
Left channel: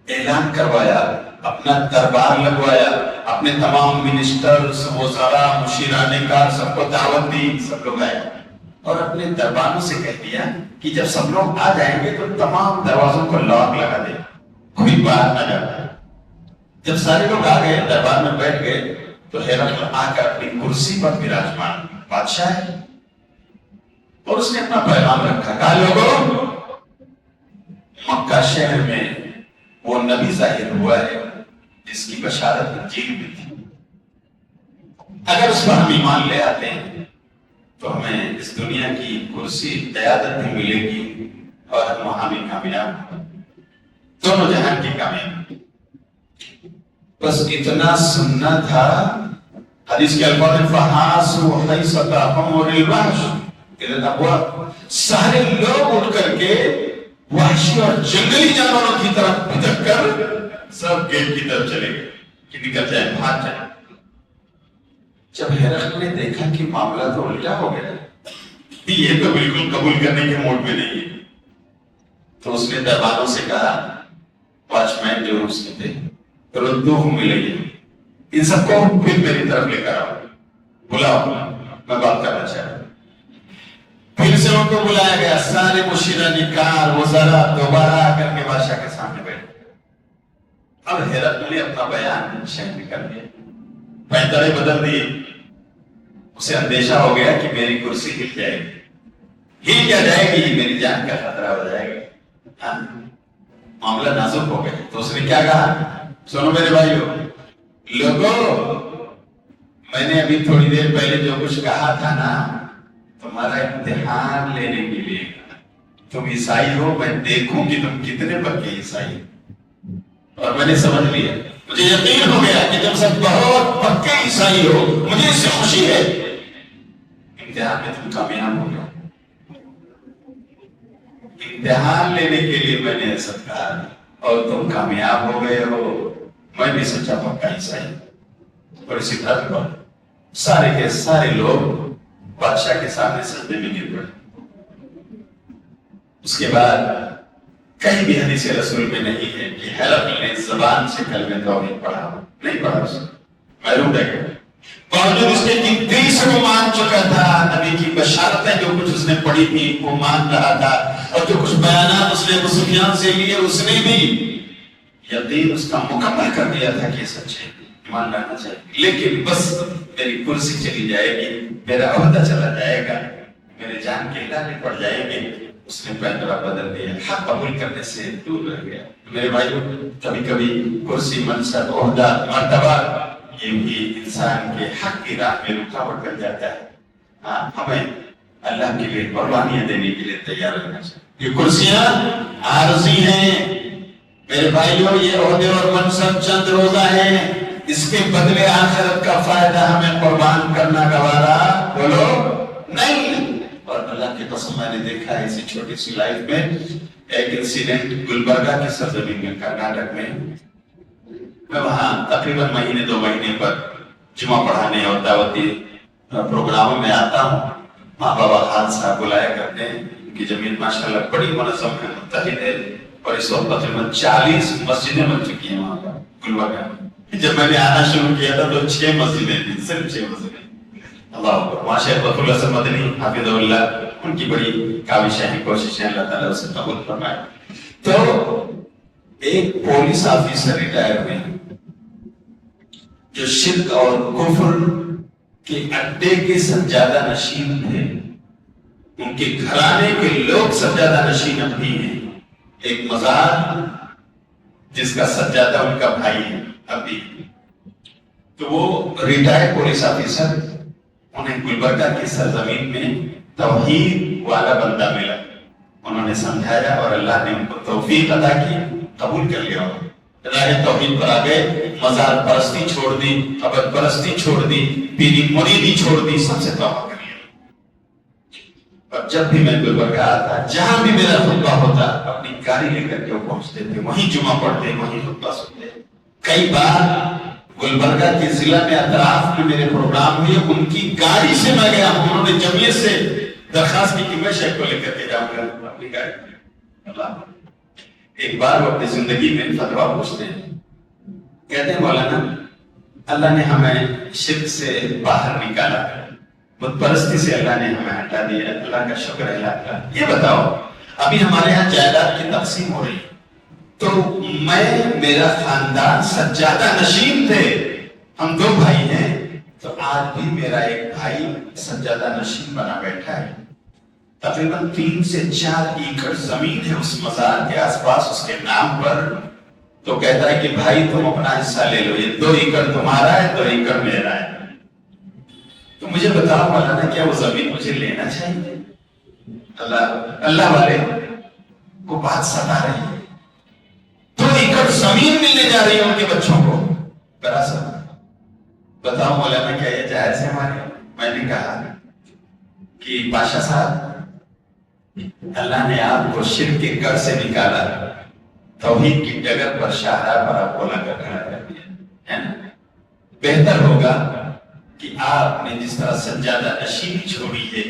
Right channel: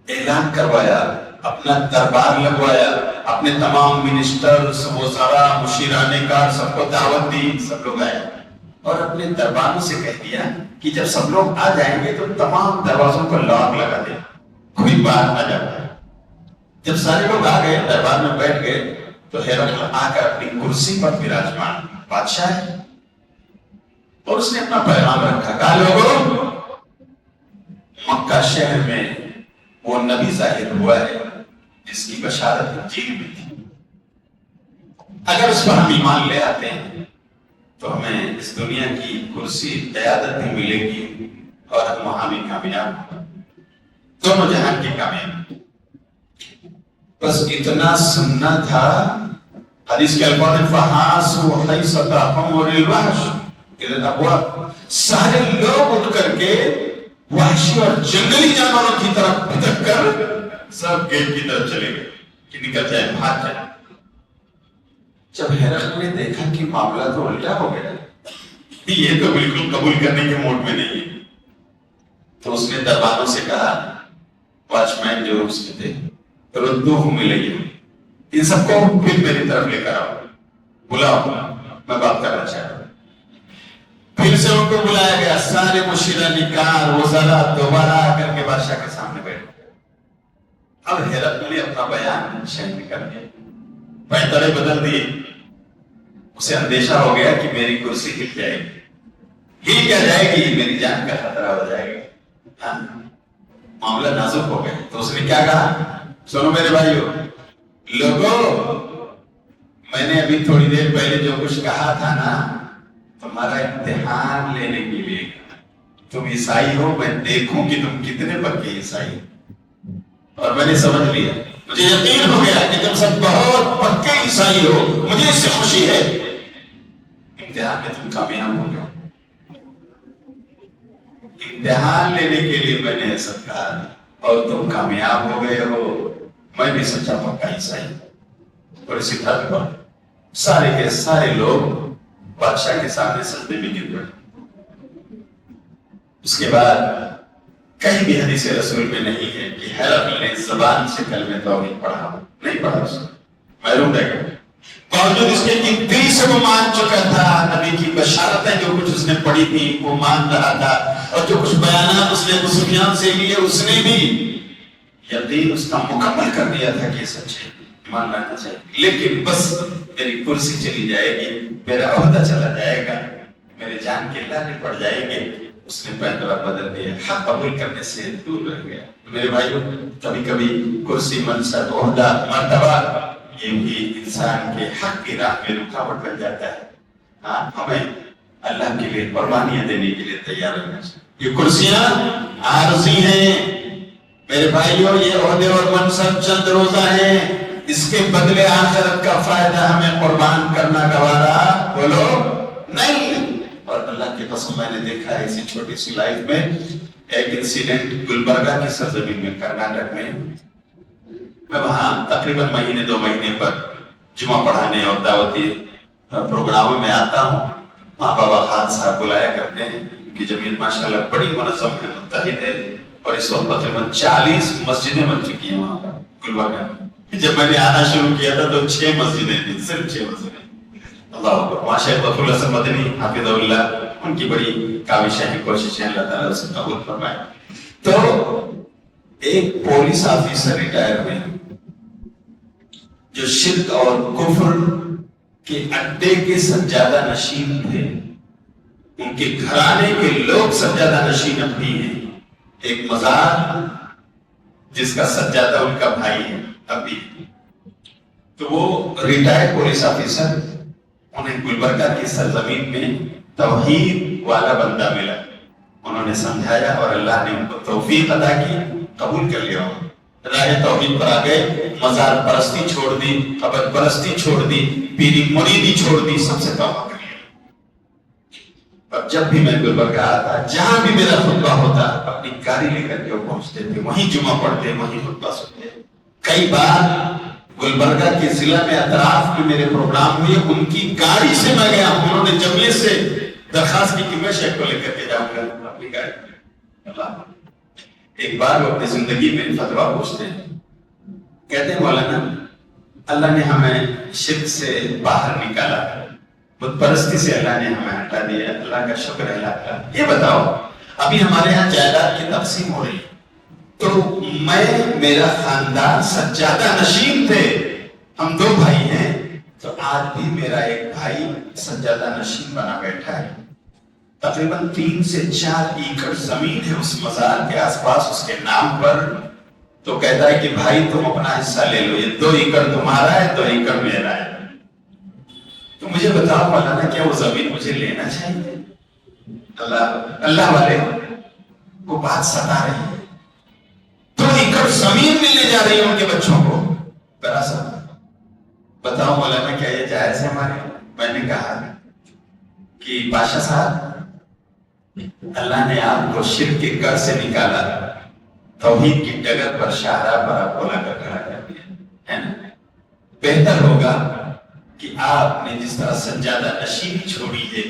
اعلان کروایا، اپنا دربار لگوایا، اپنے تمام منسٹرز، وزراء، مشیران کار سب کو دعوت دی، سب لوگ آئے اور اپنے درباروں سے کہہ دیا کہ جب سب لوگ آ جائیں گے تو تمام دروازوں کو لاک لگا دے، کوئی باہر نہ جاتا۔ جب سارے لوگ آ گئے، دربار میں بیٹھ گئے، تو ہرقل آ کر اپنی کرسی پر وراجمان بادشاہ ہے اور اس نے اپنا پیغام رکھا، کہا لوگوں مکہ شہر میں وہ نبی ظاہر ہوا ہے جس کی بشارت انجیل میں تھی، اگر اس پر ہم ایمان لے آتے ہیں تو ہمیں اس دنیا کی کرسی قیادت میں ملے گی اور ہم وہاں بھی کامیاب، دونوں جہان کی کامیاب۔ بس اتنا سننا تھا، حدیث کے الفاظ فحاسوا حیثتهم وللوحش اذا الابواب، سارے لوگ اٹھ کر کے وحشی اور جنگلی جانوروں کی طرف بھٹک کر سب گیٹ کی طرف چلے گئے کہ نکل جائے، بھاگ جائے۔ جب ہرقل نے دیکھا کہ معاملہ تو الٹا ہو گیا، یہ تو بالکل قبول کرنے کے موڈ میں نہیں ہے، تو اس نے درباروں سے کہا، واچ مین جو اس کے تھے، ردوہم الیہ، ان سب کو پھر میری طرف لے کر آؤ، بلاؤ، میں بات کرنا چاہتا ہوں۔ پھر سے ان کو بلایا گیا، سارے مشیران کار وزراء دوبارہ آ کر کے بادشاہ کے سامنے بیٹھے۔ اب ہرقل نے اپنا بیان شہر کر دیا، پیدلے بدل دیے، اسے اندیشہ ہو گیا کہ میری کرسی ہل جائے گی، ہل کیا جائے گی، میری جان کا خطرہ ہو جائے گا، معاملہ نازک ہو گیا۔ تو اس نے کیا کہا، سنو میرے بھائیو لوگوں، میں نے ابھی تھوڑی دیر پہلے جو کچھ کہا تھا نا، تمہارا امتحان لینے کے لیے، تم عیسائی ہو، میں دیکھوں کہ تم کتنے پکے عیسائی ہو، اور میں نے سمجھ لیا، مجھے یقین ہو گیا کہ تم سب بہت پکے عیسائی ہو، مجھے اس سے خوشی ہے، امتحان میں تم کامیاب ہو گئے، امتحان لینے کے لیے میں نے ایسا کہا اور تم کامیاب ہو گئے ہو، میں بھی سچا پکا عیسائی ہوں۔ اور اسی طرح سارے کے سارے لوگ بادشاہ کے سامنے سجدے میں گر گئے۔ اس کے بعد کہیں بھی حدیث رسول میں نہیں ہے کہ ہرقل نے زبان سے کلمہ توحید پڑھا، نہیں پڑھا، اس نے محروم رہ گیا، باوجود اس کے کہ دل سے وہ مان چکا تھا، نبی کی بشارتیں جو کچھ اس نے پڑھی تھی وہ مان رہا تھا، اور جو کچھ بیانات اس نے ابو سفیان سے لیے اس نے بھی یقین اس کا مکمل کر دیا تھا کہ سچ ہے، مان لینا چاہیے، لیکن بس میری کرسی چلی جائے گی، میرا عہدہ چلا جائے گا، میرے جان کے لانے پڑ جائے گے، اس نے پیدرا بدل دیا، حق قبول کرنے سے دور رہ گیا۔ میرے بھائیو، کبھی کبھی کرسی، منصب، عہدہ، مرتبہ یہ بھی انسان کے حق کی راہ میں رکاوٹ بن جاتا ہے۔ ہاں، ہمیں اللہ کے لیے قربانیاں دینے کے لیے تیار رہنا چاہیے۔ یہ کرسیاں عارضی ہیں میرے بھائیوں، یہ عہدے اور منصب چند روزہ ہیں، اس کے بدلے آخرت کا فائدہ ہمیں قربان کرنا گوارا بولو نہیں۔ اور اللہ کے قسم میں نے دیکھا ہے اسی چھوٹی سی لائف میں ایک انسیڈنٹ گلبرگہ کی سرزمین میں، کرناٹک میں، میں وہاں تقریباً مہینے 2 مہینے پر جمعہ پڑھانے اور دعوتی پروگراموں میں آتا ہوں۔ ماں بابا خان صاحب بلایا کرتے ہیں، ان کی جمعیت ماشاءاللہ بڑی منظم ہے، متحد ہے، اور اس وقت تقریباً 40 مسجدیں بن چکی ہیں وہاں پر گلبرگہ میں۔ جب میں نے آنا شروع کیا تھا تو 6 مسجدیں تھیں، صرف 6 مسجدیں۔ اللہ اکبر، وہاں شیخ وفد اللہ سے مدنی حافظ اللہ، ان کی بڑی کاوشیں ہیں، کوششیں، اللہ تعالیٰ اسے قبول فرمائے۔ تو ایک پولیس آفیسر ریٹائر ہوئے جو شرک اور کفر کے اڈے کے سجادہ نشین تھے، ان کے گھرانے کے لوگ سجادہ نشین اب بھی ہیں، ایک مزار جس کا سجادہ ان کا بھائی ہے اب بھی۔ تو وہ ریٹائر پولیس آفیسر، انہیں گلبرگہ کی سرزمین میں توحید والا بندہ ملا، انہوں نے سمجھایا اور اللہ نے ان کو توفیق عطا کی، قبول کر لیا، راہ توحید پر آ گئے، مزار پرستی چھوڑ دی، قبر پرستی چھوڑ دی، پیری مریدی چھوڑ دی، سب سے توبہ کر لیا۔ اور جب بھی میں گلبرگہ آتا، جہاں بھی میرا خطبہ ہوتا، اپنی گاڑی لے کر کے وہ پہنچتے تھے، وہیں جمعہ پڑھتے، وہیں خطبہ سنتے۔ کئی بار گلبرگہ کے ضلع میں اطراف میں میرے پروگرام ہوئے، ان کی گاڑی سے میں گیا ہوں، انہوں نے جمعیت سے درخواست کی کہ میں شیخ کو لے کر کے جاؤں گا اپنی گاڑی میں۔ اللہ، ایک بار وہ اپنی زندگی میں فتویٰ پوچھتے ہیں، کہتے ہیں مولانا اللہ نے ہمیں شرک سے باہر نکالا، بت پرستی سے اللہ نے ہمیں ہٹا دیا، اللہ کا شکر ہے اللہ کا۔ یہ بتاؤ، ابھی ہمارے یہاں جائیداد کی تقسیم ہو رہی، تو میں، میرا خاندان سجادہ نشین تھے، ہم 2 بھائی ہیں، تو آج بھی میرا ایک بھائی سجادہ نشین بنا بیٹھا ہے، تقریباً 3 سے 4 ایکڑ زمین ہے اس مزار کے آس پاس اس کے نام پر۔ تو کہتا ہے کہ بھائی تم اپنا حصہ لے لو، یہ 2 ایکڑ تمہارا ہے، 2 ایکڑ میرا ہے۔ تو مجھے بتاؤ مولانا، کیا وہ زمین مجھے لینا چاہیے؟ اللہ والے کو بات ستا رہے ہیں، 2 ایکڑ زمین ملنے جا رہی ہے ان کے بچوں کو، وراثت۔ بتاؤ مولانا کیا یہ جائز ہے ہمارے؟ میں نے کہا کہ بادشاہ صاحب، اللہ نے آپ کو شرک کے گھر سے نکالا، توحید کی ڈگر پر شاہراہ پر آپ کو لا کر کھڑا کر دیا ہے نا، بہتر ہوگا کہ آپ نے جس طرح سجادہ نشینی چھوڑی ہے،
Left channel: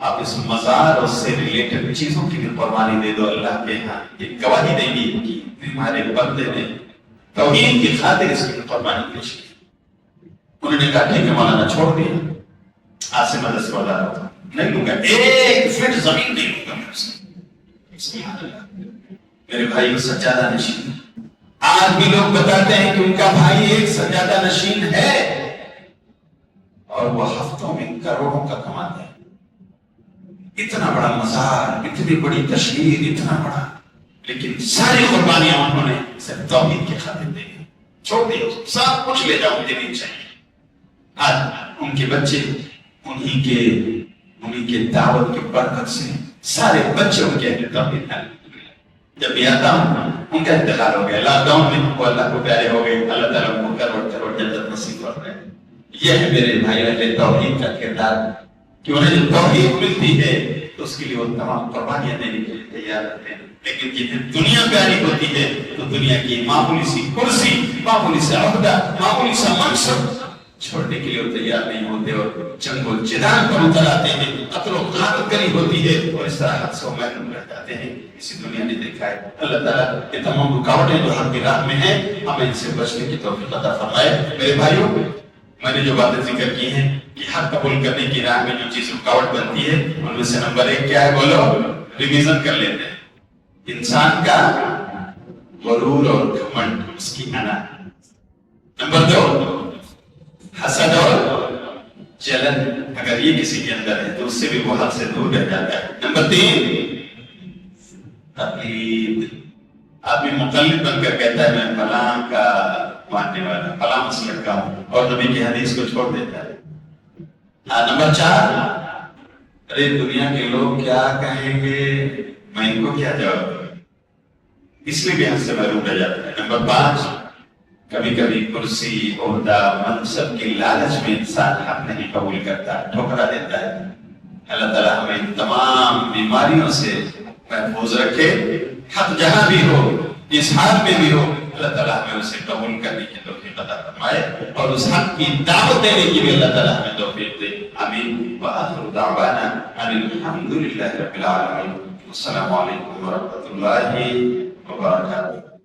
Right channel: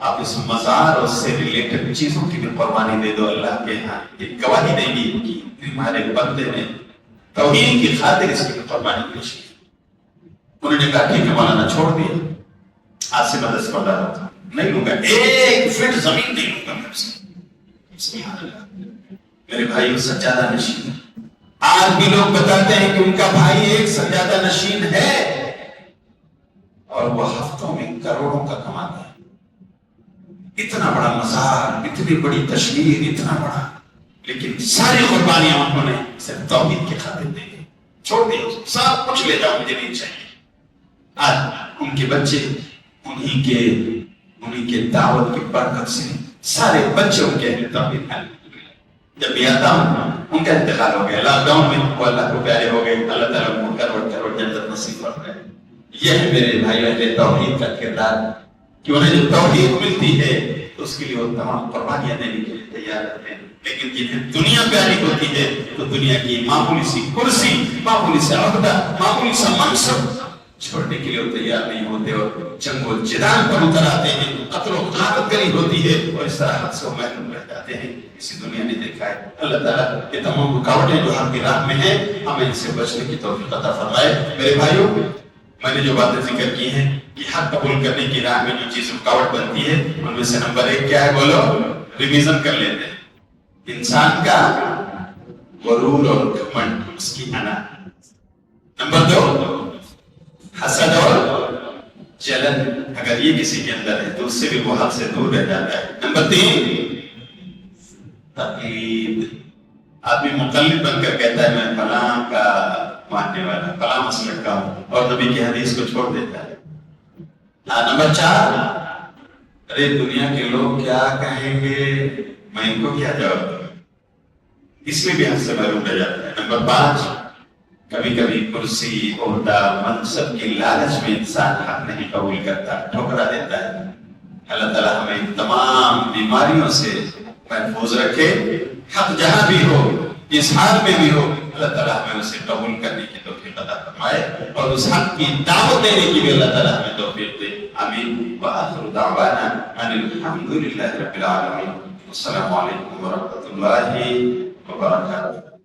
آپ اس مزار اور اس سے ریلیٹڈ چیزوں کی بھی قربانی دے دو، اللہ کے ہاں ایک گواہی دے گی کہ ہمارے بندے نے توحید کی خاطر اس کی قربانی پیش کی۔ انہوں نے کہا ٹھیک ہے مولانا، چھوڑ دیا، آج سے میں 10 بردار ہوتا نہیں لوں گا، 1 فٹ زمین نہیں لوں گا میں اس سے۔ میرے بھائیوں سجادہ نشین، آج بھی لوگ بتاتے ہیں کہ ان کا بھائی ایک سجادہ نشین ہے اور وہ ہفتوں میں کروڑوں کا کماتے ہیں. اتنا بڑا مزار، اتنی بڑی تشہیر، اتنا بڑا، لیکن ساری قربانیاں انہوں نے صرف توحید کی خاطر دی. چھوڑ دیا سب کچھ لے جاؤ، مجھے نہیں چاہیے. آج ان کے بچے انہی کے دعوت کی برکت سے سارے بچے ان کے اہل توحید ہیں. جب میں آتا ہوں ان کا انتقال ہو گیا لاک ڈاؤن میں، وہ اللہ کو پیارے ہو گئے. اللہ تعالیٰ کو کروڑ جنت نصیب فرمائے. یہ ہے میرے بھائی اہل توحید کا کردار کہ انہیں جو توحید ملتی ہے اس کے لیے وہ تمام قربانیاں دینے کے لیے تیار رہتے ہیں. لیکن یہ دنیا پیاری ہوتی ہے تو دنیا کی معمولی سی کرسی، معمولی سا عہدہ، معمولی سا منصب چھوڑنے کے لیے وہ تیار نہیں ہوتے اور جنگ و جدال پر اتر آتے ہیں. قتل و غارت کری ہوتی ہے اور اس طرح حد سے محروم رہ جاتے ہیں. اسی دنیا نے دیکھا ہے. اللہ تعالیٰ یہ تمام رکاوٹیں جو ہم کی راہ میں ہیں ہمیں اس سے بچنے کی توفیق عطا فرمائے. میرے بھائیوں، میں نے جو باتیں ذکر کی ہیں کہ حق قبول کرنے کی راہ میں جو چیز رکاوٹ بنتی ہے ان میں سے نمبر 1 کیا ہے؟ بولو، ریویژن کر لیتے ہیں. انسان کا غرور اور گھمنڈ، اس کی انا. نمبر 2 حسد اور جلن، اگر یہ کسی کے اندر ہے تو اس سے بھی وہ حد سے دور رہ جاتا ہے. نمبر 3 تقلید، آدمی مقلد بن کر کہتا ہے میں فلاں کا ماننے والا، فلاں مسلک کا ہوں، اور نبی کی حدیث کو چھوڑ دیتا ہے. نمبر 4 ارے دنیا کے لوگ کیا کہیں گے، میں ان کو کیا جواب دوں، اس میں بھی حد سے محروم رہ جاتا ہے. نمبر 5 کبھی کبھی کرسی، عہدہ، منصب کی لالچ میں انسان حق نہیں قبول کرتا، ٹھکرا دیتا ہے. اللہ تعالیٰ ہمیں ان تمام بیماریوں سے محفوظ رکھے. حق جہاں بھی ہو، جس حال میں بھی ہو، اللہ تعالیٰ ہمیں اسے قبول کرنے کی توفیق عطا فرمائے اور اس حق کی دعوت دینے کی بھی اللہ تعالیٰ ہمیں توفیق دے. آمین. وآخر دعوانا ان الحمد للہ رب العالمین. السلام علیکم ورحمۃ اللہ وبرکاتہ.